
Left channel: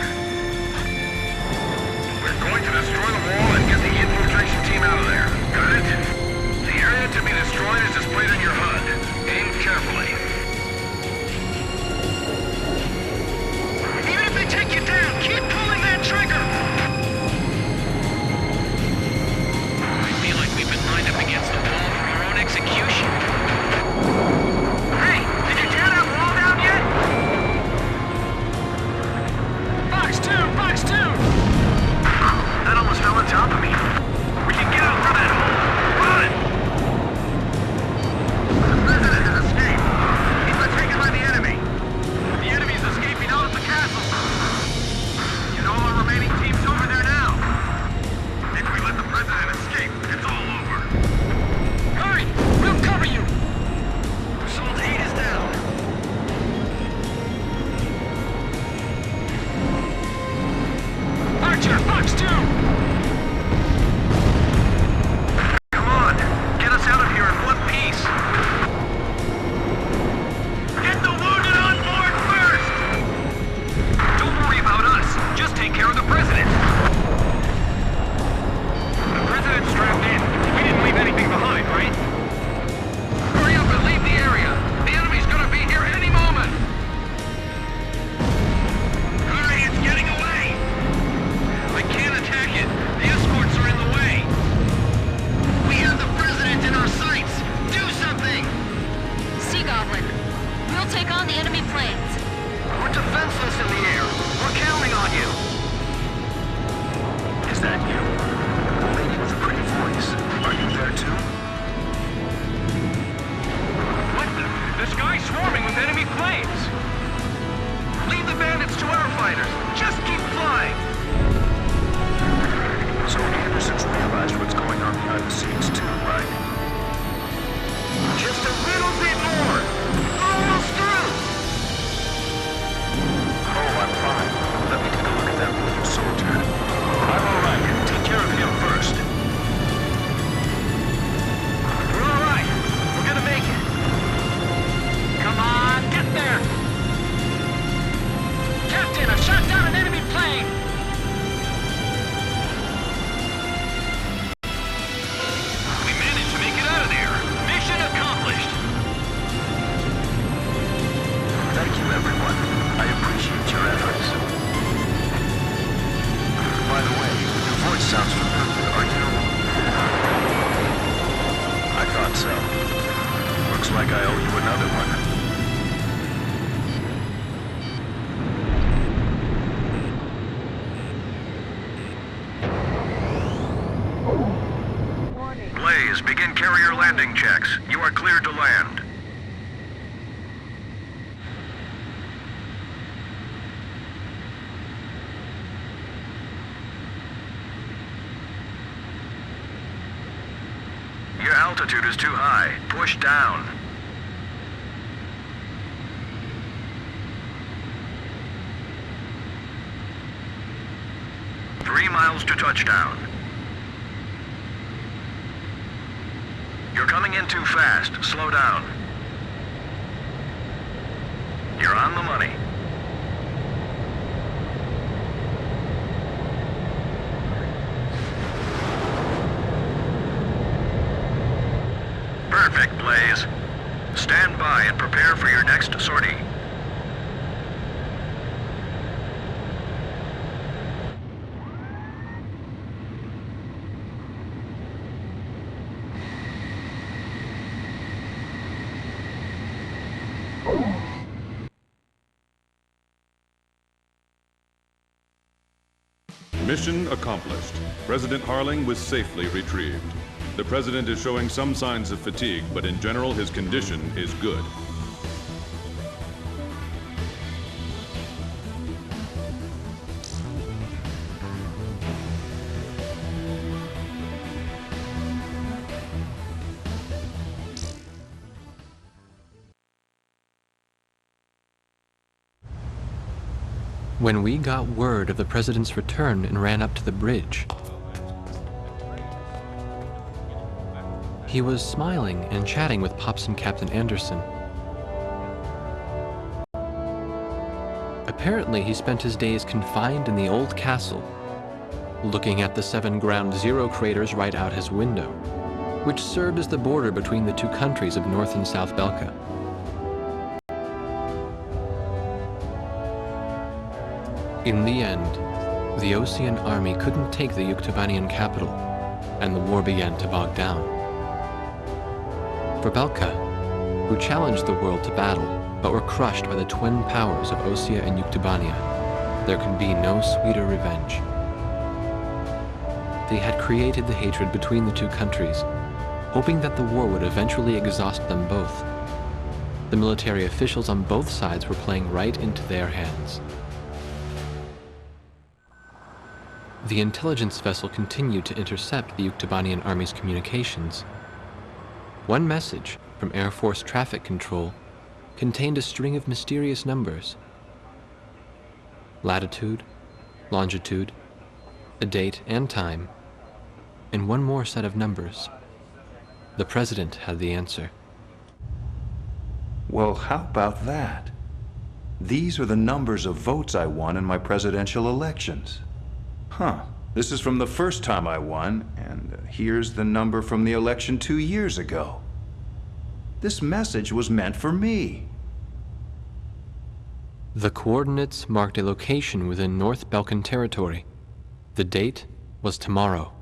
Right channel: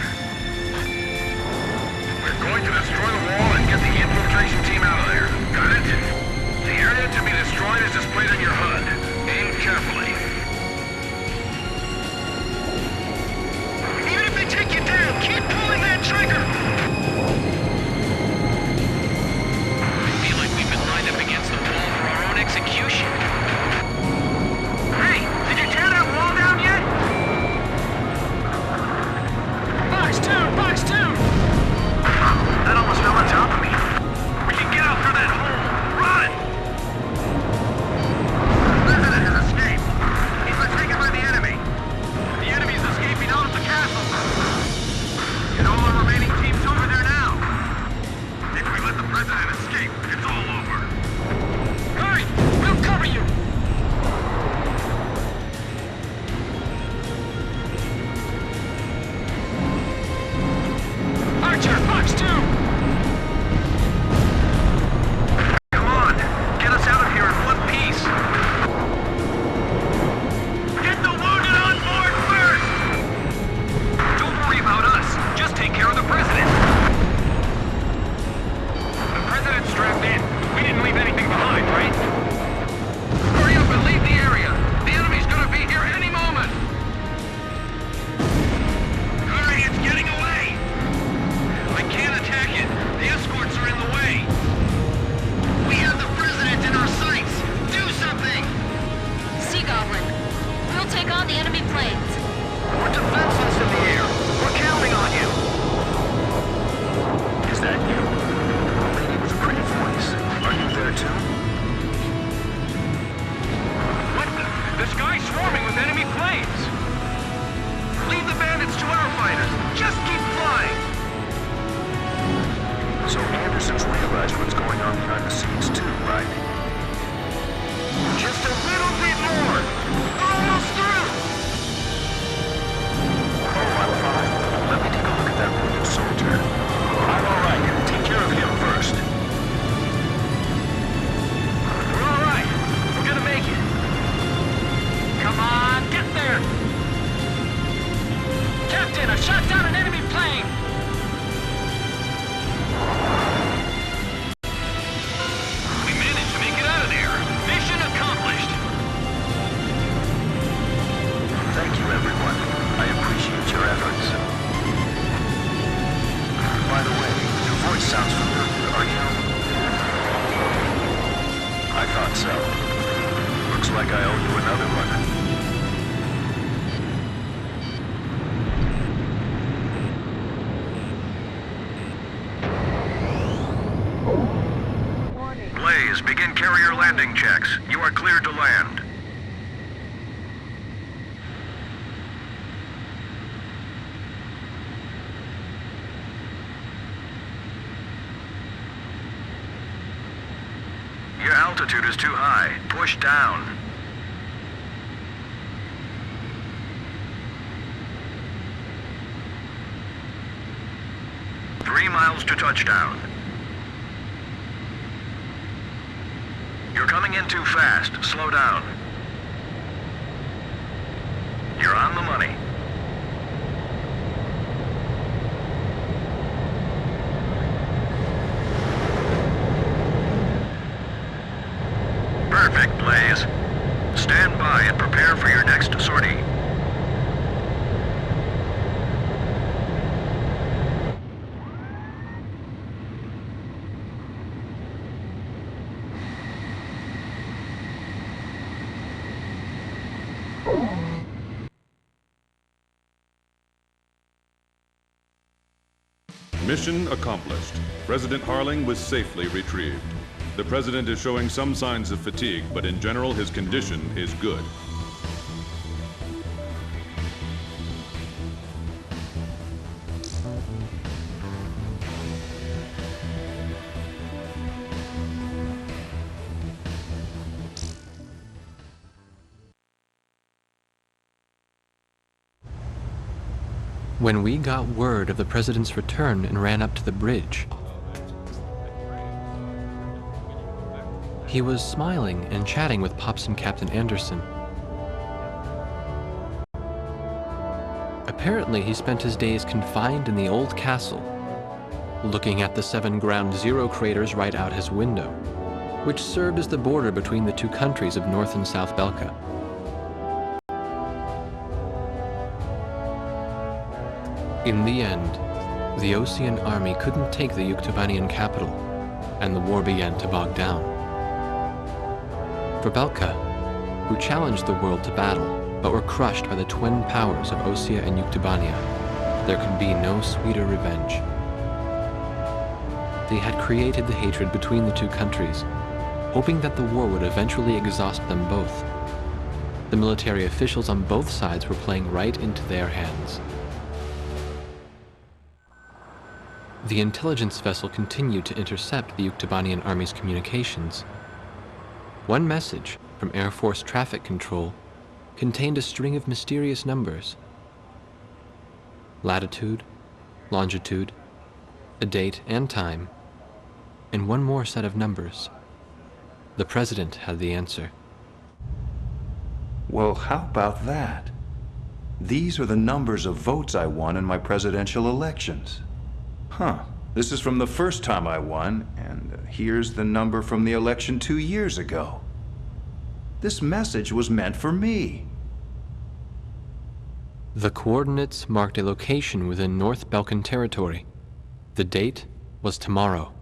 We're going to destroy the wall and get the infiltration team out of there. Got it? The area to be destroyed is displayed on your HUD. Aim carefully. Even if they take you down, keep pulling that trigger! I feel like we've been lined up against the wall for our own execution. Hey, did you tear that wall down yet? Fox 2! Fox 2! That almost fell on top of me. We can get out through that hole. Run! The president has escaped. He's been taken by the enemy. The enemy's escaping out of the castle. Get all our remaining teams over there now. If we let the president escape, it's all over. Hurry! We'll cover you! Assault 8 is down. Archer! Fox 2! Come on! Get us out of here in one piece! Get the wounded on board first! Don't worry about us. Just take care of the president. The president's strapped in. We didn't leave anything behind, right? Hurry up and leave the area. The enemy's gonna be here any moment. Hurry, it's getting away. I can't attack it. The escorts are in the way. We have the president in our sights. Do something. Sea Goblin, we'll take on the enemy planes. We're defenseless in the air. We're counting on you. Is that you? The lady with the pretty voice. Are you there too? What the? The sky's swarming with enemy planes. Leave the bandits to our fighters. Just keep flying. So Anderson's realized what's going on behind the scenes too, right? Just a little bit more. We're almost through. Oh, I'm fine. Let me take a look at that wounded soldier. I'm all right. Take care of him first. We're all right. We're gonna make it. Come on, get there! Captain, I've shot down an enemy plane! everyone. I appreciate your efforts. By the way, your voice sounds familiar. Are you... I thought so. Looks like I owe you another one. Blaze, begin carrier landing checks. You are cleared to land. Your altitude is too high. Push down. Three miles to touchdown. You're coming in too fast. Slow down. You're on the money. Perfect, Blaze. Stand by and prepare for your next sortie. Mission accomplished. President Harling was safely retrieved. The President is showing some signs of fatigue, but in general his condition is good. When we got word of the President's return and ran up to the bridge, he was smiling and chatting with Pops and Captain Anderson. Apparently, he spent his days confined in the old castle, looking at the 7 Ground Zero craters right out his window, which served as the border between the two countries of North and South Belka. In the end, the Osean army couldn't take the Yuktobanian capital, and the war began to bog down. For Belka, who challenged the world to battle, but were crushed by the twin powers of Osea and Yuktobania, there could be no sweeter revenge. They had created the hatred between the two countries, hoping that the war would eventually exhaust them both. The military officials on both sides were playing right into their hands. The intelligence vessel continued to intercept the Yuktobanian army's communications. One message from Air Force Traffic Control contained a string of mysterious numbers. Latitude, longitude, a date and time, and one more set of numbers. The President had the answer. Well, how about that? These are the numbers of votes I won in my presidential elections. Huh, this is from the first time I won, and here's the number from the election 2 years ago. This message was meant for me. The coordinates marked a location within North Balkan territory. The date was tomorrow.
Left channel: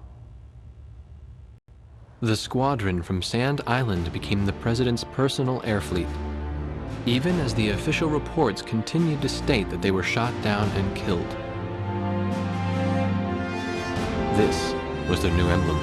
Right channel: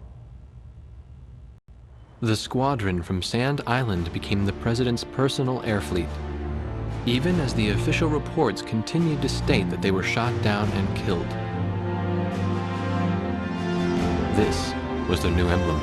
The squadron from Sand Island became the President's personal air fleet, even as the official reports continued to state that they were shot down and killed. This was their new emblem.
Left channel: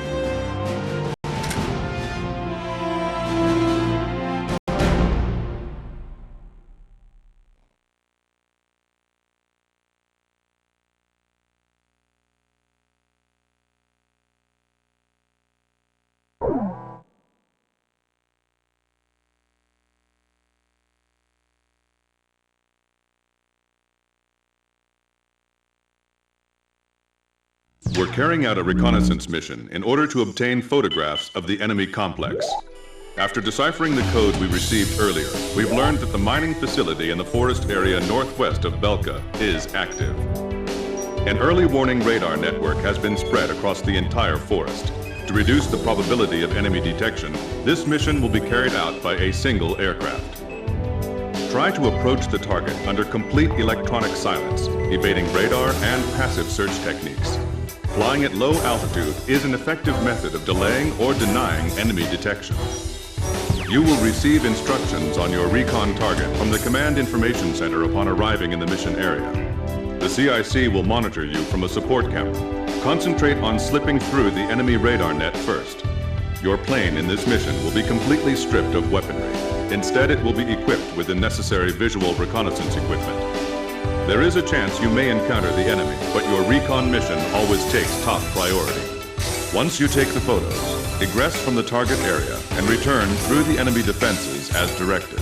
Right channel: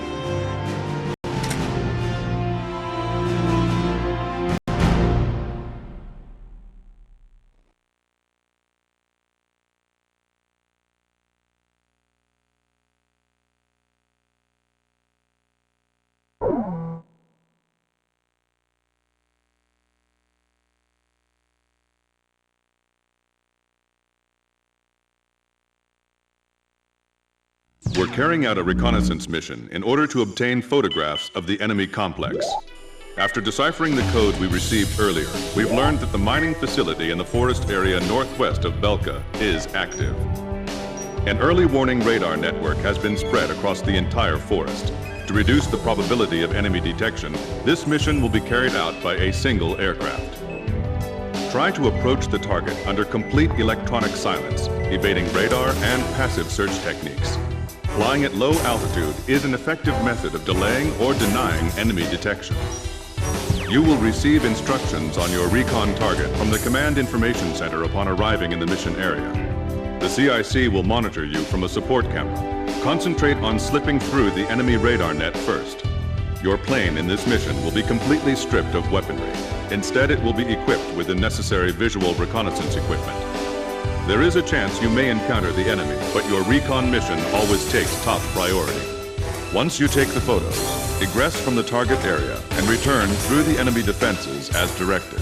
We're carrying out a reconnaissance mission in order to obtain photographs of the enemy complex. After deciphering the code we received earlier, we've learned that the mining facility in the forest area northwest of Belka is active. An early warning radar network has been spread across the entire forest. To reduce the probability of enemy detection, this mission will be carried out by a single aircraft. Try to approach the target under complete electronic silence, evading radar and passive search techniques. Flying at low altitude is an effective method of delaying or denying enemy detection. You will receive instructions on your recon target from the Command Information Center upon arriving in the mission area. The CIC will monitor you from a support camera. Concentrate on slipping through the enemy radar net first. Your plane in this mission will be completely stripped of weaponry. Instead, it will be equipped with the necessary visual reconnaissance equipment. There is a chance you may encounter the enemy, but your recon mission always takes top priority. Once you take the photos, egress from the target area and return through the enemy defenses as directed.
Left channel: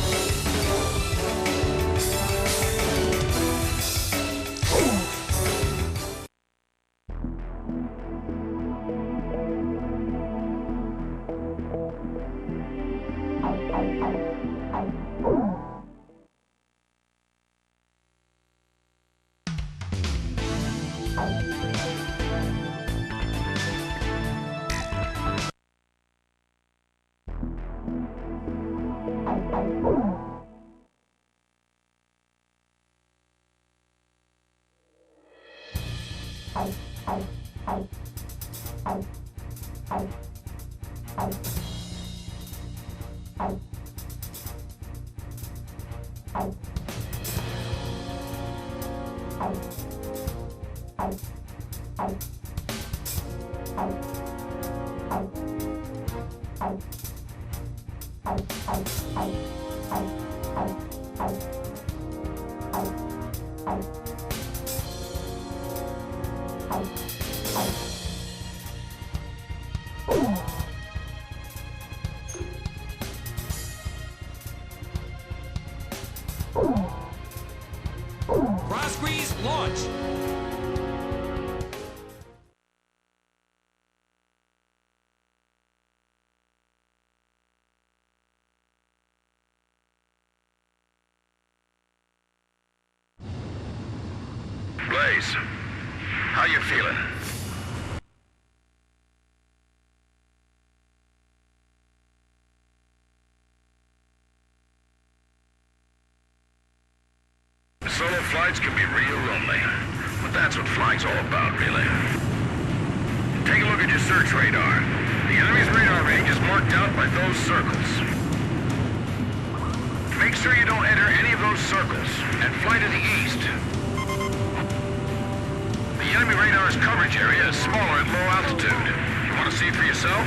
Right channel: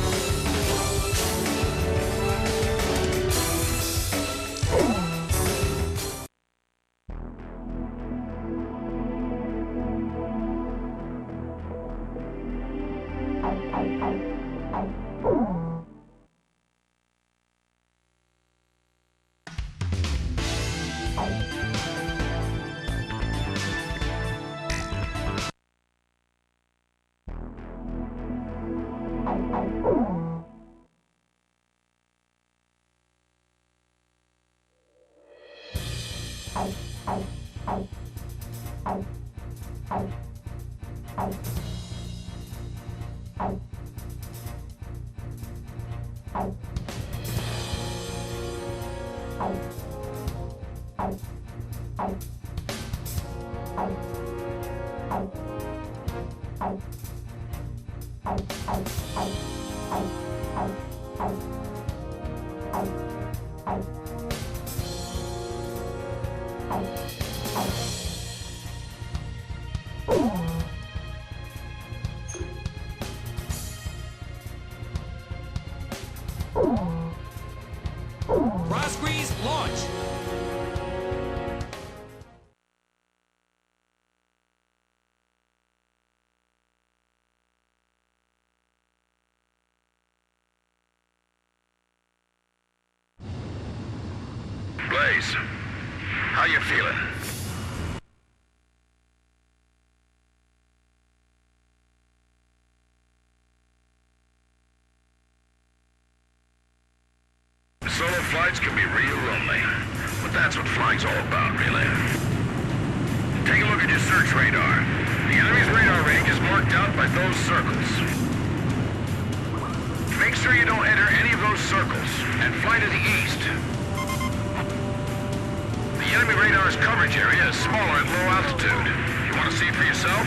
Cross squeeze, launch! Blaze, how you feeling? Solo flights can be real lonely, but that's what flying's all about, really. Take a look at your search radar. The enemy's radar range is marked out by those circles. Make sure you don't enter any of those circles, and fly to the east. The enemy radar's coverage area is smaller at low altitude. You want to see it for yourself?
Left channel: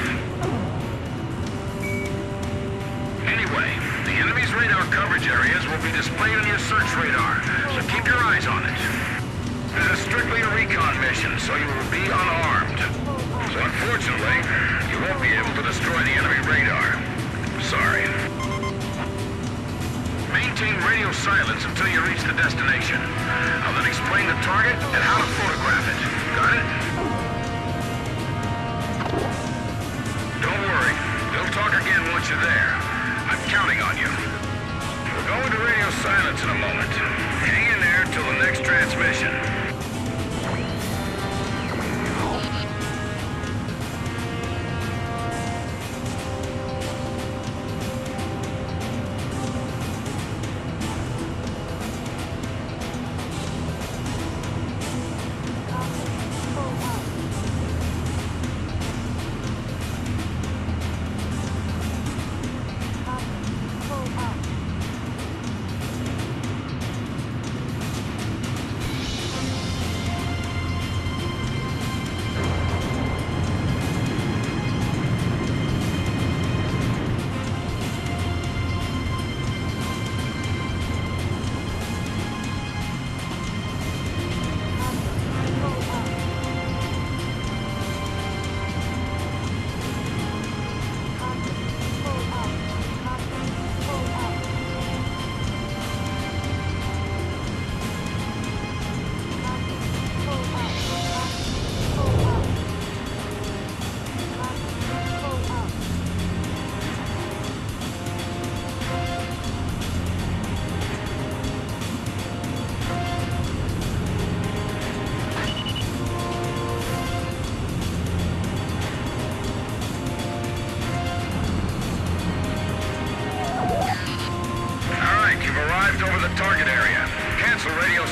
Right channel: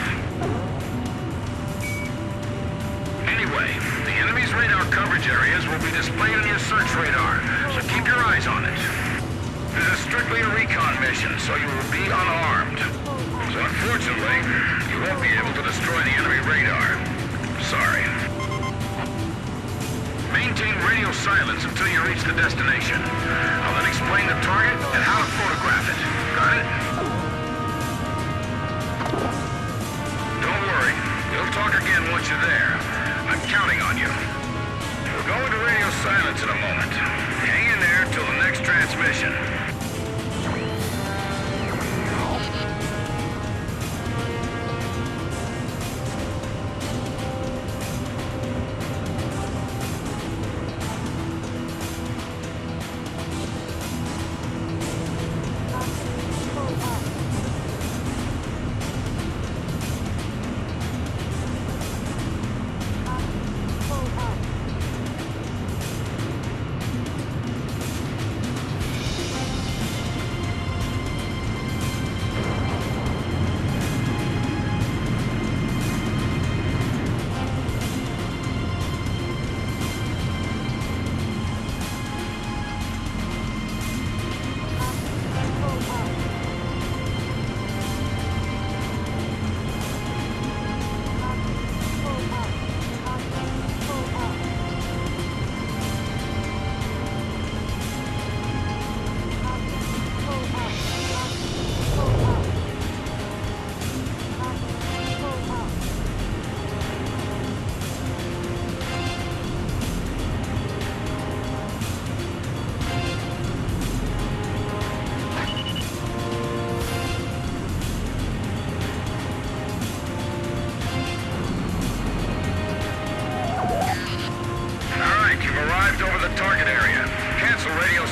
Anyway, the enemy's radar coverage areas will be displayed on your search radar, so keep your eyes on it. This is strictly a recon mission, so you will be unarmed. So unfortunately, you won't be able to destroy the enemy radar. Sorry. Maintain radio silence until you reach the destination. I'll then explain the target and how to photograph it. Got it? Don't worry. We'll talk again once you're there. I'm counting on you. We'll go into radio silence in a moment. Hang in there until the next transmission.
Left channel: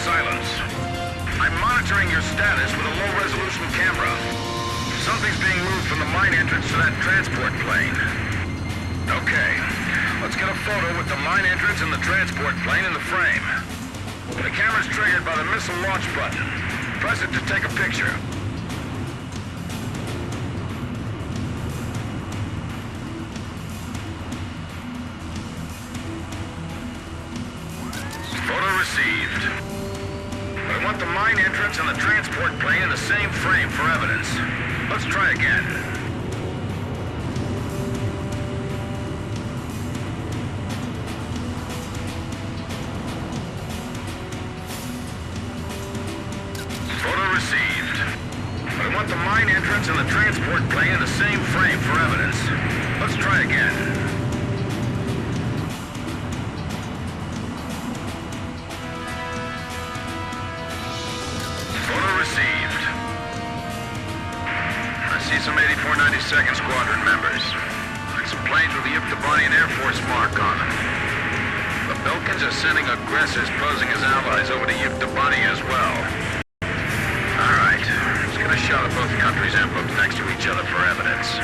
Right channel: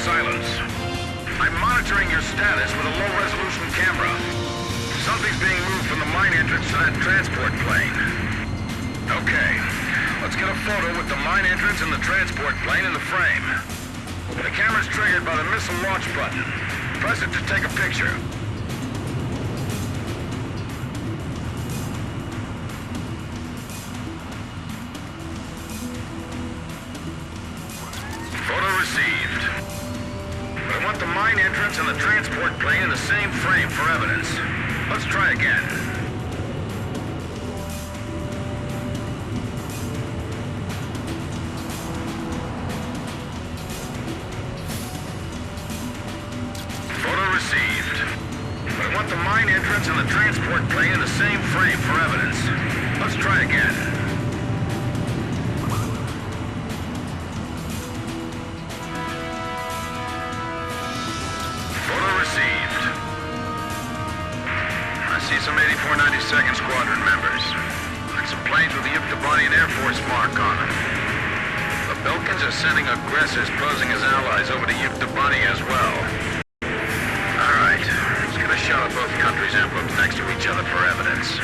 silence. I'm monitoring your status with a low-resolution camera. Something's being moved from the mine entrance to that transport plane. Okay, let's get a photo with the mine entrance and the transport plane in the frame. The camera's triggered by the missile launch button. Press it to take a picture. Photo received. But I want the mine entrance and the transport plane in the same frame for evidence. Let's try again. Photo received. But I want the mine entrance and the transport plane in the same frame for evidence. Let's try again. Photo received. I see some 84 92nd Squadron members. And some planes with the Yuktobanian Air Force mark on them. The Belkans are sending aggressors posing as allies over to Yuktobani as well. Alright, let's get a shot of both countries' emblems next to each other for evidence.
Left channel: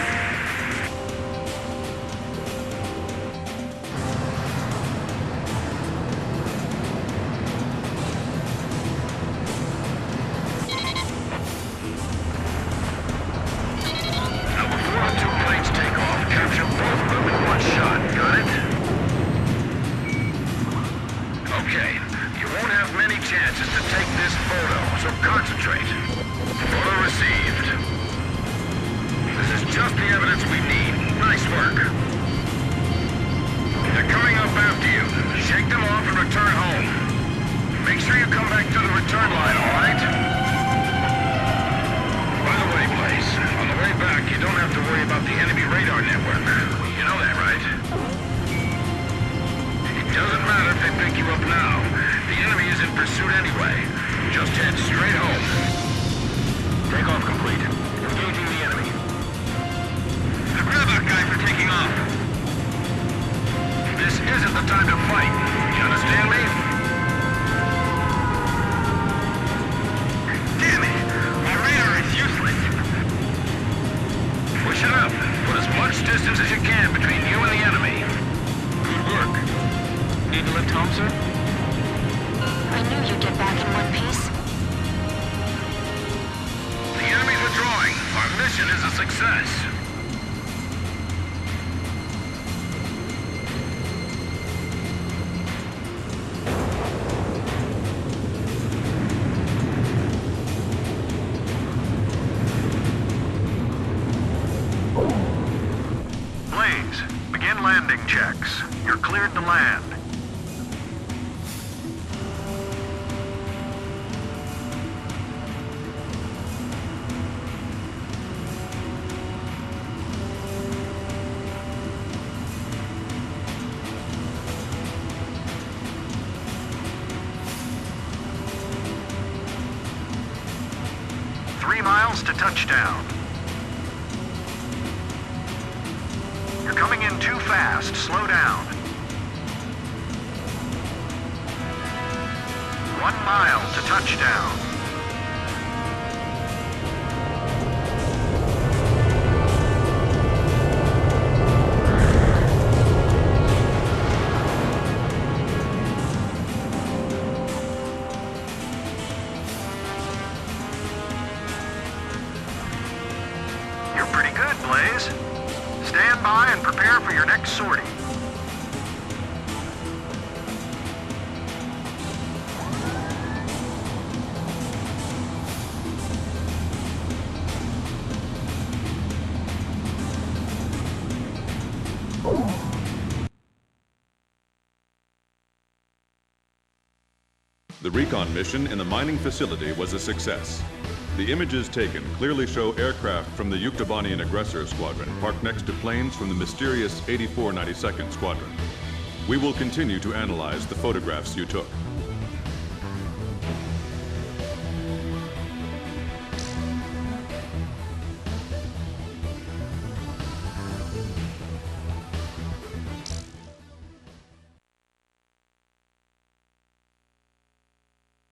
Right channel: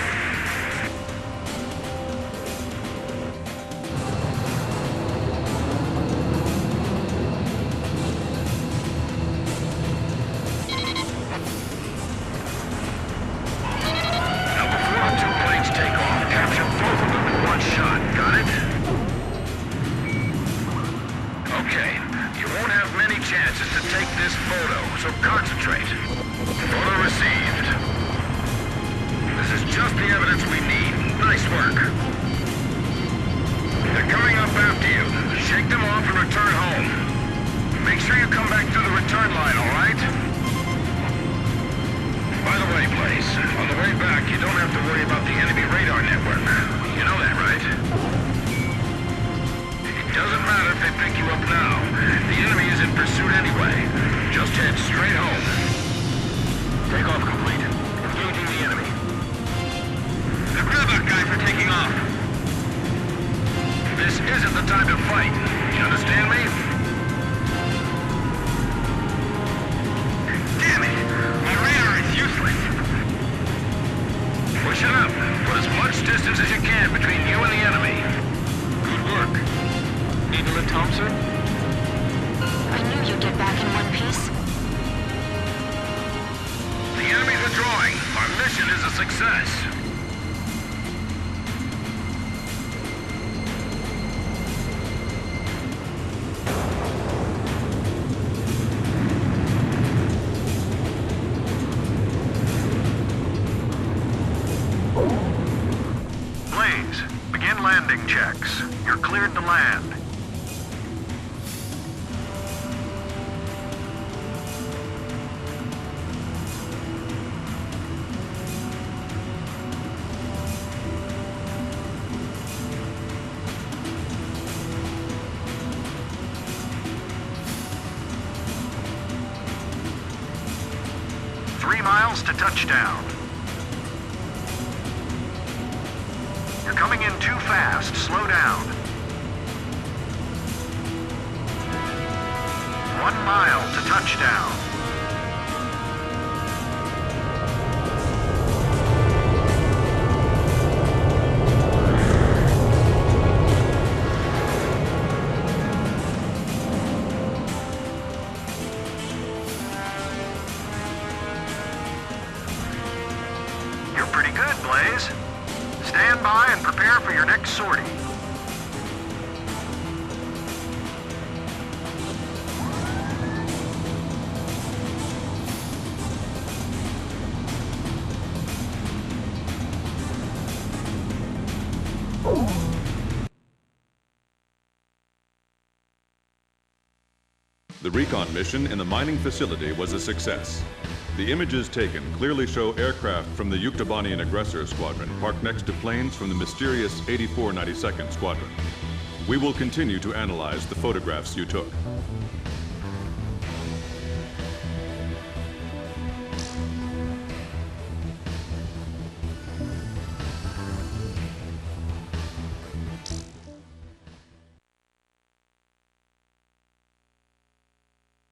Take off. Capture both of them in one shot. Got it? Okay. You won't have many chances to take this photo, so concentrate. Photo received. This is just the evidence we need. Nice work. They're coming up after you. Shake them off and return home. Make sure you come back through the return line, all right? By the way, Blaze, on the way back, you don't have to worry about the enemy radar network. You know that, right? It doesn't matter if they pick you up now. The enemy is in pursuit anyway. Just head straight home. Takeoff complete. Engaging the enemy. The Grabber guys are taking off. This isn't the time to fight. You understand me? Damn it! My radar is useless. Push it up. Put as much distance as you can between you and the enemy. Good work. Need to lift home, sir? I knew you'd get back in one piece. The enemy's withdrawing. Our mission is a success. Blaze, begin landing checks. You're cleared to land. miles to touchdown. You're coming in too fast. Slow down. 1 mile to touchdown. You're pretty good, Blaze. Stand by and prepare for your next sortie. The recon mission in the mining facility was a success. The images taken clearly show aircraft from the Yuktobanian Aggressor Squadron parked next to planes from the mysterious 84 92nd Squadron. We will continue to analyze the photographs you took.